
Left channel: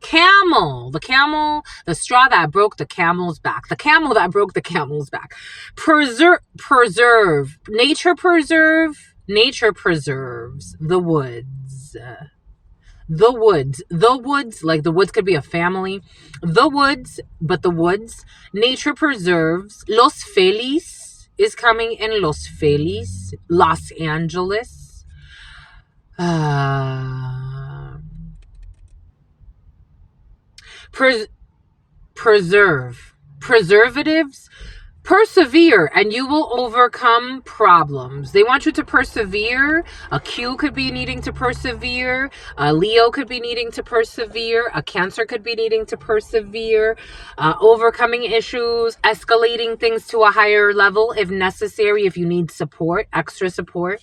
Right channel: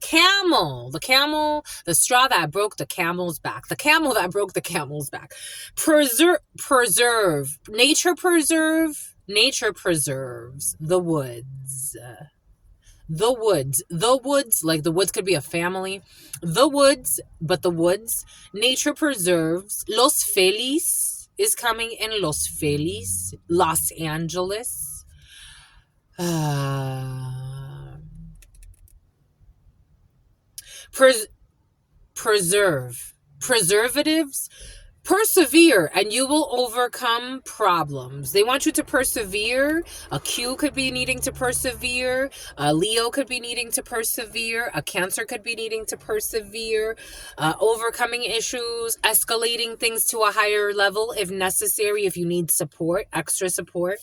Camel, the straw that broke the camel's back. The camel that broke the camel's back. Preserve. Nature preserves the woods. The woods, like the woods could be a family. The woods, but the woods. Nature preserves. Los Feliz is coming in. Los Feliz. Los Angeles. Preservatives. Persevere and you will overcome problems. They want you to persevere. A Q could be needing to persevere. A Leo could be needing to persevere. A Cancer could be needing to persevere. Overcoming issues, escalating things to a higher level if necessary, if you need support, extra support.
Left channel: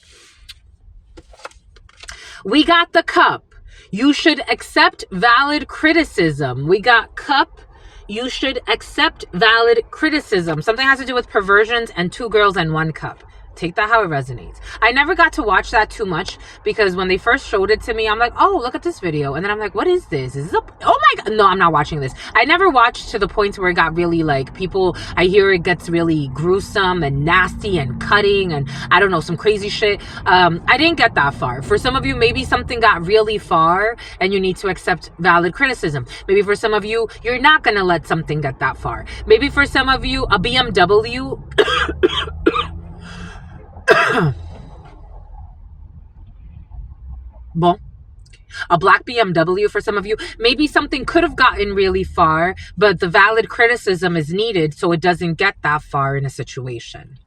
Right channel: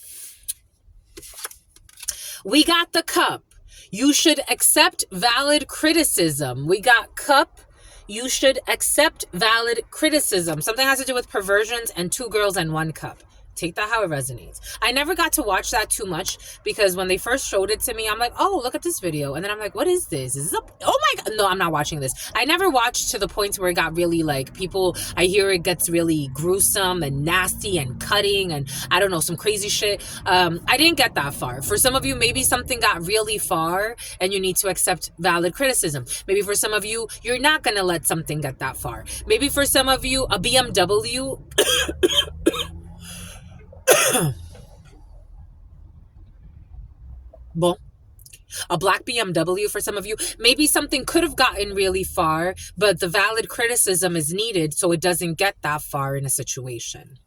We got the Cup. You should accept valid criticism. We got Cup. You should accept valid criticism. Something has to do with perversions and 2 girls and 1 cup. Take that how it resonates. I never got to watch that too much because when they first showed it to me, I'm like, oh, look at this video. And then I'm like, what is this? Is this oh my God. No, I'm not watching this. I never watched to the point where it got really like people, I hear it gets really gruesome and nasty and cutting and I don't know, some crazy shit. I didn't get that far. For some of you, maybe something got really far and you need to accept valid criticism. Maybe for some of you, you're not going to let something get that far. Maybe for some of you, a BMW... Bon. A black BMW for some of you. Maybe something could have gotten really far, but the valid criticism is needed so it doesn't get that far in a situation.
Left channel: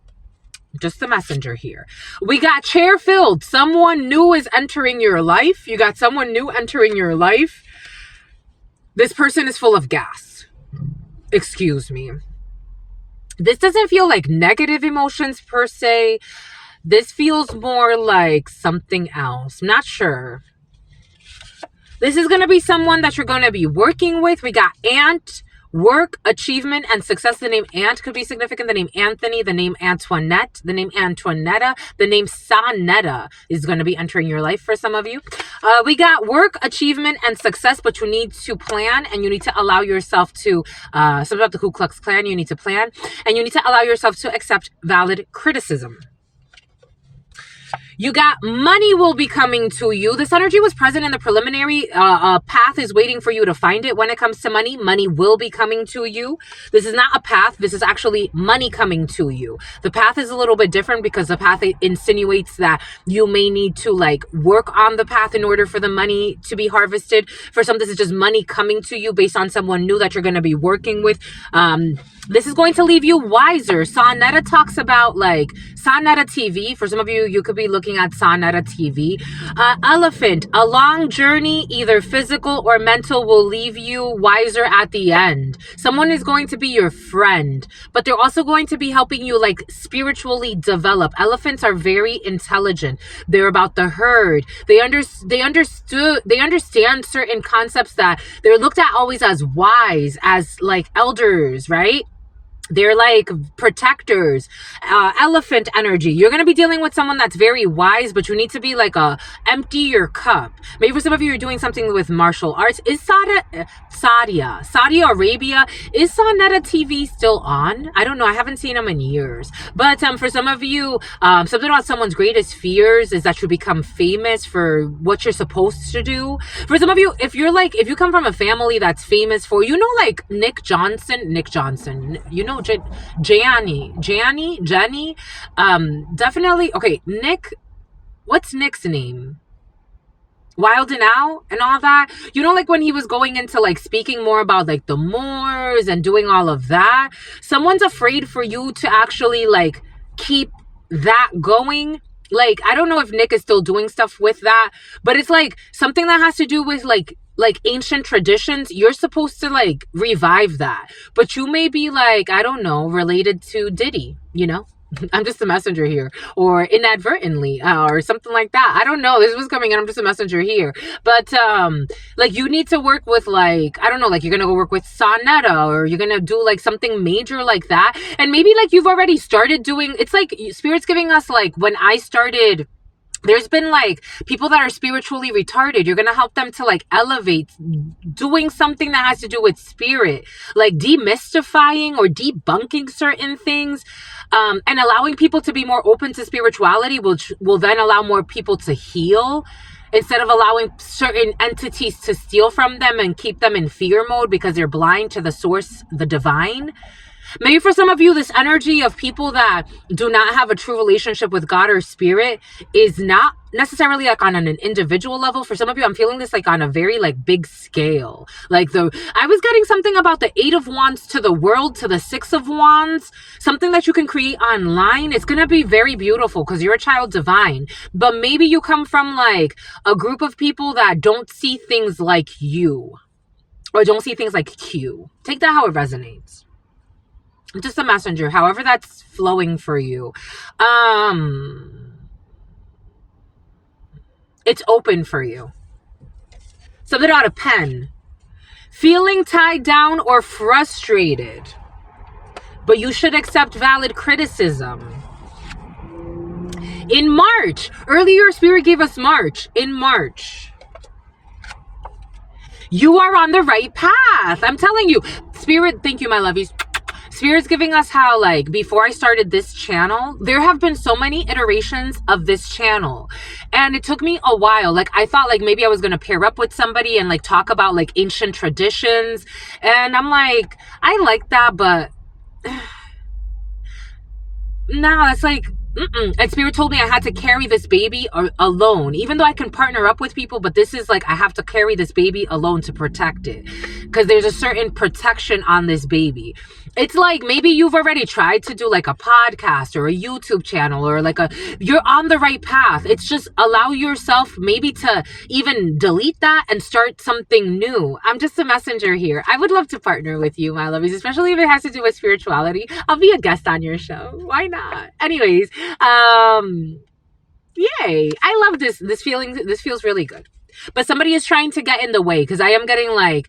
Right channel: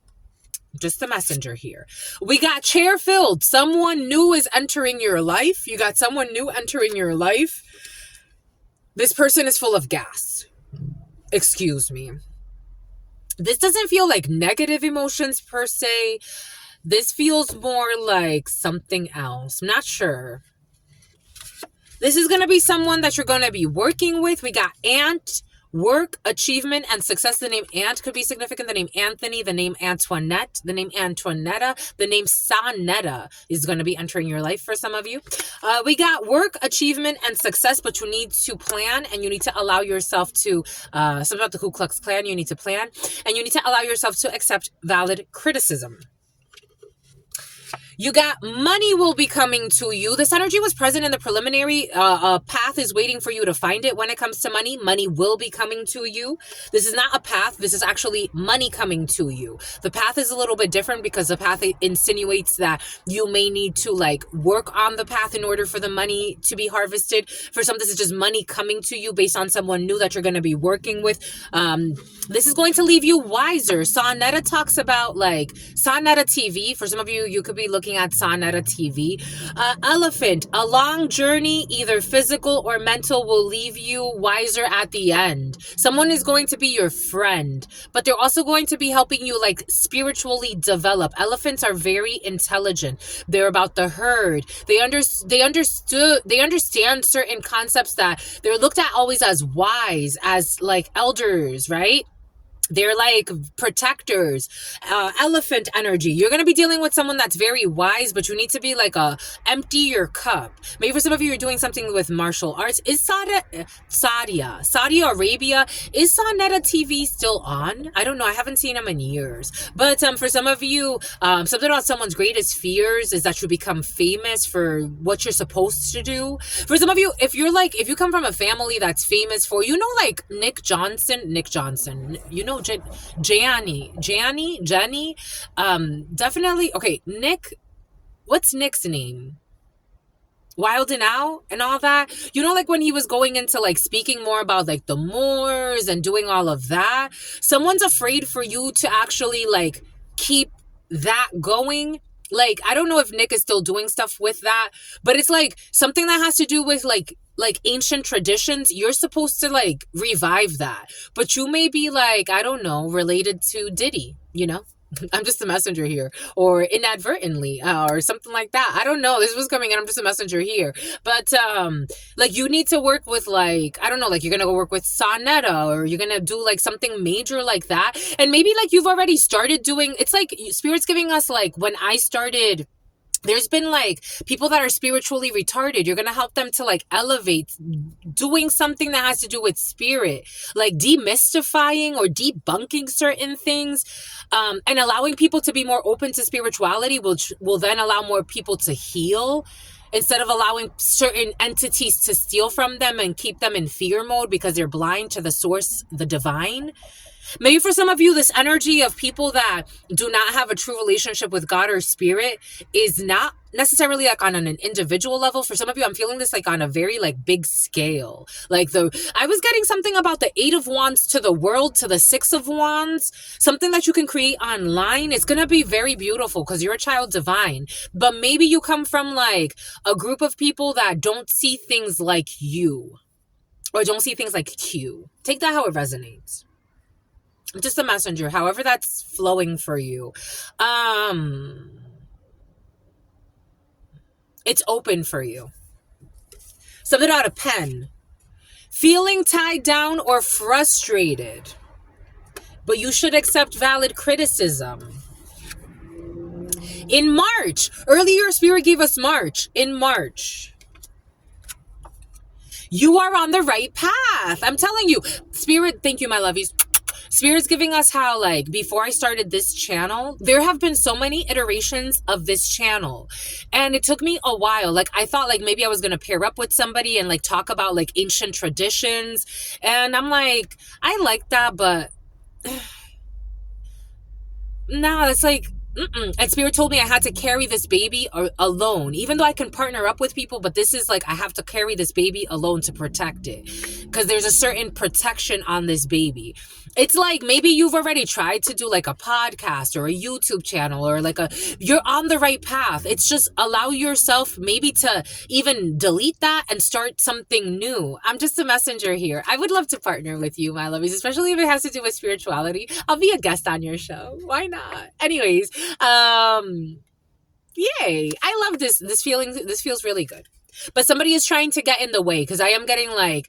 Just the messenger here. We got chair filled. Someone new is entering your life. You got someone new entering your life. This person is full of gas. Excuse me. This doesn't feel like negative emotions per se. This feels more like something else. I'm not sure. This is going to be someone that you're going to be working with. We got Ant, work, achievement, and success. The name Ant could be significant. The name Anthony, the name Antoinette, the name Antoinetta, the name Sanetta is going to be entering your life for some of you. We got work, achievement, and success, but you need to plan and you need to allow yourself to, something about the Ku Klux Klan, you need to plan and you need to allow yourself to accept valid criticism. You got money will be coming to you. This energy was present in the preliminary. A path is waiting for you to find it when it comes to money. Money will be coming to you. This is not a path. This is actually money coming to you. The path is a little bit different because the path insinuates that you may need to like work on the path in order for the money to be harvested. For some, this is just money coming to you based on someone new that you're going to be working with. This is going to leave you wiser. Sonetta talks about like Sonetta TV. For some of you, you could be looking at Sonetta TV. Elephant, a long journey, either physical or mental, will leave you wiser at the end. Someone is going to be your friend, but they're also going to be helping you like spiritually develop. Elephants are very intelligent. They're about the herd. They understand certain concepts that they're looked at always as wise, as like elders, right? They're like protectors, elephant energy. You're going to be dealing with someone that's very wise, but you need to be like empty your cup. Maybe for some of you, you're doing something with martial arts. Is Saudi Arabia, is Sonetta TV still on? I don't know. I haven't seen them in years. But for some of you, something about someone's greatest fears is that you become famous for what you're supposed to do. For some of you, if you come from a family that's famous for, like Nick Johnson, you know, Jenny, definitely. Okay, Nick, what's Nick's name? Wild and Out and all that. You know, like when he was going into like speaking more about like the Moors and doing all of that, someone's afraid for you to actually like keep that going. Like, I don't know if Nick is still doing stuff with that, but it's like something that has to do with like ancient traditions. You're supposed to like revive that, but you may be like, I don't know, related to Diddy, you know? I'm just a messenger here, or inadvertently, or something like that. I don't know. This was coming in. I'm just a messenger here. But, like, you need to work with, like, I don't know, like, you're going to go work with Sonetta, or you're going to do, like, something major like that. And maybe, like, you've already started doing, it's like, Spirit's giving us, like, when I started, there's been like people that are spiritually retarded. You're going to help them to like elevate, doing something that has to do with spirit, like demystifying or debunking certain things, and allowing people to be more open to spirituality, which will then allow more people to heal instead of allowing certain entities to steal from them and keep them in fear mode because they're blind to the source, the divine. Maybe for some of you, this energy of people that do not have a true relationship with God or spirit is not necessarily like on an individual level. For some of you, I'm feeling this like on a very like big scale. Like I was getting something about the 8 of Wands to the world, to the 6 of Wands, something that you can create online. It's going to be very beautiful because you're a child divine, but maybe you come from like a group of people that don't see things like you or don't see things like Q. Take that how it resonates. Just a messenger, however that's flowing for you. It's open for you. Something out of pen. Feeling tied down or frustrated, but you should accept valid criticism. In March, earlier Spirit gave us March. In March, you are on the right path. I'm telling you, Spirit, thank you, my lovies. Spirit's giving us how, like, before I started this channel, there have been so many iterations of this channel. And it took me a while. Like, I thought, like, maybe I was going to pair up with somebody and, like, talk about, like, ancient traditions. And I'm like, I like that, but no, that's like, and Spirit told me I had to carry this baby alone, even though I can partner up with people, but this is like, I have to carry this baby alone to protect it because there's a certain protection on this baby. It's like, maybe you've already tried to do like a podcast or a YouTube channel or like you're on the right path. It's just allow yourself maybe to even delete that and start something new. I'm just a messenger here. I would love to partner with you, my lovies, especially if it has to do with spirituality. I'll be a guest on your show. Why not? Anyways, yay. I love this feeling. This feels really good. But somebody is trying to get in the way because I am getting like,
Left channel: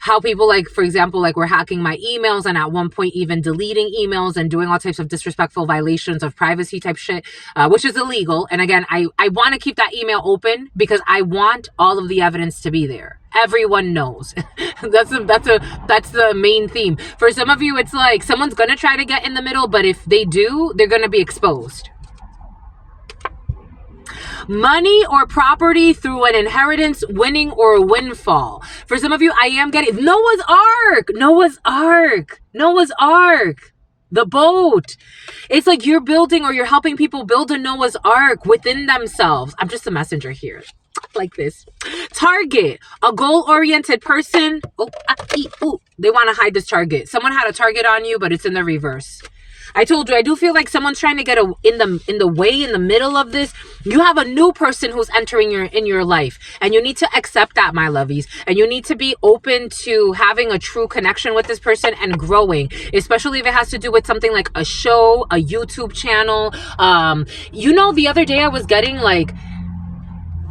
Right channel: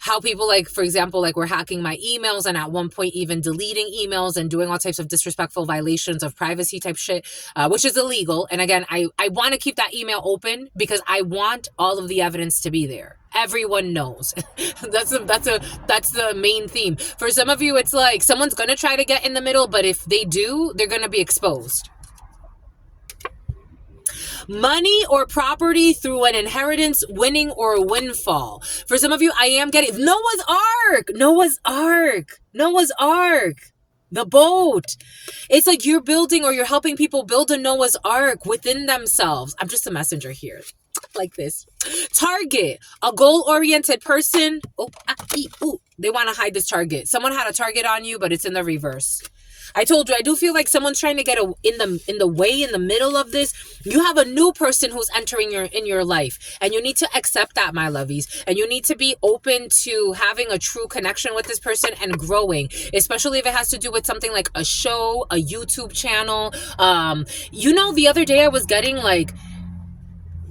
how people, like, for example, like, were hacking my emails and at one point even deleting emails and doing all types of disrespectful violations of privacy type shit, which is illegal. And again, I want to keep that email open because I want all of the evidence to be there. Everyone knows. That's the main theme. For some of you, it's like someone's gonna try to get in the middle, but if they do, they're gonna be exposed. Money or property through an inheritance, winning or a windfall. For some of you, I am getting Noah's Ark. The boat. It's like you're building or you're helping people build a Noah's Ark within themselves. I'm just a messenger here. Like this. Target. A goal-oriented person. They want to hide this target. Someone had a target on you, but it's in the reverse. I told you, I do feel like someone's trying to get in the middle of this. You have a new person who's entering in your life, and you need to accept that, my lovies, and you need to be open to having a true connection with this person and growing, especially if it has to do with something like a show, a YouTube channel. The other day I was getting like,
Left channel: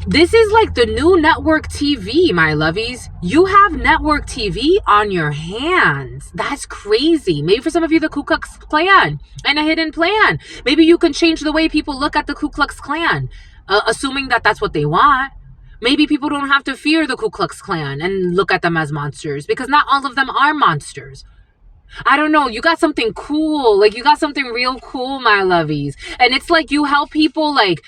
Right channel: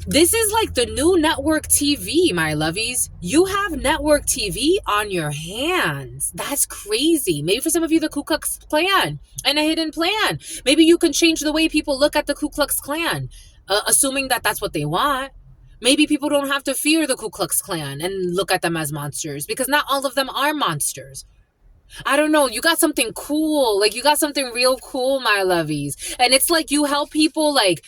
this is like the new network TV, my lovies. You have network TV on your hands. That's crazy. Maybe for some of you, the Ku Klux Klan and a hidden plan. Maybe you can change the way people look at the Ku Klux Klan, assuming that that's what they want. Maybe people don't have to fear the Ku Klux Klan and look at them as monsters, because not all of them are monsters. I don't know. You got something cool. Like, you got something real cool, my lovies. And it's like you help people like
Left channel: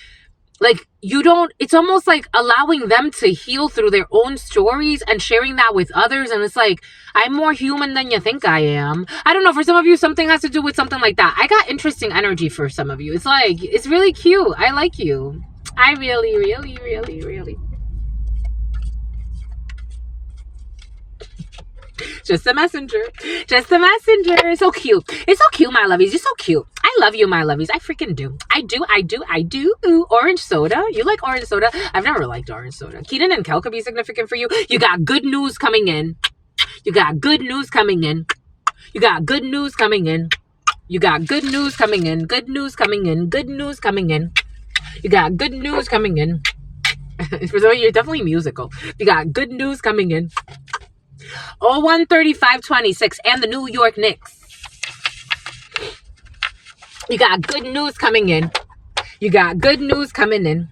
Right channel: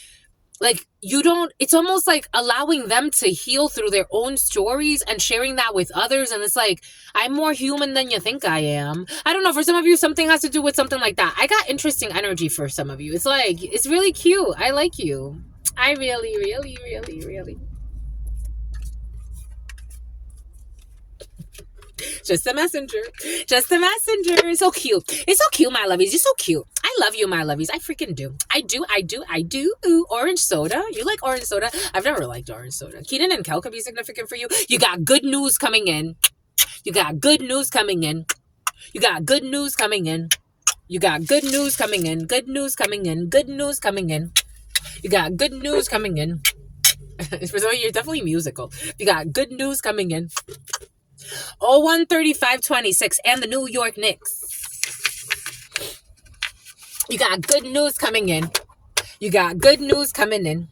you don't, it's almost like allowing them to heal through their own stories and sharing that with others. And it's like, I'm more human than you think I am. I don't know. For some of you, something has to do with something like that. I got interesting energy for some of you. It's like, it's really cute. I like you. I really, really, really, really. Just a messenger. So cute. It's so cute, my lovies. You're so cute. I love you, my lovies. I freaking do. I do. Ooh, orange soda. You like orange soda? I've never liked orange soda. Keenan and Kel could be significant for you. You got good news coming in. You got good news coming in. You got good news coming in. You got good news coming in. Good news coming in. Good news coming in. You got good news coming in. For some of you, you're definitely musical. You got good news coming in. 013526 and the New York Knicks. You got good news coming in. You got good news coming in.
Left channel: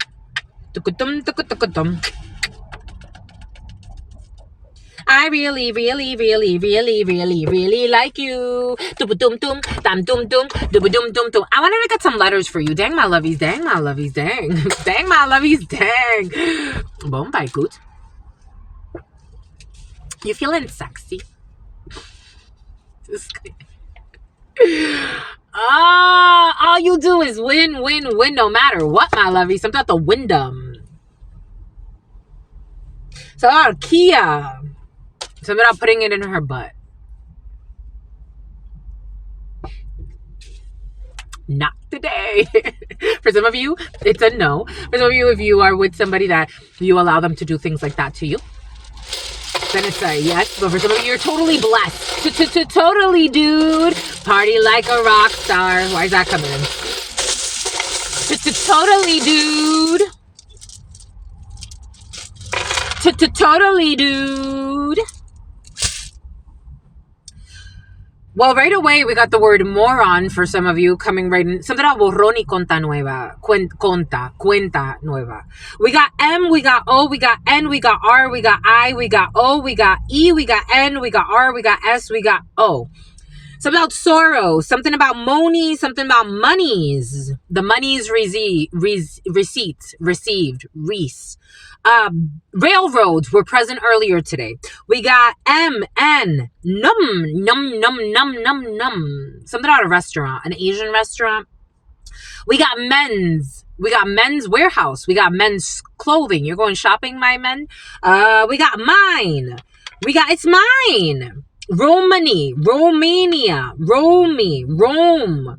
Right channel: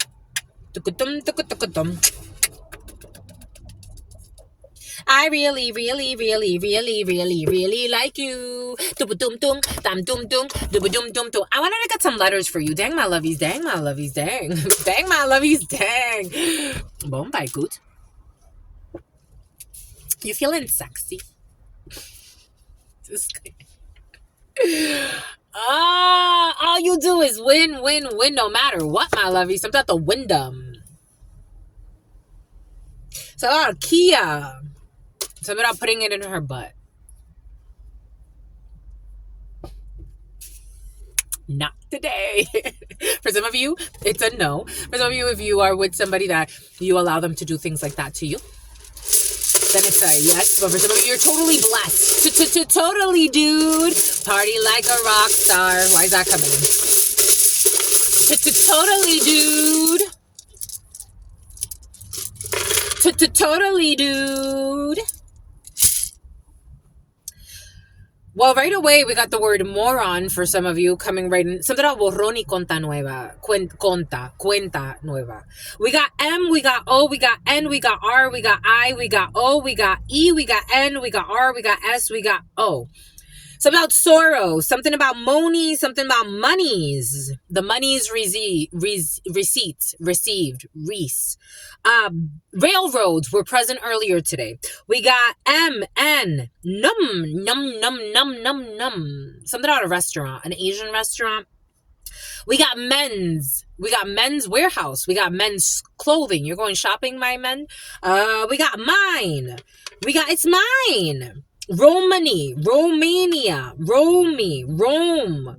I really, really, really, really, really, really like you. I wanted to get some letters for you. Dang, my lovies. Dang, my lovies. Dang. Dang, my lovies. Dang. Bombay good. You feeling sexy? All you do is win no matter what, my lovies. Something at the Wyndham. So Kia. Something about putting it in her butt. Not today. For some of you, it's a no. For some of you, if you are with somebody that you allow them to do things like that to you, then it's a yes. But for some of you, you're totally blessed. Totally, dude. Party like a rock star. Why is that coming in? Totally, dude. Totally, dude. Well, right away, we got the word moron for some of you coming right in. Something about borrón y cuenta nueva. Cuenta nueva. We got M, we got O, we got N, we got R, we got I, we got O, we got E, we got N, we got R, we got S, we got O. Something about sorrow. Something about money. Something about monies. The monies received. Reese. Railroads were present earlier today. We got M, N, num. Something about a restaurant, an Asian restaurant. We got men's. We got men's warehouse. We got men's clothing. You're going shopping, my men? We got mine. We got it's mine. Romania, Rome.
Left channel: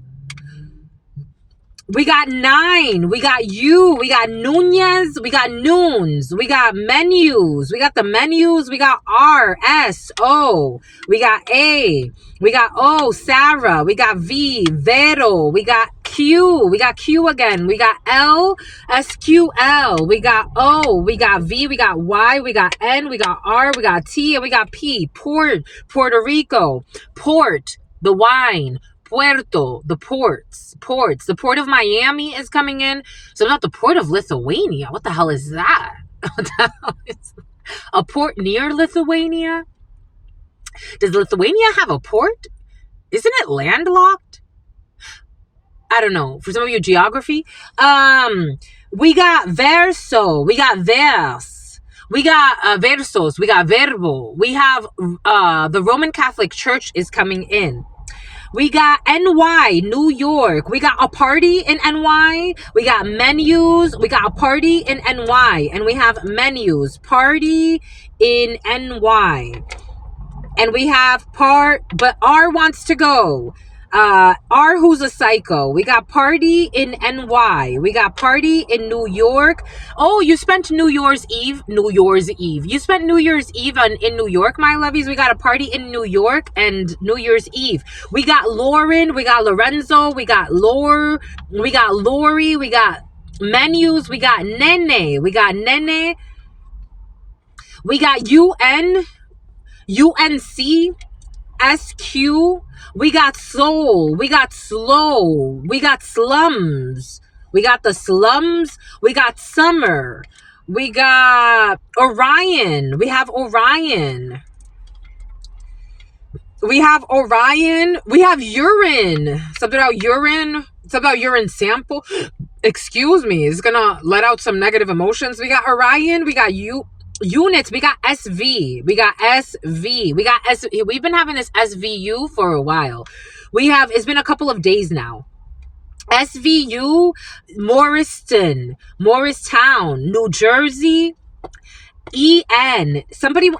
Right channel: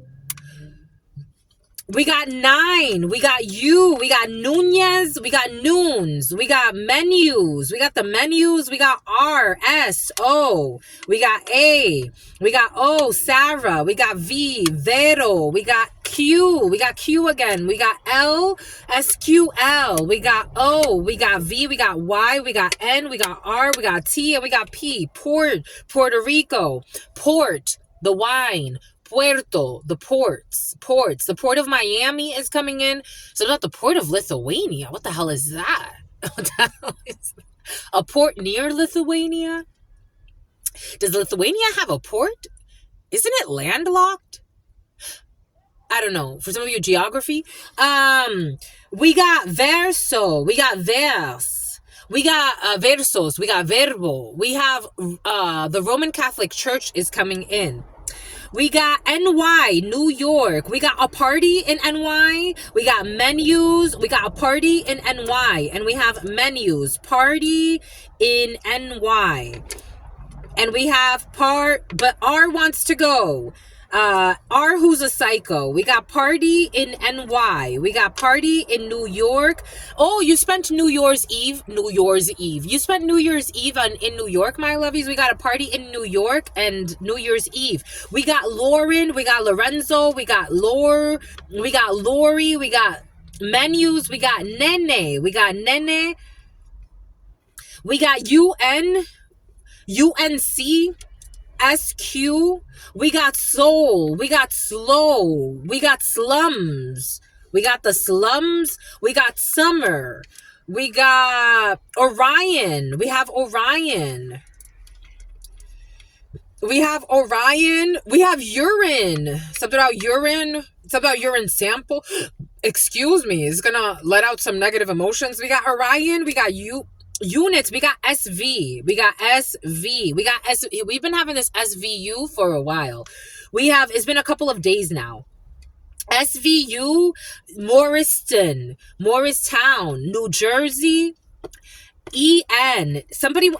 We got 9. We got you. We got Nunez. We got Noons. We got menus. We got the menus. We got R, S, O. We got A. We got O, Sarah. We got V, Vero. We got Q, Q. We got Q again. We got L, SQL. We got O. We got V. We got Y. We got N. We got R. We got T. And we got P. Port, Puerto Rico. Port, the wine. Puerto, the ports. The port of Miami is coming in. So not the port of Lithuania. What the hell is that? What the hell is that? A port near Lithuania? Does Lithuania have a port? Isn't it landlocked? I don't know. For some of you, geography. We got verso. We got vers. We got versos. We got verbo. We have the Roman Catholic Church is coming in. We got NY, New York. We got a party in NY. We got menus. We got a party in NY. And we have menus. Party in NY. And we have but R wants to go. R who's a psycho. We got party in NY. We got party in New York. Oh, you spent New Year's Eve. You spent New Year's Eve in New York, my lovies. We got a party in New York and New Year's Eve. We got Lauren. We got Lorenzo. We got We got Lori. We got menus. We got Nene. We got Nene. We got UNC. SQ, we got soul, we got slow, we got slums, we got the slums, we got summer, we got Orion, we have Orion, we have urine, something about urine sample, excuse me, it's gonna let out some negative emotions. We got Orion, we got units, we got SV, we got we've been having this SVU for a while. It's been a couple of days now. SVU, Morristown, New Jersey. N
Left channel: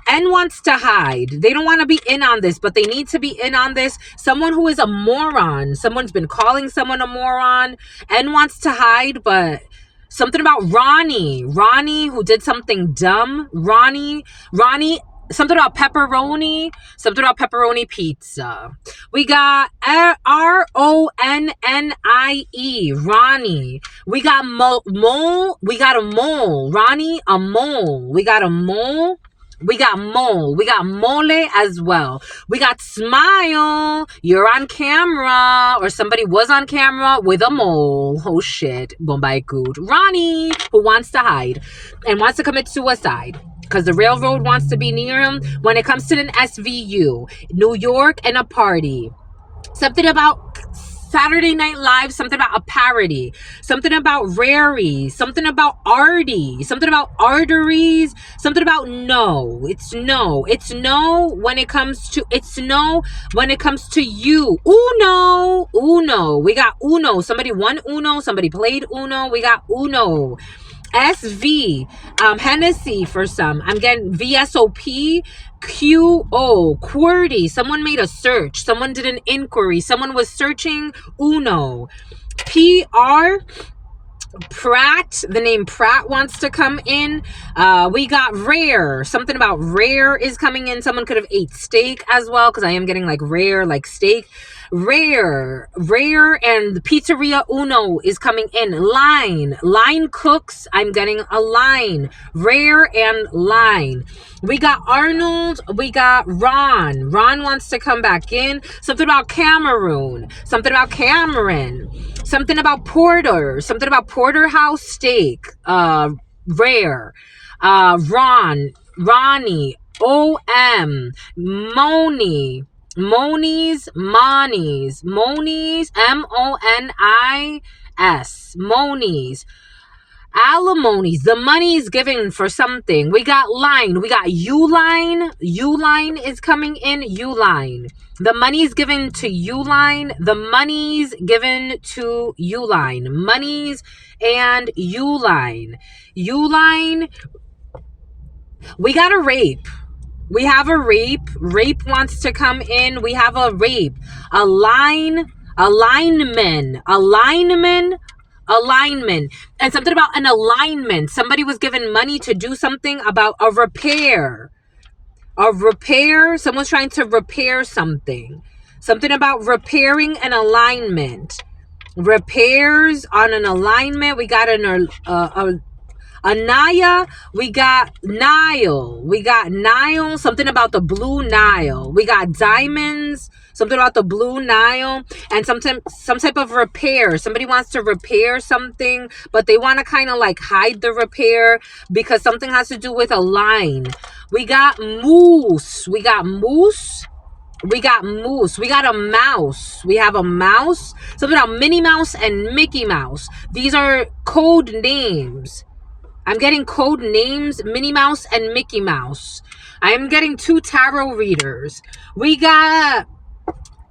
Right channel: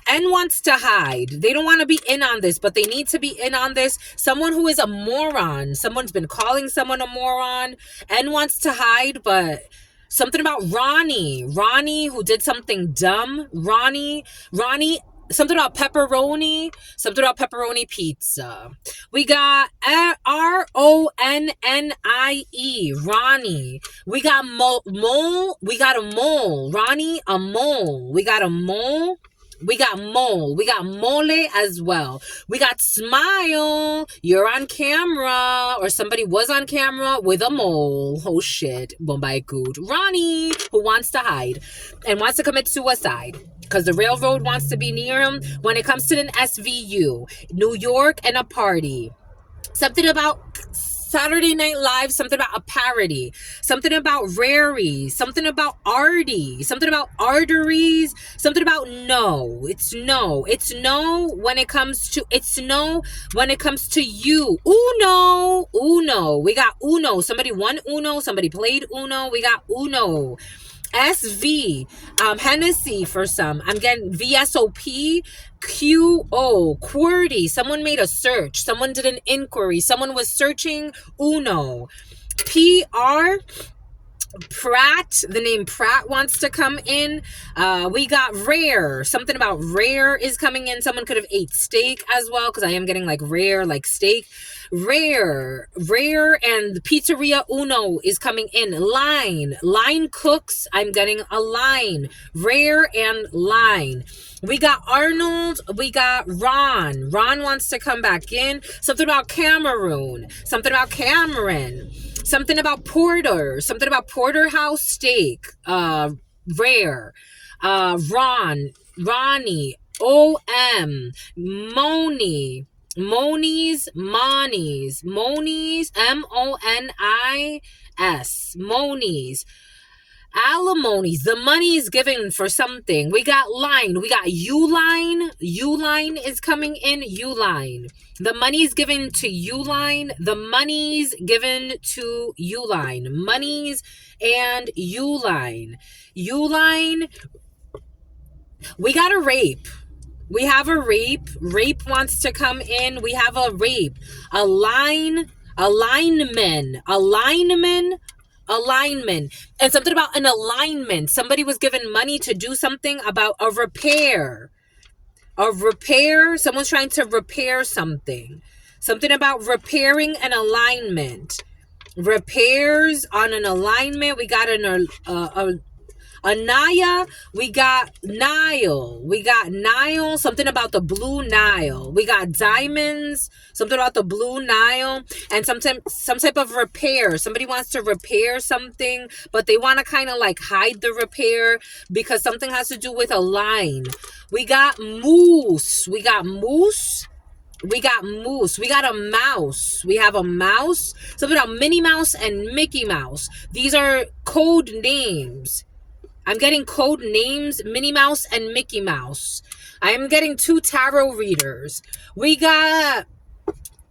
wants to hide. They don't want to be in on this, but they need to be in on this. Someone who is a moron. Someone's been calling someone a moron. N wants to hide, but something about Ronnie, who did something dumb. Ronnie, something about pepperoni pizza. We got RONNIE, Ronnie. We got mole. We got a mole. Ronnie, a mole. We got a mole. We got mole. We got mole as well. We got smile. You're on camera, or somebody was on camera with a mole. Oh shit. Bombay good. Ronnie, who wants to hide and wants to commit suicide because the railroad wants to be near him. When it comes to an SVU, New York and a party. Something about Saturday Night Live, something about a parody, something about Rary, something about Artie, something about arteries, something about no. It's no when it comes to you. Uno. We got Uno. Somebody won Uno. Somebody played Uno. We got Uno. SV, Hennessy for some. I'm getting VSOP, QO, QWERTY. Someone made a search. Someone did an inquiry. Someone was searching Uno. PR, Pratt, the name Pratt wants to come in. We got rare. Something about rare is coming in. Someone could have ate steak as well, because I am getting like rare, like steak. Rare, and the Pizzeria Uno is coming in. Line cooks. I'm getting a line. Rare and line. We got Arnold. We got Ron. Ron wants to come back in. Something about Cameroon. Something about Cameron. Something about Porter. Something about Porterhouse steak. Rare. Ronnie. OM. Monies, Monies, MONIS, Monies, alimonies, the money is given for something. We got line, we got Uline is coming in. Uline, the money is given to Uline, the money's given to Uline, monies and Uline. We got a rape. We have a rape. Rape wants to come in. We have a rape. Alignment. And something about an alignment. Somebody was given money to do something about a repair. Someone's trying to repair something. Something about repairing an alignment. repairs on an alignment. We got Anaya, we got Nile, something about the blue Nile. We got diamonds, something about the blue Nile, and some type of repair. Somebody wants to repair something, but they want to kind of like hide the repair because something has to do with a line. We got moose. We got moose. We got moose. We got a mouse. We have a mouse. Something about Minnie Mouse and Mickey Mouse. These are code names. I'm getting code names, Minnie Mouse and Mickey Mouse. I am getting 2 tarot readers. We got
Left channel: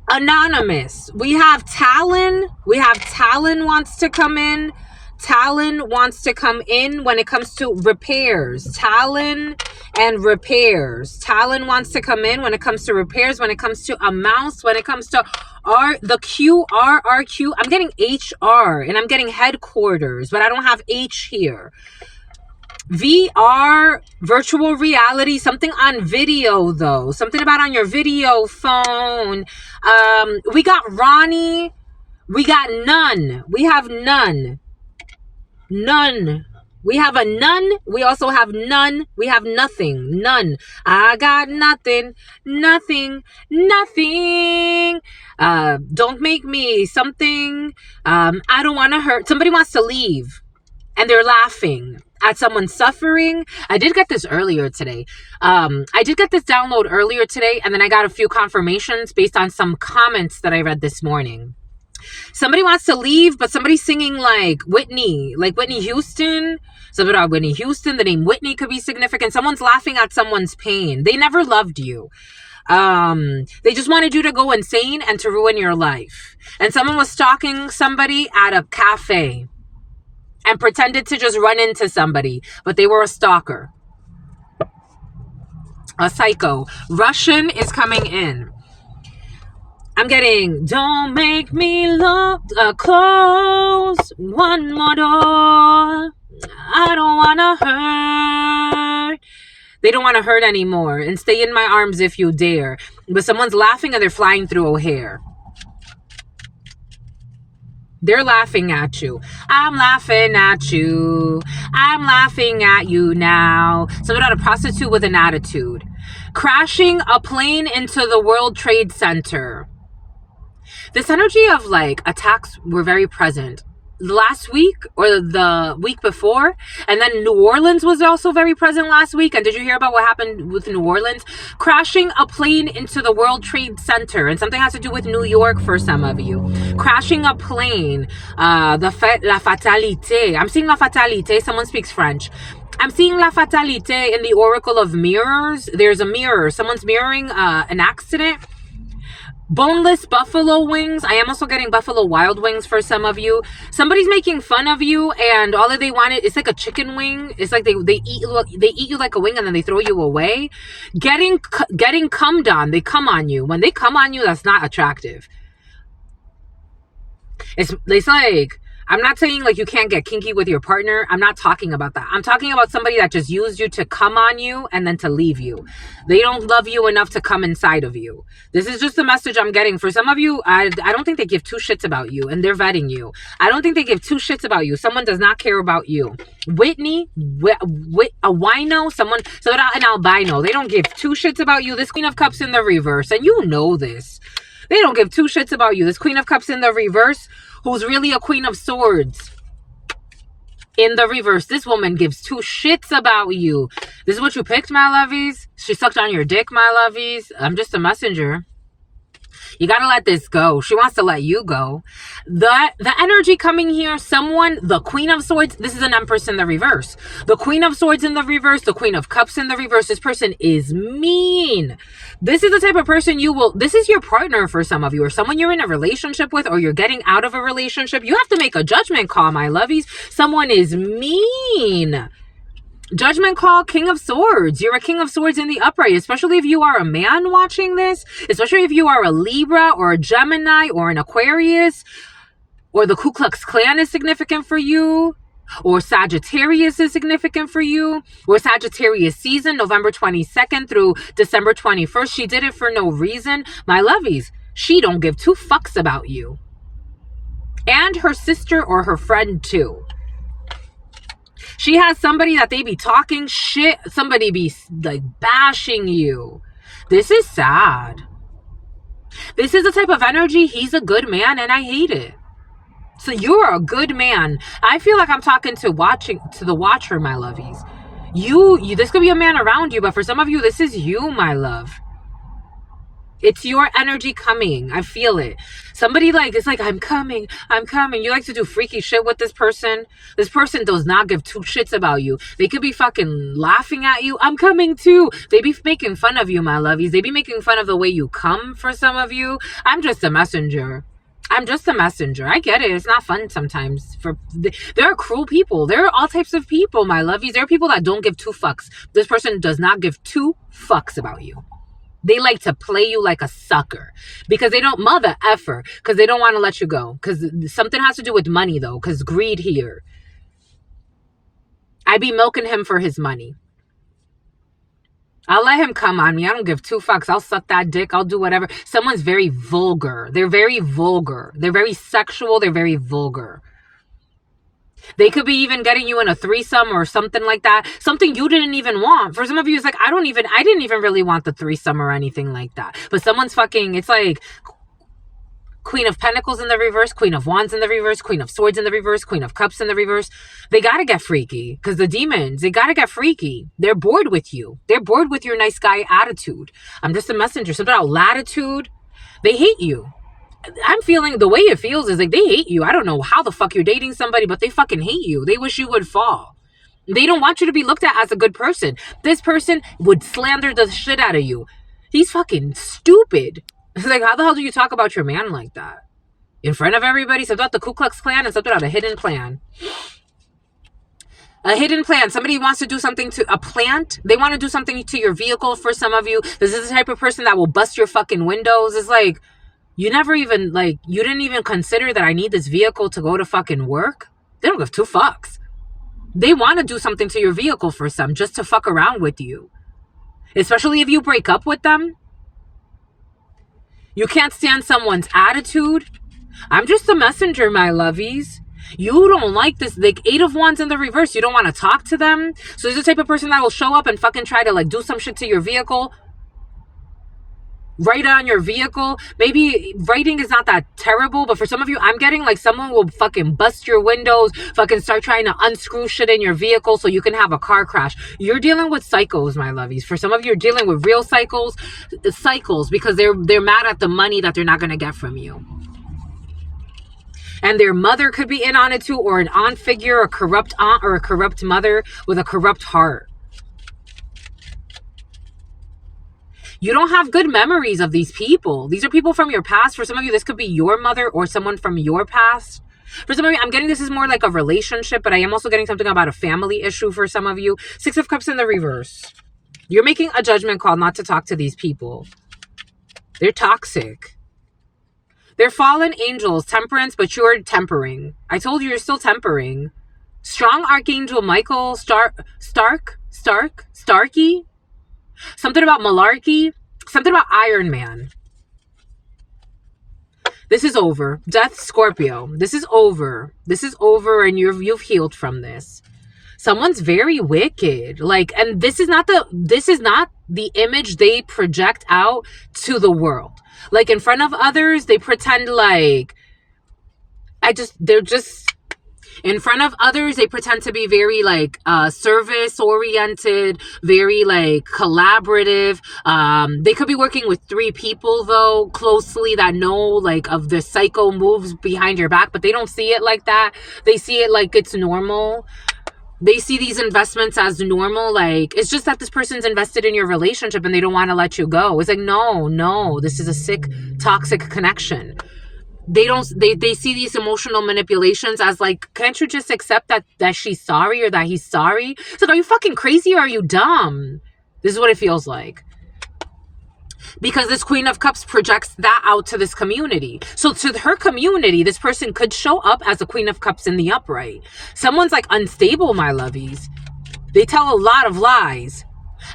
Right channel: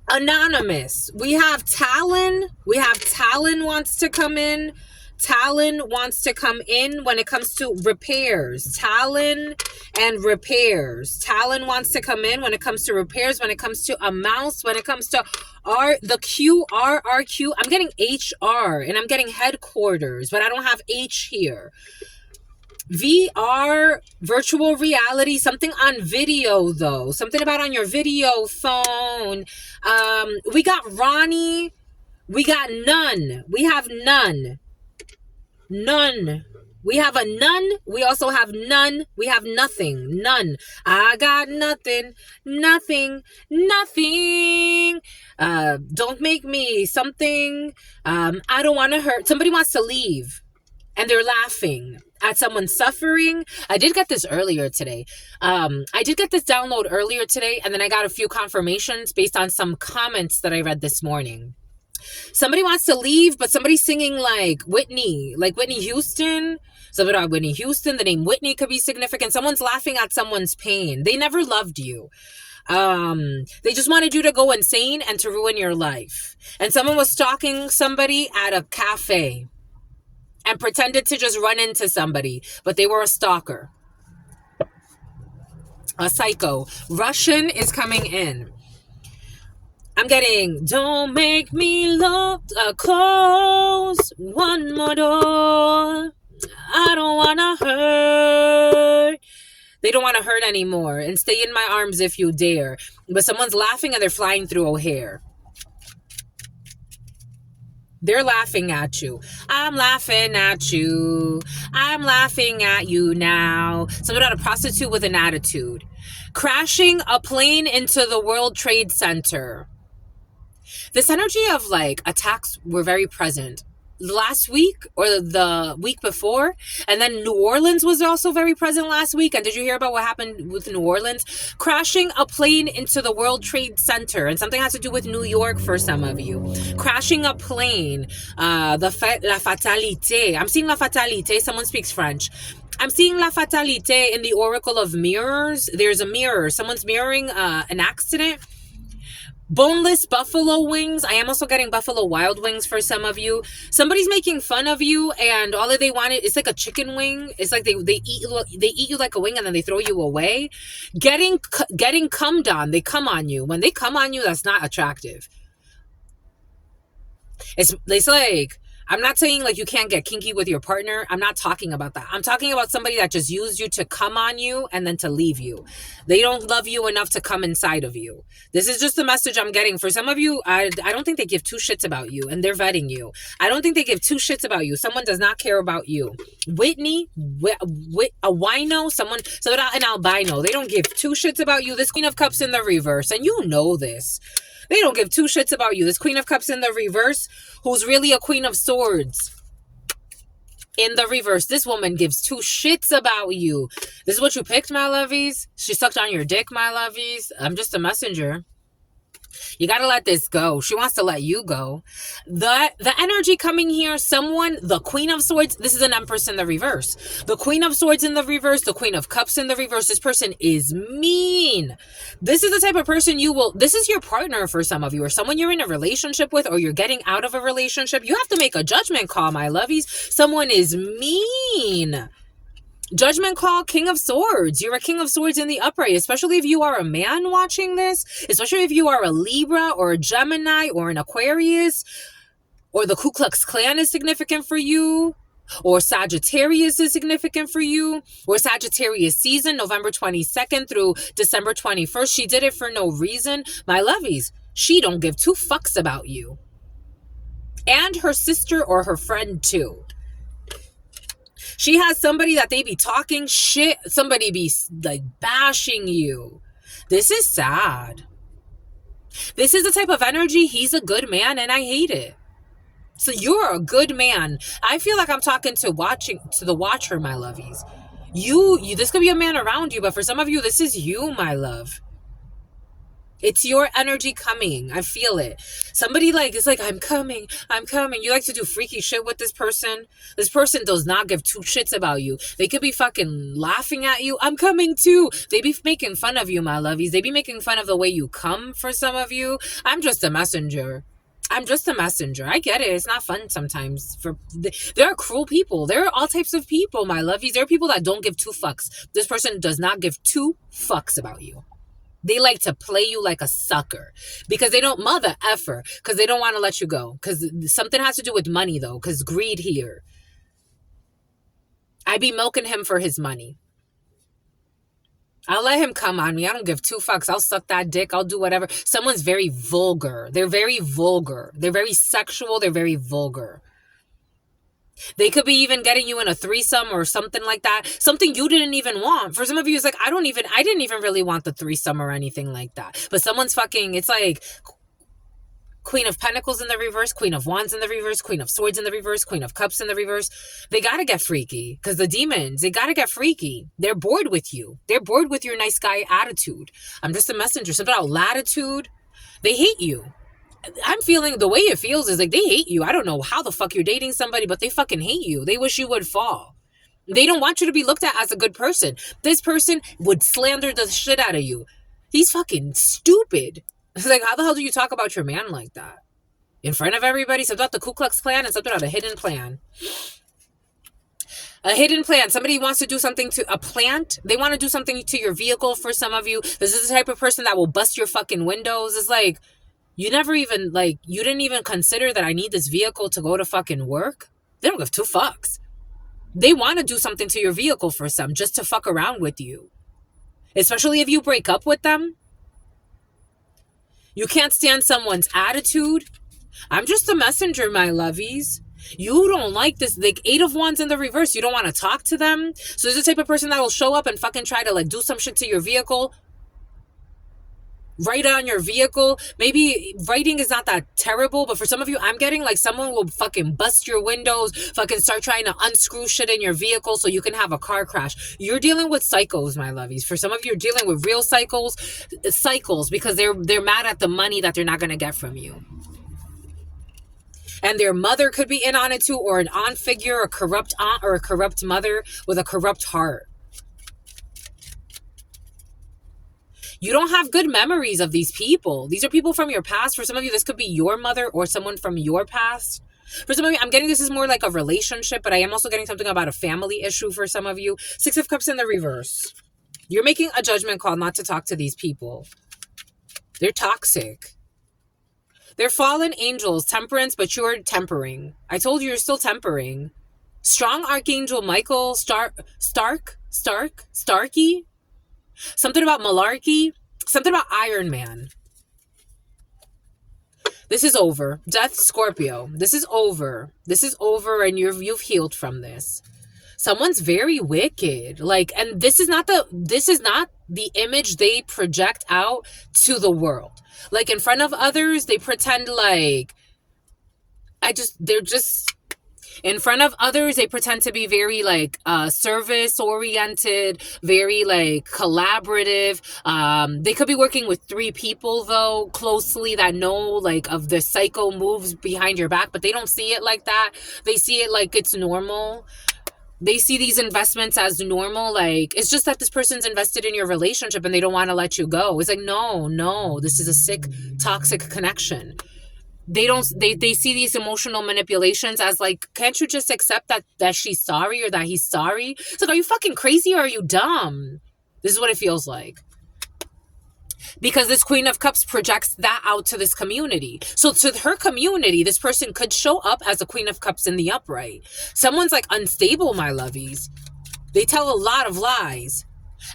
Anonymous. We have Talon. We have Talon wants to come in. Talon wants to come in when it comes to repairs. Talon and repairs. Talon wants to come in when it comes to repairs, when it comes to a mouse, when it comes to the QRRQ. I'm getting HR and I'm getting headquarters, but I don't have H here. VR, virtual reality, something on video though. Something about on your video phone. We got Ronnie. We got none. We have none. None. We have a none. We also have none. We have nothing. None. I got nothing. Nothing. Nothing. Don't make me something. I don't want to hurt. Somebody wants to leave. And they're laughing at someone suffering. I did get this earlier today. I did get this download earlier today, and then I got a few confirmations based on some comments that I read this morning. Somebody wants to leave, but somebody's singing like Whitney Houston. Something about Whitney Houston. The name Whitney could be significant. Someone's laughing at someone's pain. They never loved you. They just wanted you to go insane and to ruin your life. And someone was stalking somebody at a cafe and pretended to just run into somebody, but they were a stalker. A psycho. Russian is coming in. I'm getting, don't make me close one more door. I don't want to hurt. They don't want to hurt anymore. And stay in my arms if you dare. But someone's laughing and they're flying through O'Hare. They're laughing at you. I'm laughing at you. I'm laughing at you now. Something about a prostitute with an attitude. Crashing a plane into the World Trade Center. This energy of like attacks were very present last week or the week before. And then New Orleans was also very present last week. And did you hear about what happened with New Orleans? Crashing a plane into the World Trade Center. And something has to do with New York for some of you. Crashing a plane. La fatalité. I'm seeing la fatalité. Someone speaks French. I'm seeing la fatalité in the Oracle of Mirrors. There's a mirror. Someone's mirroring an accident. Boneless buffalo wings. I am also getting buffalo wild wings for some of you. Somebody's making fun of you, and all that they wanted, it's like a chicken wing. It's like they eat you like a wing, and then they throw you away. Getting cummed on. They come on you. When they come on you, that's not attractive. It's like, I'm not saying like you can't get kinky with your partner. I'm not talking about that. I'm talking about somebody that just used you to come on you and then to leave you. They don't love you enough to come inside of you. This is just the message I'm getting. For some of you, I don't think they give 2 shits about you, and they're vetting you. I don't think they give 2 shits about you. Someone does not care about you. Whitney, a wino, so an albino. They don't give 2 shits about you. This Queen of Cups in the reverse, and you know this. They don't give 2 shits about you. This Queen of Cups in the reverse, who's really a Queen of Swords in the reverse. This woman gives 2 shits about you. This is what you picked, my lovies. She sucked on your dick, my lovies. I'm just a messenger. You got to let this go. She wants to let you go. The energy coming here, the Queen of Swords, this is an Empress in the reverse. The Queen of Swords in the reverse, the Queen of Cups in the reverse. This person is mean. This is the type of person this is your partner for some of you, or someone you're in a relationship with, or you're getting out of a relationship. You have to make a judgment call, my lovies. Someone is mean. Judgment call, King of Swords. You're a King of Swords in the upright, especially if you are a man watching this, especially if you are a Libra or a Gemini or an Aquarius, or the Ku Klux Klan is significant for you, or Sagittarius is significant for you, or Sagittarius season, November 22nd through December 21st. She did it for no reason. My lovies, she don't give 2 fucks about you. And her sister or her friend too. She has somebody that they be talking shit. Somebody be like bashing you. This is sad. This is the type of energy. He's a good man and I hate it. So you're a good man. I feel like I'm talking to the watcher, my lovies. You this could be a man around you, but for some of you, this is you, my love. It's your energy coming. I feel it. Somebody it's like, I'm coming. You like to do freaky shit with this person. This person does not give two shits about you. They could be fucking laughing at you. I'm coming too. They be making fun of you, my lovies. They be making fun of the way you come for some of you. I'm just a messenger. I get it. It's not fun sometimes. There are cruel people. There are all types of people, my lovies. There are people that don't give two fucks. This person does not give two fucks about you. They like to play you like a sucker because they don't mother effer because they don't want to let you go because something has to do with money though because greed here. I be milking him for his money. I'll let him come on me. I don't give two fucks. I'll suck that dick. I'll do whatever. Someone's very vulgar. They're very vulgar. They're very sexual. They're very vulgar. They could be even getting you in a threesome or something like that. Something you didn't even want. For some of you, it's like, I didn't even really want the threesome or anything like that. But someone's fucking, it's like Queen of Pentacles in the reverse, Queen of Wands in the reverse, Queen of Swords in the reverse, Queen of Cups in the reverse. They got to get freaky because the demons, they got to get freaky. They're bored with you. They're bored with your nice guy attitude. I'm just a messenger. Something about latitude. They hate you. I'm feeling the way it feels is like they hate you. I don't know how the fuck you're dating somebody, but they fucking hate you. They wish you would fall. They don't want you to be looked at as a good person. This person would slander the shit out of you. He's fucking stupid. It's like, how the hell do you talk about your man like that? In front of everybody? Something about the Ku Klux Klan and something about a hidden plan. A hidden plan. Somebody wants to do something to a plant. They want to do something to your vehicle for some of you. This is the type of person that will bust your fucking windows. It's like, you never even, you didn't even consider that I need this vehicle to go to fucking work? They don't give two fucks. They want to do something to your vehicle for some, just to fuck around with you. Especially if you break up with them. You can't stand someone's attitude. I'm just a messenger, my lovies. You don't like this, 8 of Wands in the reverse. You don't want to talk to them. So there's the type of person that will show up and fucking try to, do some shit to your vehicle. Write on your vehicle. Maybe writing is not that terrible, but for some of you, I'm getting someone will fucking bust your windows, fucking start trying to unscrew shit in your vehicle so you can have a car crash. You're dealing with cycles, my lovies. For some of you, you're dealing with real cycles because they're mad at the money that they're not going to get from you. And their mother could be in on it too, or an aunt figure, a corrupt aunt or a corrupt mother with a corrupt heart. You don't have good memories of these people. These are people from your past. For some of you, this could be your mother or someone from your past. For some of you, I'm getting this is more like a relationship, but I am also getting something about a family issue for some of you. 6 of Cups in the reverse. You're making a judgment call not to talk to these people. They're toxic. They're fallen angels, temperance, but you're tempering. I told you you're still tempering. Strong Archangel Michael, Starkey. Something about malarkey. Something about Iron Man. This is over. Death, Scorpio. This is over. This is over and you've healed from this. Someone's very wicked. And this is not the image they project out to the world. In front of others, they pretend in front of others, they pretend to be very service-oriented, very collaborative. They could be working with 3 people though, closely that know of the psycho moves behind your back, but they don't see it like that. They see it like it's normal. They see these investments as normal. It's just that this person's invested in your relationship and they don't want to let you go. It's no, this is a sick, toxic connection. They see these emotional manipulations as can't you just accept that she's sorry or that he's sorry? It's are you fucking crazy or are you dumb? This is what it feels like. Because this Queen of Cups projects that out to this community. So to her community, this person could show up as a Queen of Cups in the upright. Someone's unstable, my lovies. They tell a lot of lies.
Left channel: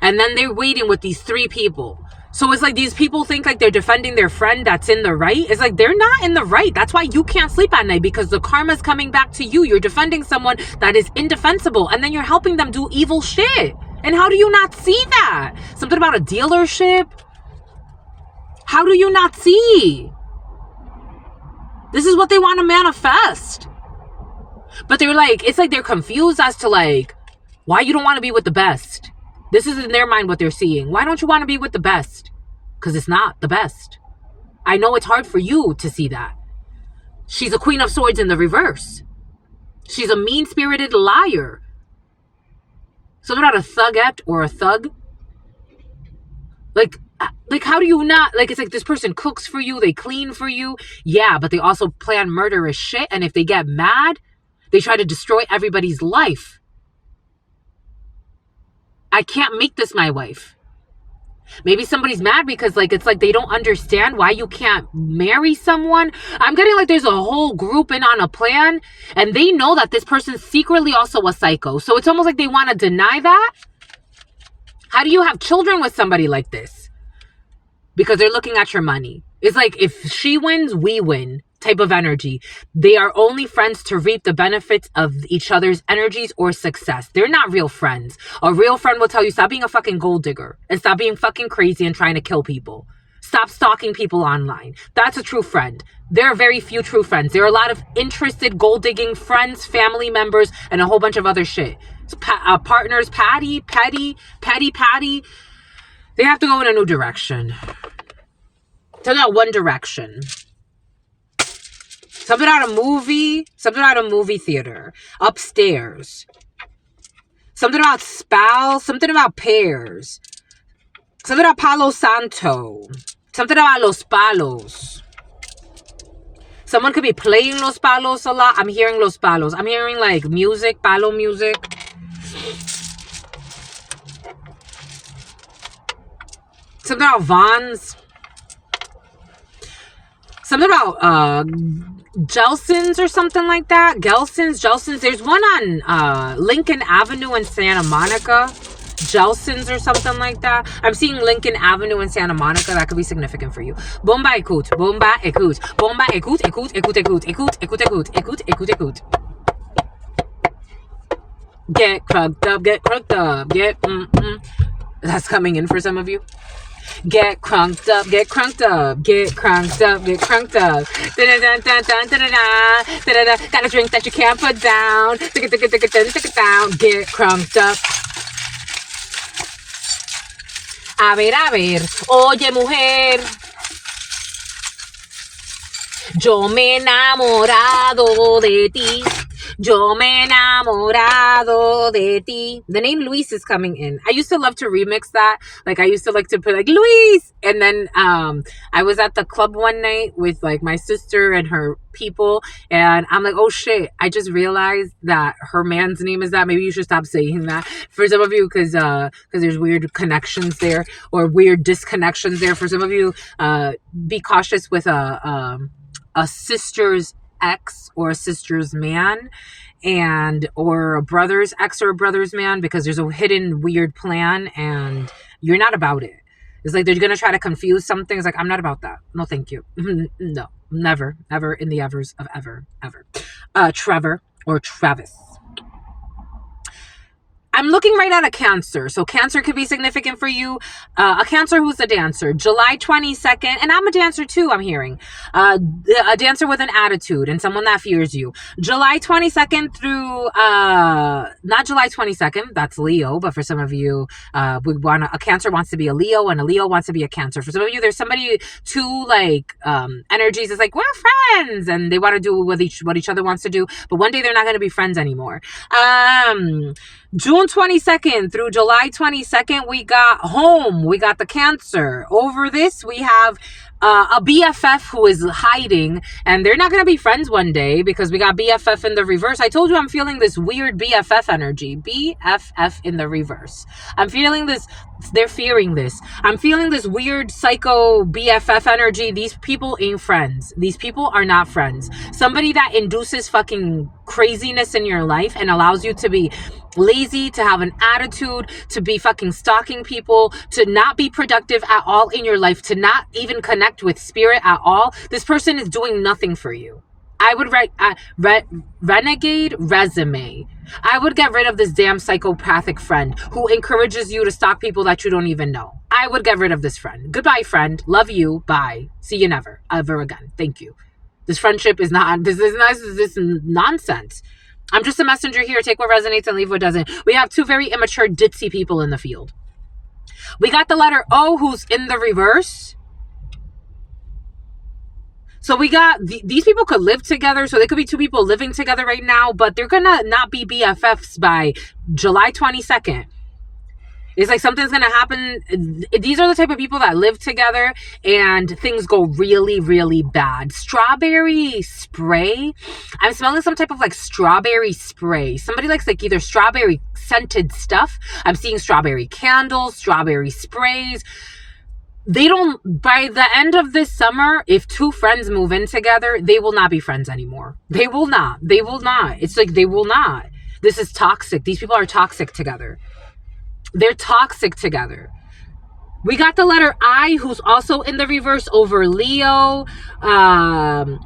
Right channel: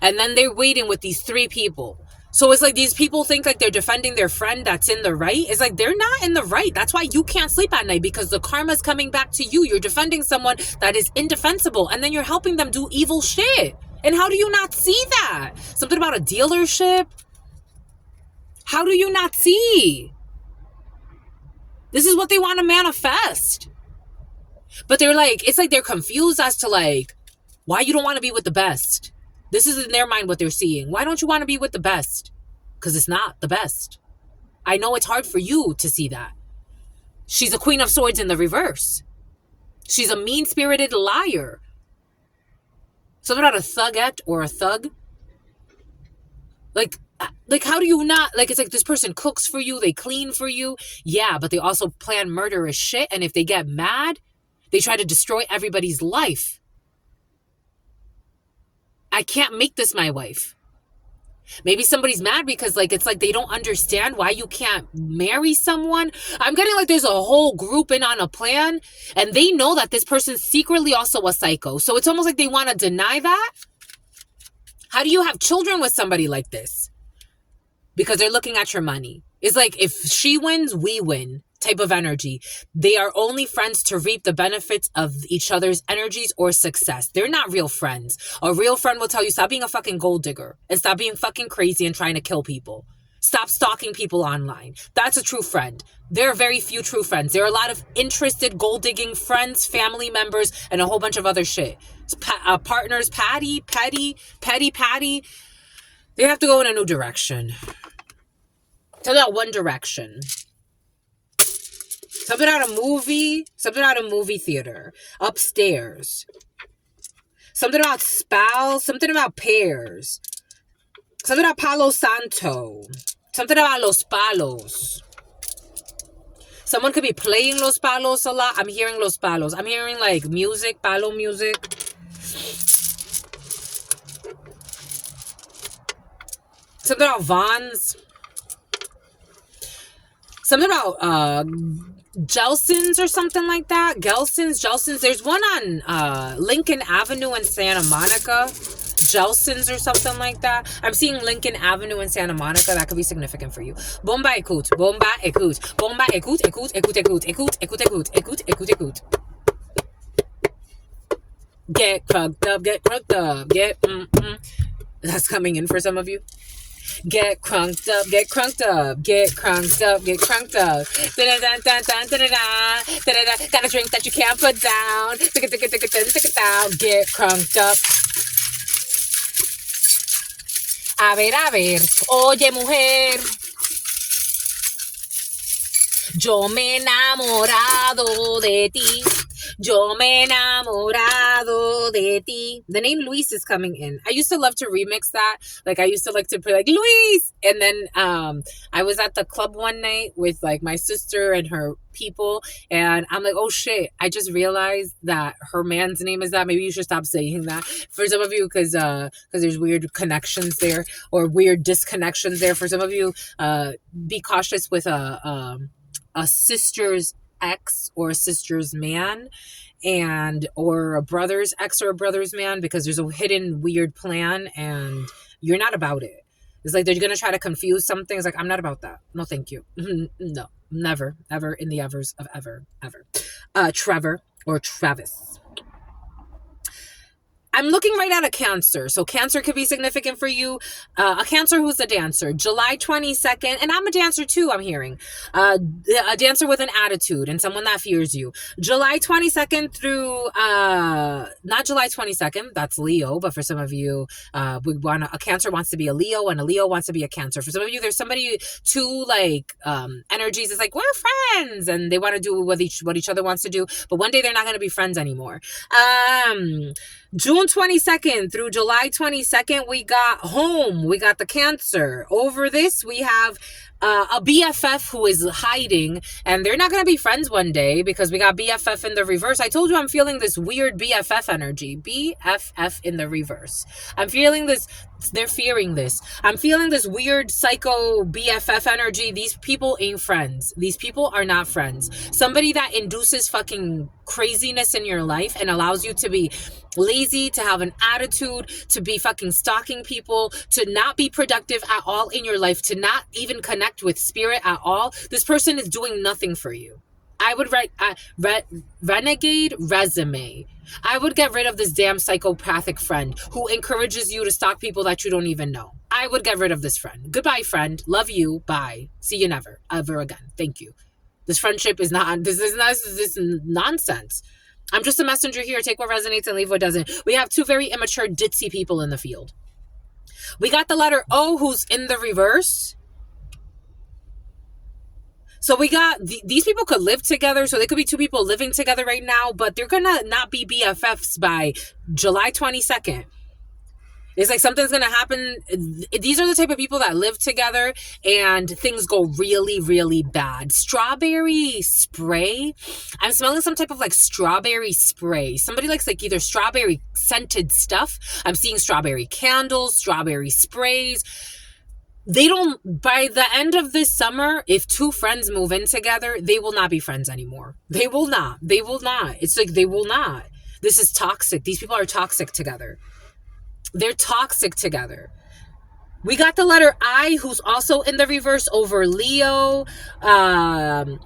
And then they're waiting with these 3 people. So it's like these people think like they're defending their friend that's in the right. It's like they're not in the right. That's why you can't sleep at night, because the karma's coming back to you. You're defending someone that is indefensible, and then you're helping them do evil shit. And how do you not see that? Something about a dealership? How do you not see? This is what they want to manifest. But they're like, it's like they're confused as to like, why you don't want to be with the best. This is in their mind what they're seeing. Why don't you want to be with the best? Because it's not the best. I know it's hard for you to see that. She's a Queen of Swords in the reverse. She's a mean-spirited liar. Something about a thugette or a thug. Like how do you not, like, it's like this person cooks for you, they clean for you. Yeah, but they also plan murderous shit. And if they get mad, they try to destroy everybody's life. I can't make this my wife. Maybe somebody's mad because like it's like they don't understand why you can't marry someone. I'm getting like there's a whole group in on a plan, and they know that this person's secretly also a psycho. So it's almost like they want to deny that. How do you have children with somebody like this? Because they're looking at your money. It's like if she wins, we win type of energy. They are only friends to reap the benefits of each other's energies or success. They're not real friends. A real friend will tell you, stop being a fucking gold digger and stop being fucking crazy and trying to kill people. Stop stalking people online. That's a true friend. There are very few true friends. There are a lot of interested gold digging friends, family members, and a whole bunch of other shit. Partners, petty. They have to go in a new direction. To that one direction. Something out of a movie theater. Upstairs. Something about spouse. Something about pears. Something about Palo Santo. Something about Los Palos. Someone could be playing Los Palos a lot. I'm hearing Los Palos. I'm hearing like music, palo music. Something about Vons. Something about Gelson's or something like that. Gelson's. There's one on Lincoln Avenue in Santa Monica. Gelson's or something like that. I'm seeing Lincoln Avenue in Santa Monica. That could be significant for you. Bomba écoute. Bomba écoute. Bomba écoute. Écoute, écoute, écoute. Écoute, écoute, écoute. Écoute, écoute, écoute. Get crunked up. Get crunked up. That's coming in for some of you. Get crunked up, get crunked up, get crunked up, get crunked up. Got a drink that you can't put down. Get crunked up. A ver, oye mujer. Yo me he enamorado de ti. Yo me he enamorado de ti. The name Luis is coming in. I used to love to remix that. Like I used to like to put like Luis. And then I was at the club one night with like my sister and her people. And I'm like, oh shit. I just realized that her man's name is that. Maybe you should stop saying that for some of you because there's weird connections there or weird disconnections there. For some of you, be cautious with a sister's ex or a sister's man and or a brother's ex or a brother's man, because there's a hidden weird plan and you're not about it. It's like they're gonna try to confuse something. It's like, I'm not about that. No, thank you. No, never, ever in the evers of ever. Trevor or Travis. I'm looking right at a Cancer. So Cancer could be significant for you. A Cancer who's a dancer. July 22nd. And I'm a dancer too, I'm hearing. A dancer with an attitude and someone that fears you. July 22nd through, not July 22nd. That's Leo. But for some of you, a Cancer wants to be a Leo and a Leo wants to be a Cancer. For some of you, there's somebody, two like energies. It's like, we're friends. And they want to do what each other wants to do. But one day they're not going to be friends anymore. June 22nd through July 22nd, we got home. We got the Cancer. Over this, we have a BFF who is hiding, and they're not going to be friends one day because we got BFF in the reverse. I told you I'm feeling this weird BFF energy. BFF in the reverse. I'm feeling this. They're fearing this. I'm feeling this weird psycho BFF energy. These people ain't friends. These people are not friends. Somebody that induces fucking craziness in your life and allows you to be lazy, to have an attitude, to be fucking stalking people, to not be productive at all in your life, to not even connect with spirit at all. This person is doing nothing for you. I would write renegade resume. I would get rid of this damn psychopathic friend who encourages you to stalk people that you don't even know. I would get rid of this friend. Goodbye, friend. Love you. Bye. See you never, ever again. Thank you. This friendship is not, this is nonsense. I'm just a messenger here. Take what resonates and leave what doesn't. We have two very immature, ditzy people in the field. We got the letter O, who's in the reverse. So we got, these people could live together. So they could be two people living together right now, but they're going to not be BFFs by July 22nd. It's like something's going to happen. These are the type of people that live together and things go really, really bad. Strawberry spray. I'm smelling some type of like strawberry spray. Somebody likes like either strawberry scented stuff. I'm seeing strawberry candles, strawberry sprays. They don't, by the end of this summer, if two friends move in together, they will not be friends anymore. They will not. It's like they will not. This is toxic. These people are toxic together. They're toxic together. We got the letter I, who's also in the reverse over Leo.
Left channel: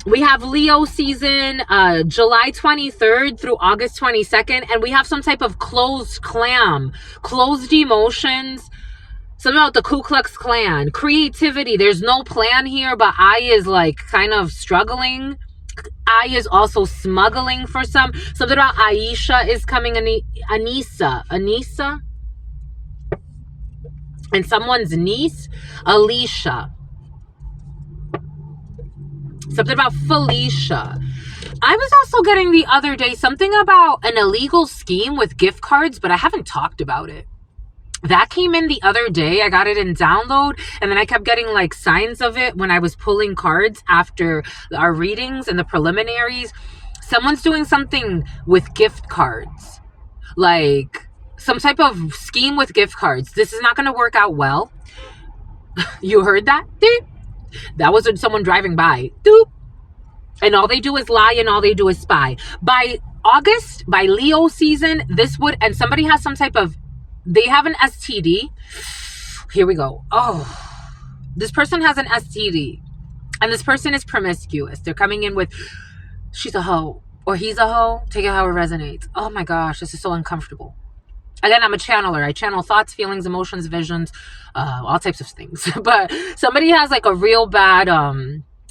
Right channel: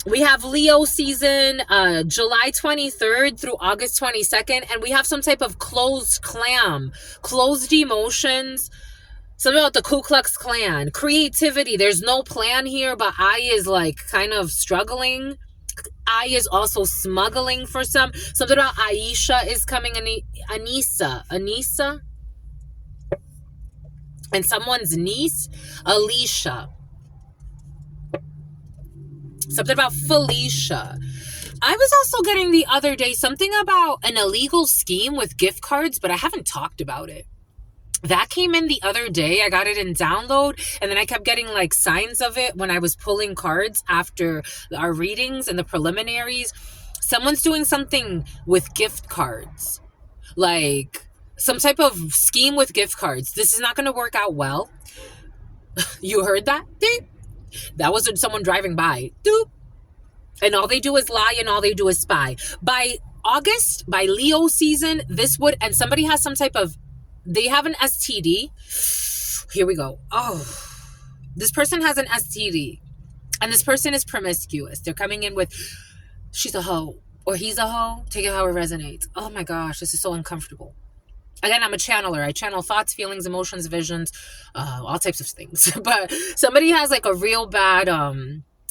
We have Leo season, July 23rd through August 22nd. And we have some type of closed clam, closed emotions. Something about the Ku Klux Klan. Creativity. There's no plan here, but I is like kind of struggling. I is also smuggling for some. Something about Aisha is coming. Anissa? And someone's niece, Alicia. Something about Felicia. I was also getting the other day something about an illegal scheme with gift cards, but I haven't talked about it. That came in the other day. I got it in download, and then I kept getting like signs of it when I was pulling cards after our readings and the preliminaries. Someone's doing something with gift cards. Like some type of scheme with gift cards. This is not going to work out well. You heard that? Doop. That was someone driving by. Doop. And all they do is lie and all they do is spy. By August, by Leo season, this would, and somebody has some type of, they have an STD. Here we go. Oh, this person has an STD. And this person is promiscuous. They're coming in with, she's a hoe or he's a hoe. Take it how it resonates. Oh my gosh, this is so uncomfortable. Again, I'm a channeler. I channel thoughts, feelings, emotions, visions, all types of things. But somebody has like a real bad,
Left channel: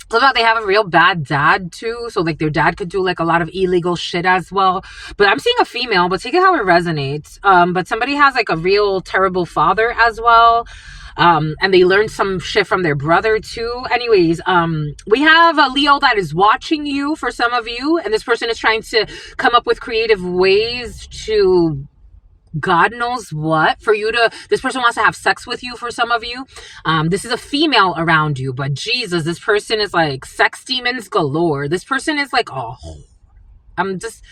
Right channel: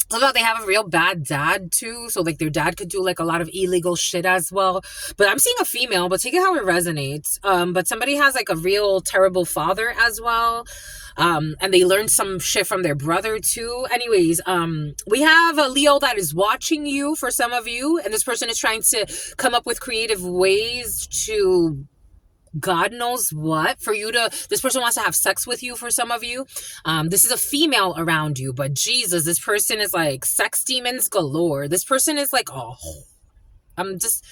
so that they have a real bad dad too. So like their dad could do like a lot of illegal shit as well. But I'm seeing a female, but take it how it resonates. But somebody has like a real terrible father as well. And they learned some shit from their brother too. Anyways, we have a Leo that is watching you for some of you. And this person is trying to come up with creative ways to God knows what for you to, this person wants to have sex with you for some of you. This is a female around you, but Jesus, this person is like sex demons galore. This person is like, oh, I'm just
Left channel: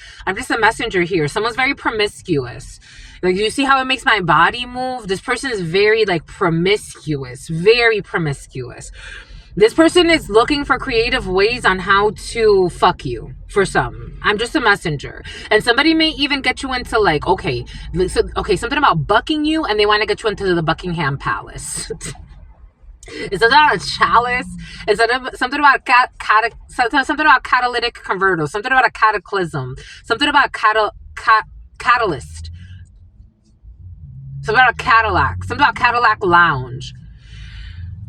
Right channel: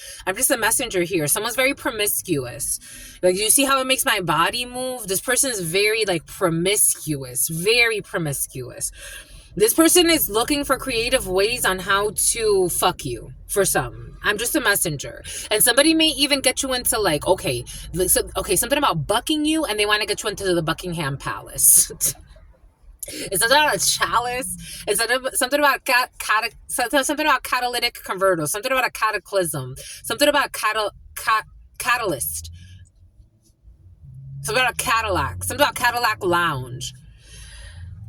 a messenger here. Someone's very promiscuous. Like, you see how it makes my body move? This person is very like promiscuous, very promiscuous. This person is looking for creative ways on how to fuck you for some. I'm just a messenger. And somebody may even get you into like, okay, something about bucking you, and they want to get you into the Buckingham Palace. It's something about a chalice. It's something about something about catalytic converter, something about a cataclysm, something about catalyst, something about a Cadillac, something about Cadillac Lounge.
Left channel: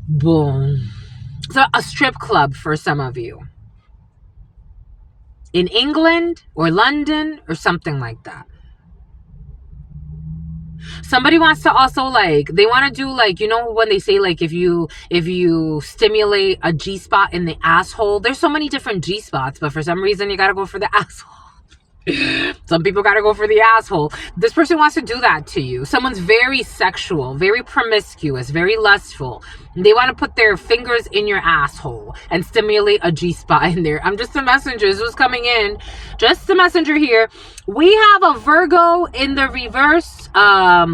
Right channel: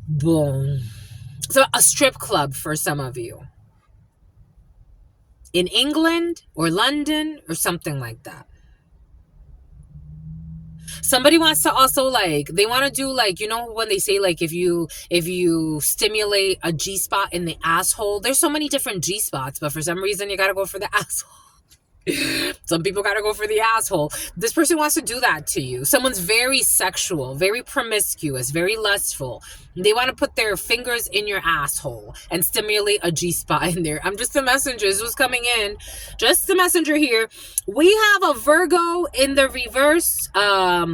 Boom. So a strip club for some of you. In England or London or something like that. Somebody wants to also like, they want to do like, you know, when they say like, if you stimulate a G-spot in the asshole, there's so many different G-spots, but for some reason you got to go for the asshole. Some people got to go for the asshole. This person wants to do that to you. Someone's very sexual, very promiscuous, very lustful. They want to put their fingers in your asshole and stimulate a G-spot in there. I'm just the messenger. This was coming in. Just the messenger here. We have a Virgo in the reverse. A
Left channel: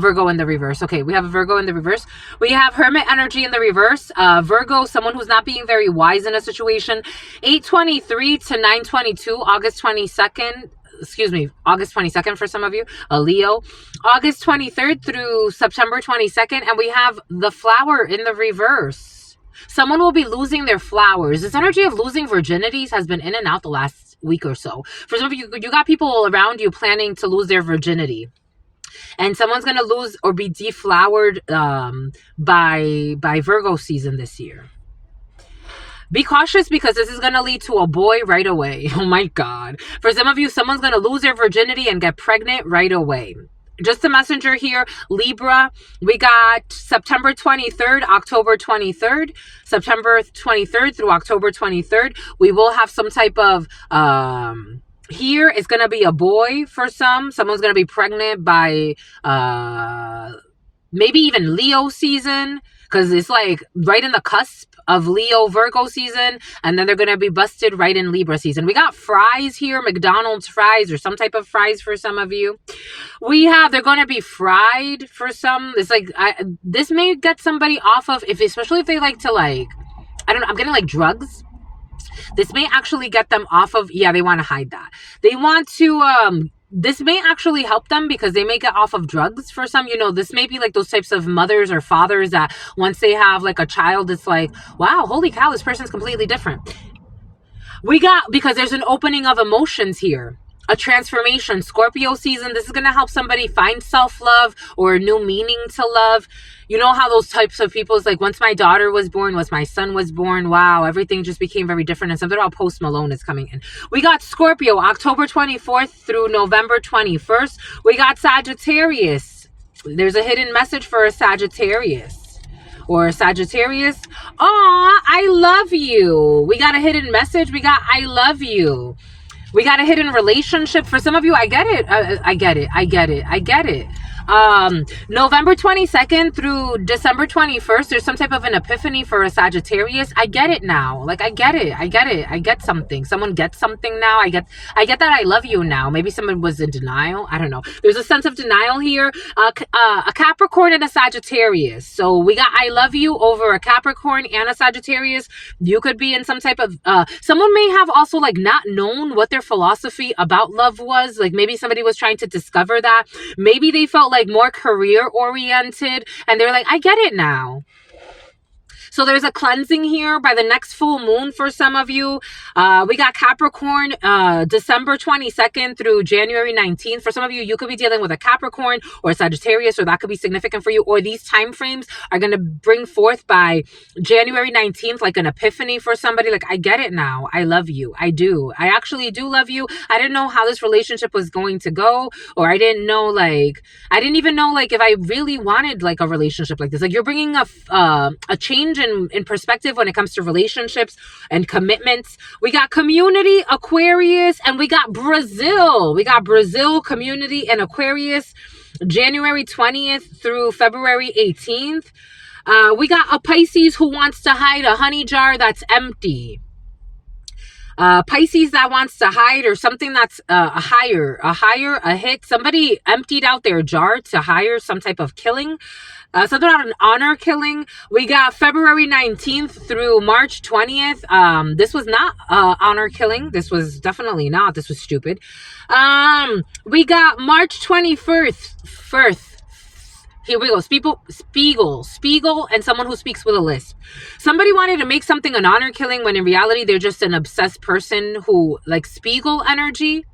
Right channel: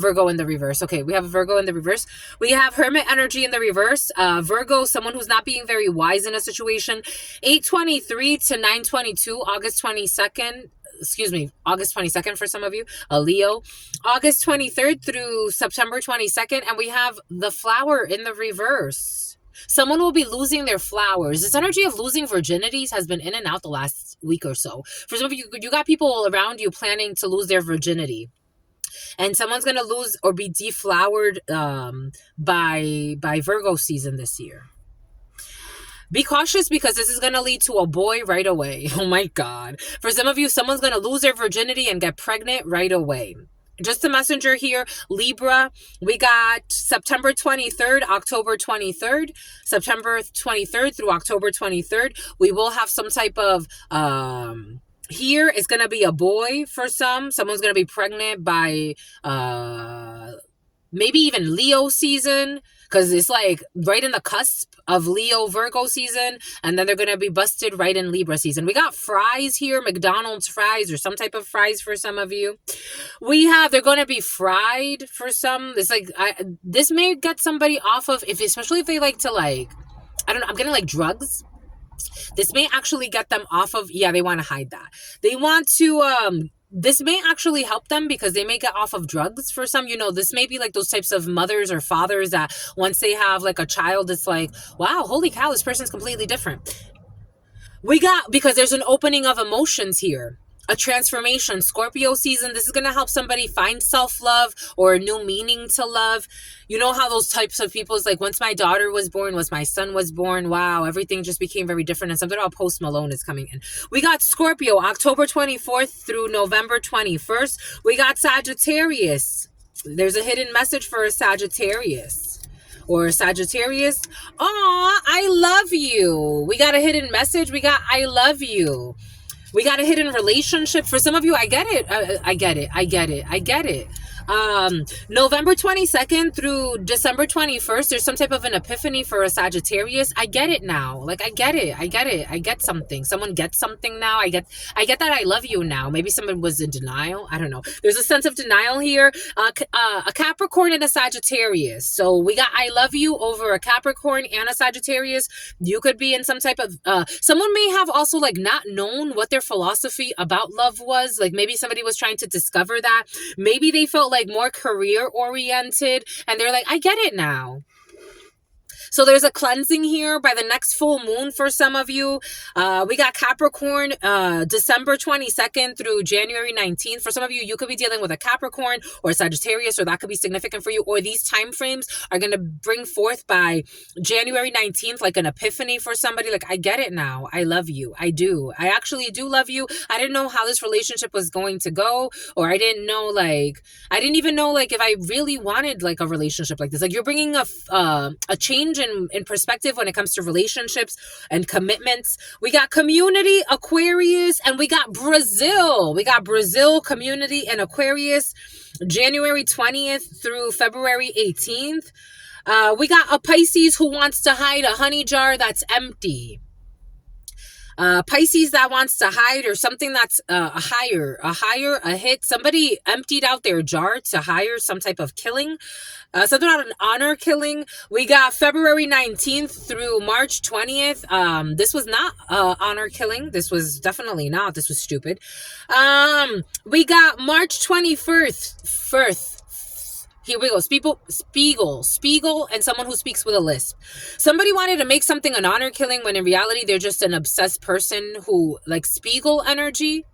Virgo in the reverse. Okay, we have a Virgo in the reverse. We have Hermit energy in the reverse. Virgo, someone who's not being very wise in a situation. 8/23 to 9/22, August 22nd. August 22nd for some of you, a Leo. August 23rd through September 22nd, and we have the flower in the reverse. Someone will be losing their flowers. This energy of losing virginities has been in and out the last week or so. For some of you, you got people around you planning to lose their virginity. And someone's going to lose or be deflowered by Virgo season this year. Be cautious because this is going to lead to a boy right away. Oh my God. For some of you, someone's going to lose their virginity and get pregnant right away. Just a messenger here, Libra. We got September 23rd, October 23rd, September 23rd through October 23rd. We will have some type of, here it's going to be a boy for some. Someone's going to be pregnant by, maybe even Leo season, because it's like right in the cusp of Leo Virgo season, and then they're going to be busted right in Libra season. We got fries here, McDonald's fries or some type of fries for some of you. They're going to be fried for some. It's like, this may get somebody off of, especially if they like to like, I don't know, I'm getting like drugs. This may actually get them off of, they want to hide that. They want to, this may actually help them because they may get off of drugs for some. This may be like those types of mothers or fathers that once they have like a child, it's like, wow, holy cow, this person's completely different. Because there's an opening of emotions here. A transformation. Scorpio season, this is going to help somebody find self-love or a new meaning to love. You know how those types of people is like, once my daughter was born, once my son was born, wow, everything just became very different. And something about Post Malone is coming in. We got Scorpio, October 24th through November 21st. We got Sagittarius. There's a hidden message for a Sagittarius. Or a Sagittarius. Aw, I love you. We got a hidden message. We got I love you. We got a hidden relationship. For some of you, I get it. I get it. November 22nd through December 21st, there's some type of an epiphany for a Sagittarius. I get it now. Like, I get it. I get something. Someone gets something now. I get that I love you now. Maybe someone was in denial. I don't know. There's a sense of denial here. A Capricorn and a Sagittarius. So we got I love you over a Capricorn and a Sagittarius. You could be in some type of, someone may have also like not known what their philosophy about love was. Like maybe somebody was trying to discover that. Maybe they felt like more career oriented and they're like, I get it now. So there's a cleansing here by the next full moon for some of you. We got Capricorn, December 22nd through January 19th. For some of you, you could be dealing with a Capricorn or a Sagittarius, or that could be significant for you. Or these time frames are going to bring forth by January 19th, like an epiphany for somebody. Like, I get it now. I love you. I do. I actually do love you. I didn't know how this relationship was going to go, or I didn't know, like, I didn't even know, like, if I really wanted, like, a relationship like this. Like, you're bringing a change in perspective when it comes to relationships and commitments. We got community, Aquarius, and we got Brazil. We got Brazil, community, and Aquarius, January 20th through February 18th. We got a Pisces who wants to hide a honey jar that's empty. Pisces that wants to hide, or something that's a hit. Somebody emptied out their jar to hire some type of killing. Something about an honor killing. We got February 19th through March 20th. This was not honor killing. This was definitely not. This was stupid. We got March 21st. Here we go. Spiegel, and someone who speaks with a lisp. Somebody wanted to make something an honor killing when in reality they're just an obsessed person who, like, Spiegel energy.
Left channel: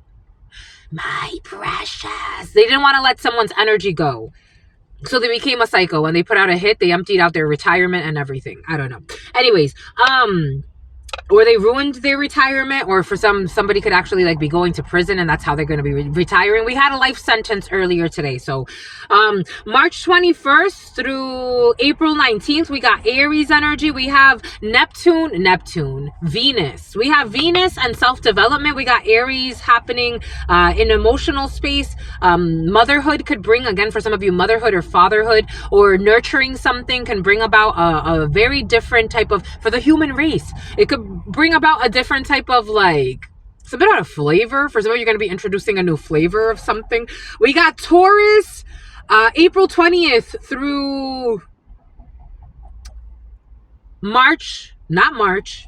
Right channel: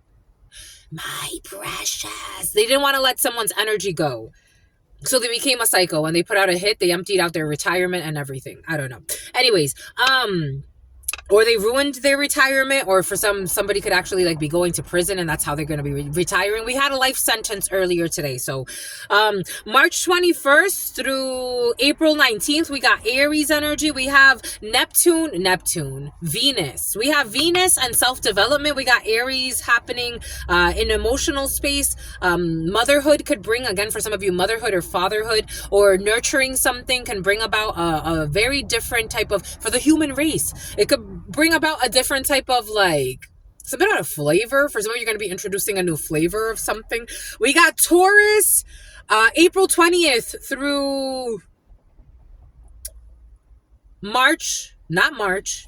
My precious. They didn't want to let someone's energy go. So they became a psycho. When they put out a hit, they emptied out their retirement and everything. I don't know. Anyways, or they ruined their retirement, or for somebody could actually like be going to prison, and that's how they're going to be retiring. We had a life sentence earlier today. So March 21st through April 19th, we got Aries energy. We have Neptune, Venus. We have Venus and self-development. We got Aries happening in emotional space. Motherhood could bring, again, for some of you, motherhood or fatherhood or nurturing something can bring about a very different type of, for the human race, it could bring about a different type of, like, it's a bit of a flavor. For some of you, you're going to be introducing a new flavor of something. We got Taurus, April 20th through March, not March,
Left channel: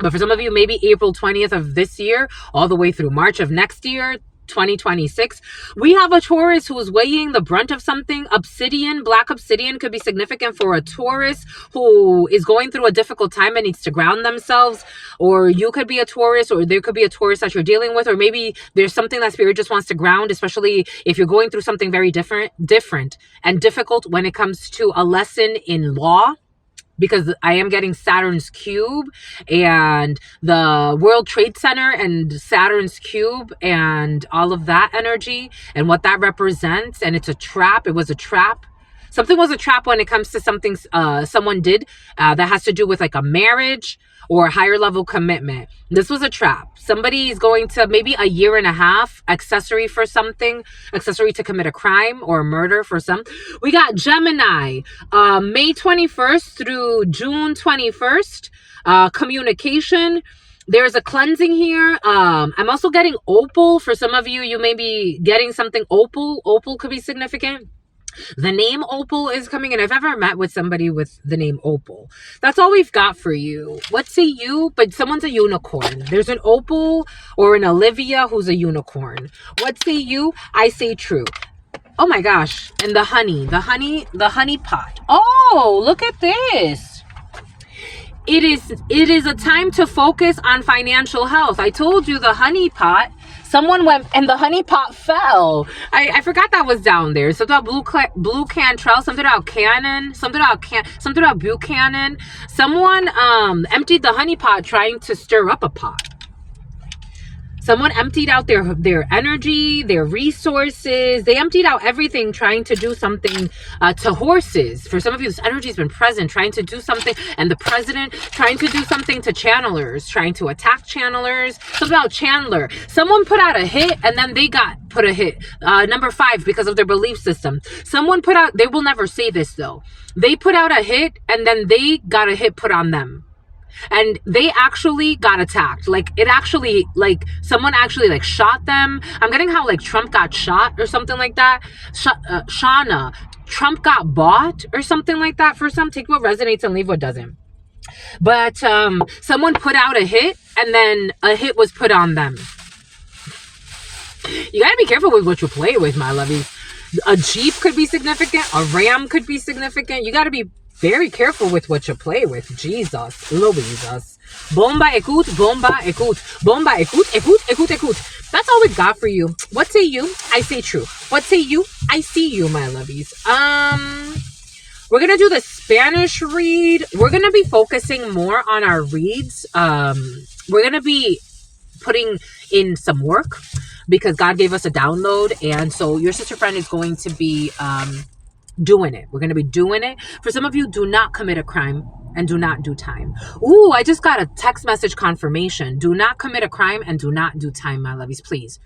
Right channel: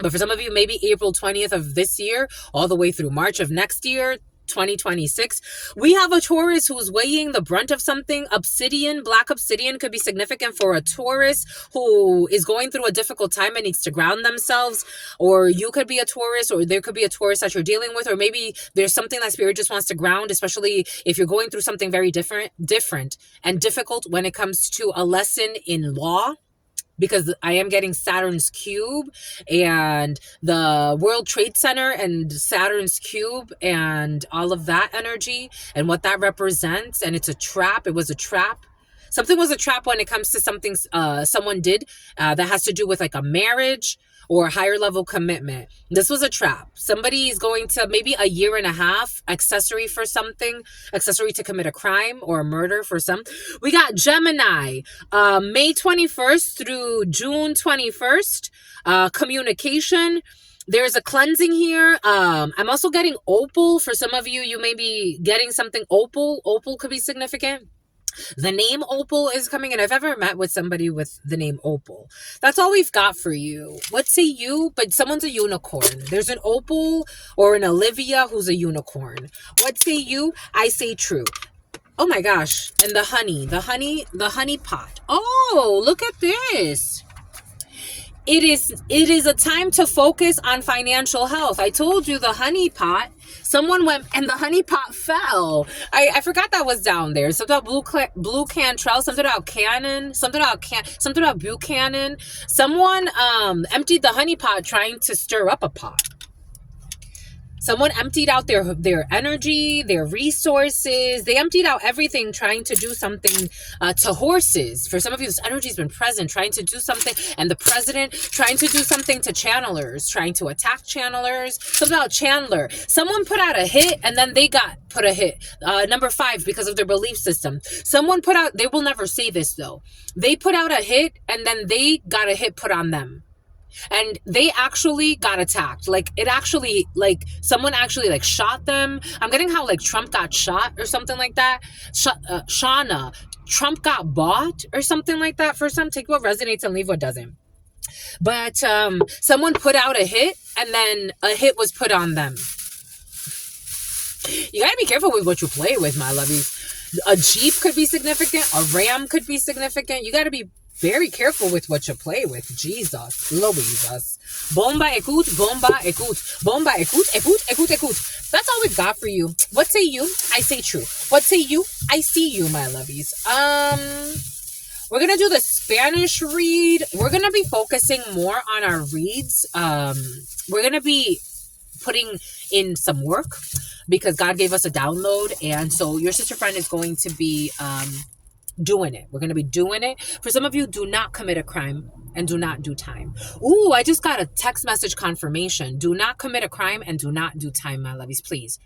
but for some of you, maybe April 20th of this year, all the way through March of next year. 2026. We have a Taurus who's weighing the brunt of something. Obsidian, black obsidian could be significant for a Taurus who is going through a difficult time and needs to ground themselves. Or you could be a Taurus, or there could be a Taurus that you're dealing with, or maybe there's something that spirit just wants to ground, especially if you're going through something very different and difficult when it comes to a lesson in law, because I am getting Saturn's cube and the World Trade Center and Saturn's cube and all of that energy and what that represents. And it's a trap. It was a trap. Something was a trap when it comes to something someone did that has to do with like a marriage or a higher level commitment. This was a trap. Somebody is going to maybe a year and a half accessory for something, accessory to commit a crime or a murder for some. We got Gemini, May 21st through June 21st, communication. There's a cleansing here. I'm also getting opal. For some of you, you may be getting something opal. Opal could be significant. The name Opal is coming in. I've ever met with somebody with the name Opal. That's all we've got for you. What say you? But someone's a unicorn. There's an Opal or an Olivia who's a unicorn. What say you? I say true. Oh my gosh. And the honey pot. Oh, look at this. It is a time to focus on financial health. I told you the honey pot. Someone went and the honey pot fell. I forgot that was down there. Something about blue cantrell, something about cannon, something about Buchanan. Someone emptied the honey pot trying to stir up a pot. Someone emptied out their energy, their resources. They emptied out everything trying to do something to horses. For some of you, this energy has been present, trying to do something. And the president trying to do something to channelers, trying to attack channelers. Something about Chandler. Someone put out a hit and then they got put a hit. Number 5, because of their belief system. Someone put out, they will never say this though. They put out a hit and then they got a hit put on them. And they actually got attacked. Like it actually, like someone actually like shot them. I'm getting how like Trump got shot or something like that. Shauna, Trump got bought or something like that. For some, take what resonates and leave what doesn't. But someone put out a hit and then a hit was put on them. You gotta be careful with what you play with, my lovies. A Jeep could be significant. A Ram could be significant. You gotta be very careful with what you play with. Jesus, Louises. Bomba écoute, bomba écoute, bomba écoute, écoute, écoute, écoute. That's all we've got for you. What say you? I say true. What say you? I see you, my lovies. We're gonna do the Spanish read. We're gonna be focusing more on our reads. We're gonna be putting in some work because God gave us a download, and so your sister friend is going to be doing it. We're going to be doing it. For some of you, do not commit a crime and do not do time. Ooh, I just got a text message confirmation. Do not commit a crime and do not do time, my lovies. Please,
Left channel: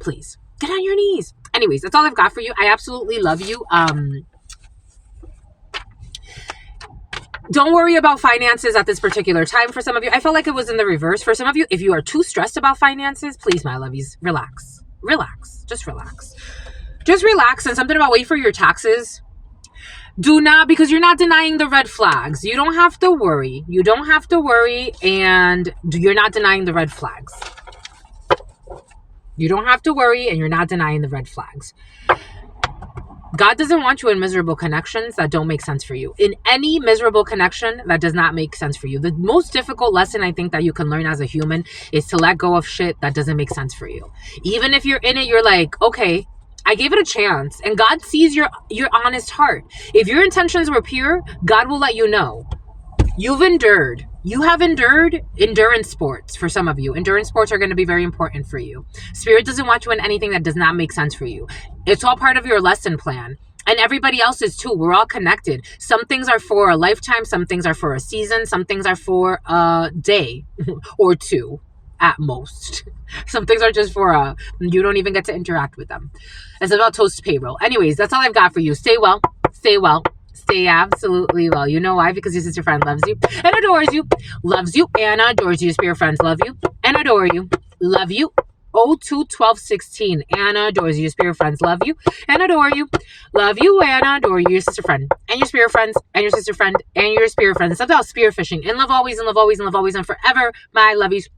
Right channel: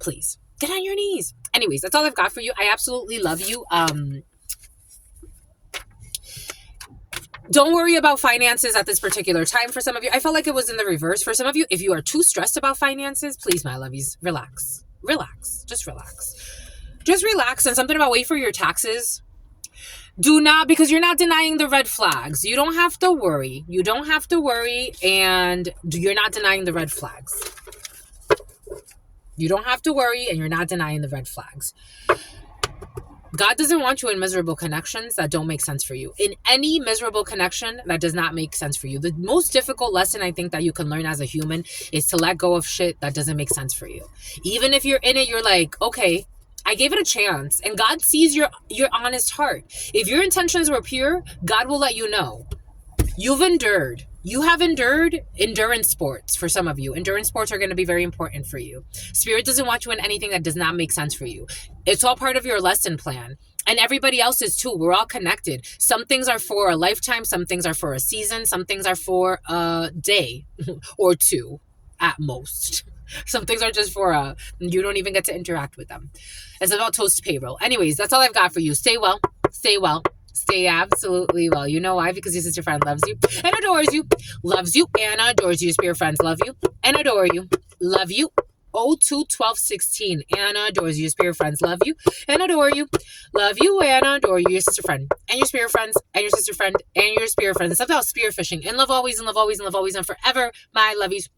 please get on your knees. Anyways, that's all I've got for you. I absolutely love you. Don't worry about finances at this particular time. For some of you, I felt like it was in the reverse. For some of you, if you are too stressed about finances, please, my lovies, relax. Relax. Just relax. Just relax. And something about wait for your taxes. Do not, because you're not denying the red flags. You don't have to worry. You don't have to worry. And you're not denying the red flags. You don't have to worry and you're not denying the red flags. God doesn't want you in miserable connections that don't make sense for you. In any miserable connection that does not make sense for you. The most difficult lesson I think that you can learn as a human is to let go of shit that doesn't make sense for you. Even if you're in it, you're like, okay, I gave it a chance. And God sees your honest heart. If your intentions were pure, God will let you know. You've endured. You have endured endurance sports for some of you. Endurance sports are going to be very important for you. Spirit doesn't want you in anything that does not make sense for you. It's all part of your lesson plan. And everybody else is too. We're all connected. Some things are for a lifetime. Some things are for a season. Some things are for a day or two at most. Some things are just for you don't even get to interact with them. It's about toast payroll. Anyways, that's all I've got for you. Stay well. Stay well. Stay absolutely well. You know why? Because your sister friend loves you and adores you. Loves you and adores you. Your spirit friends love you and adore you. Love you. 02-12-16. Anna adores you. Your spirit friends love you and adore you. Love you and adore you. Your sister friend and your spirit friends and your sister friend and your spirit friends. Something about spear fishing. And love always and love always and love always and forever. My lovies.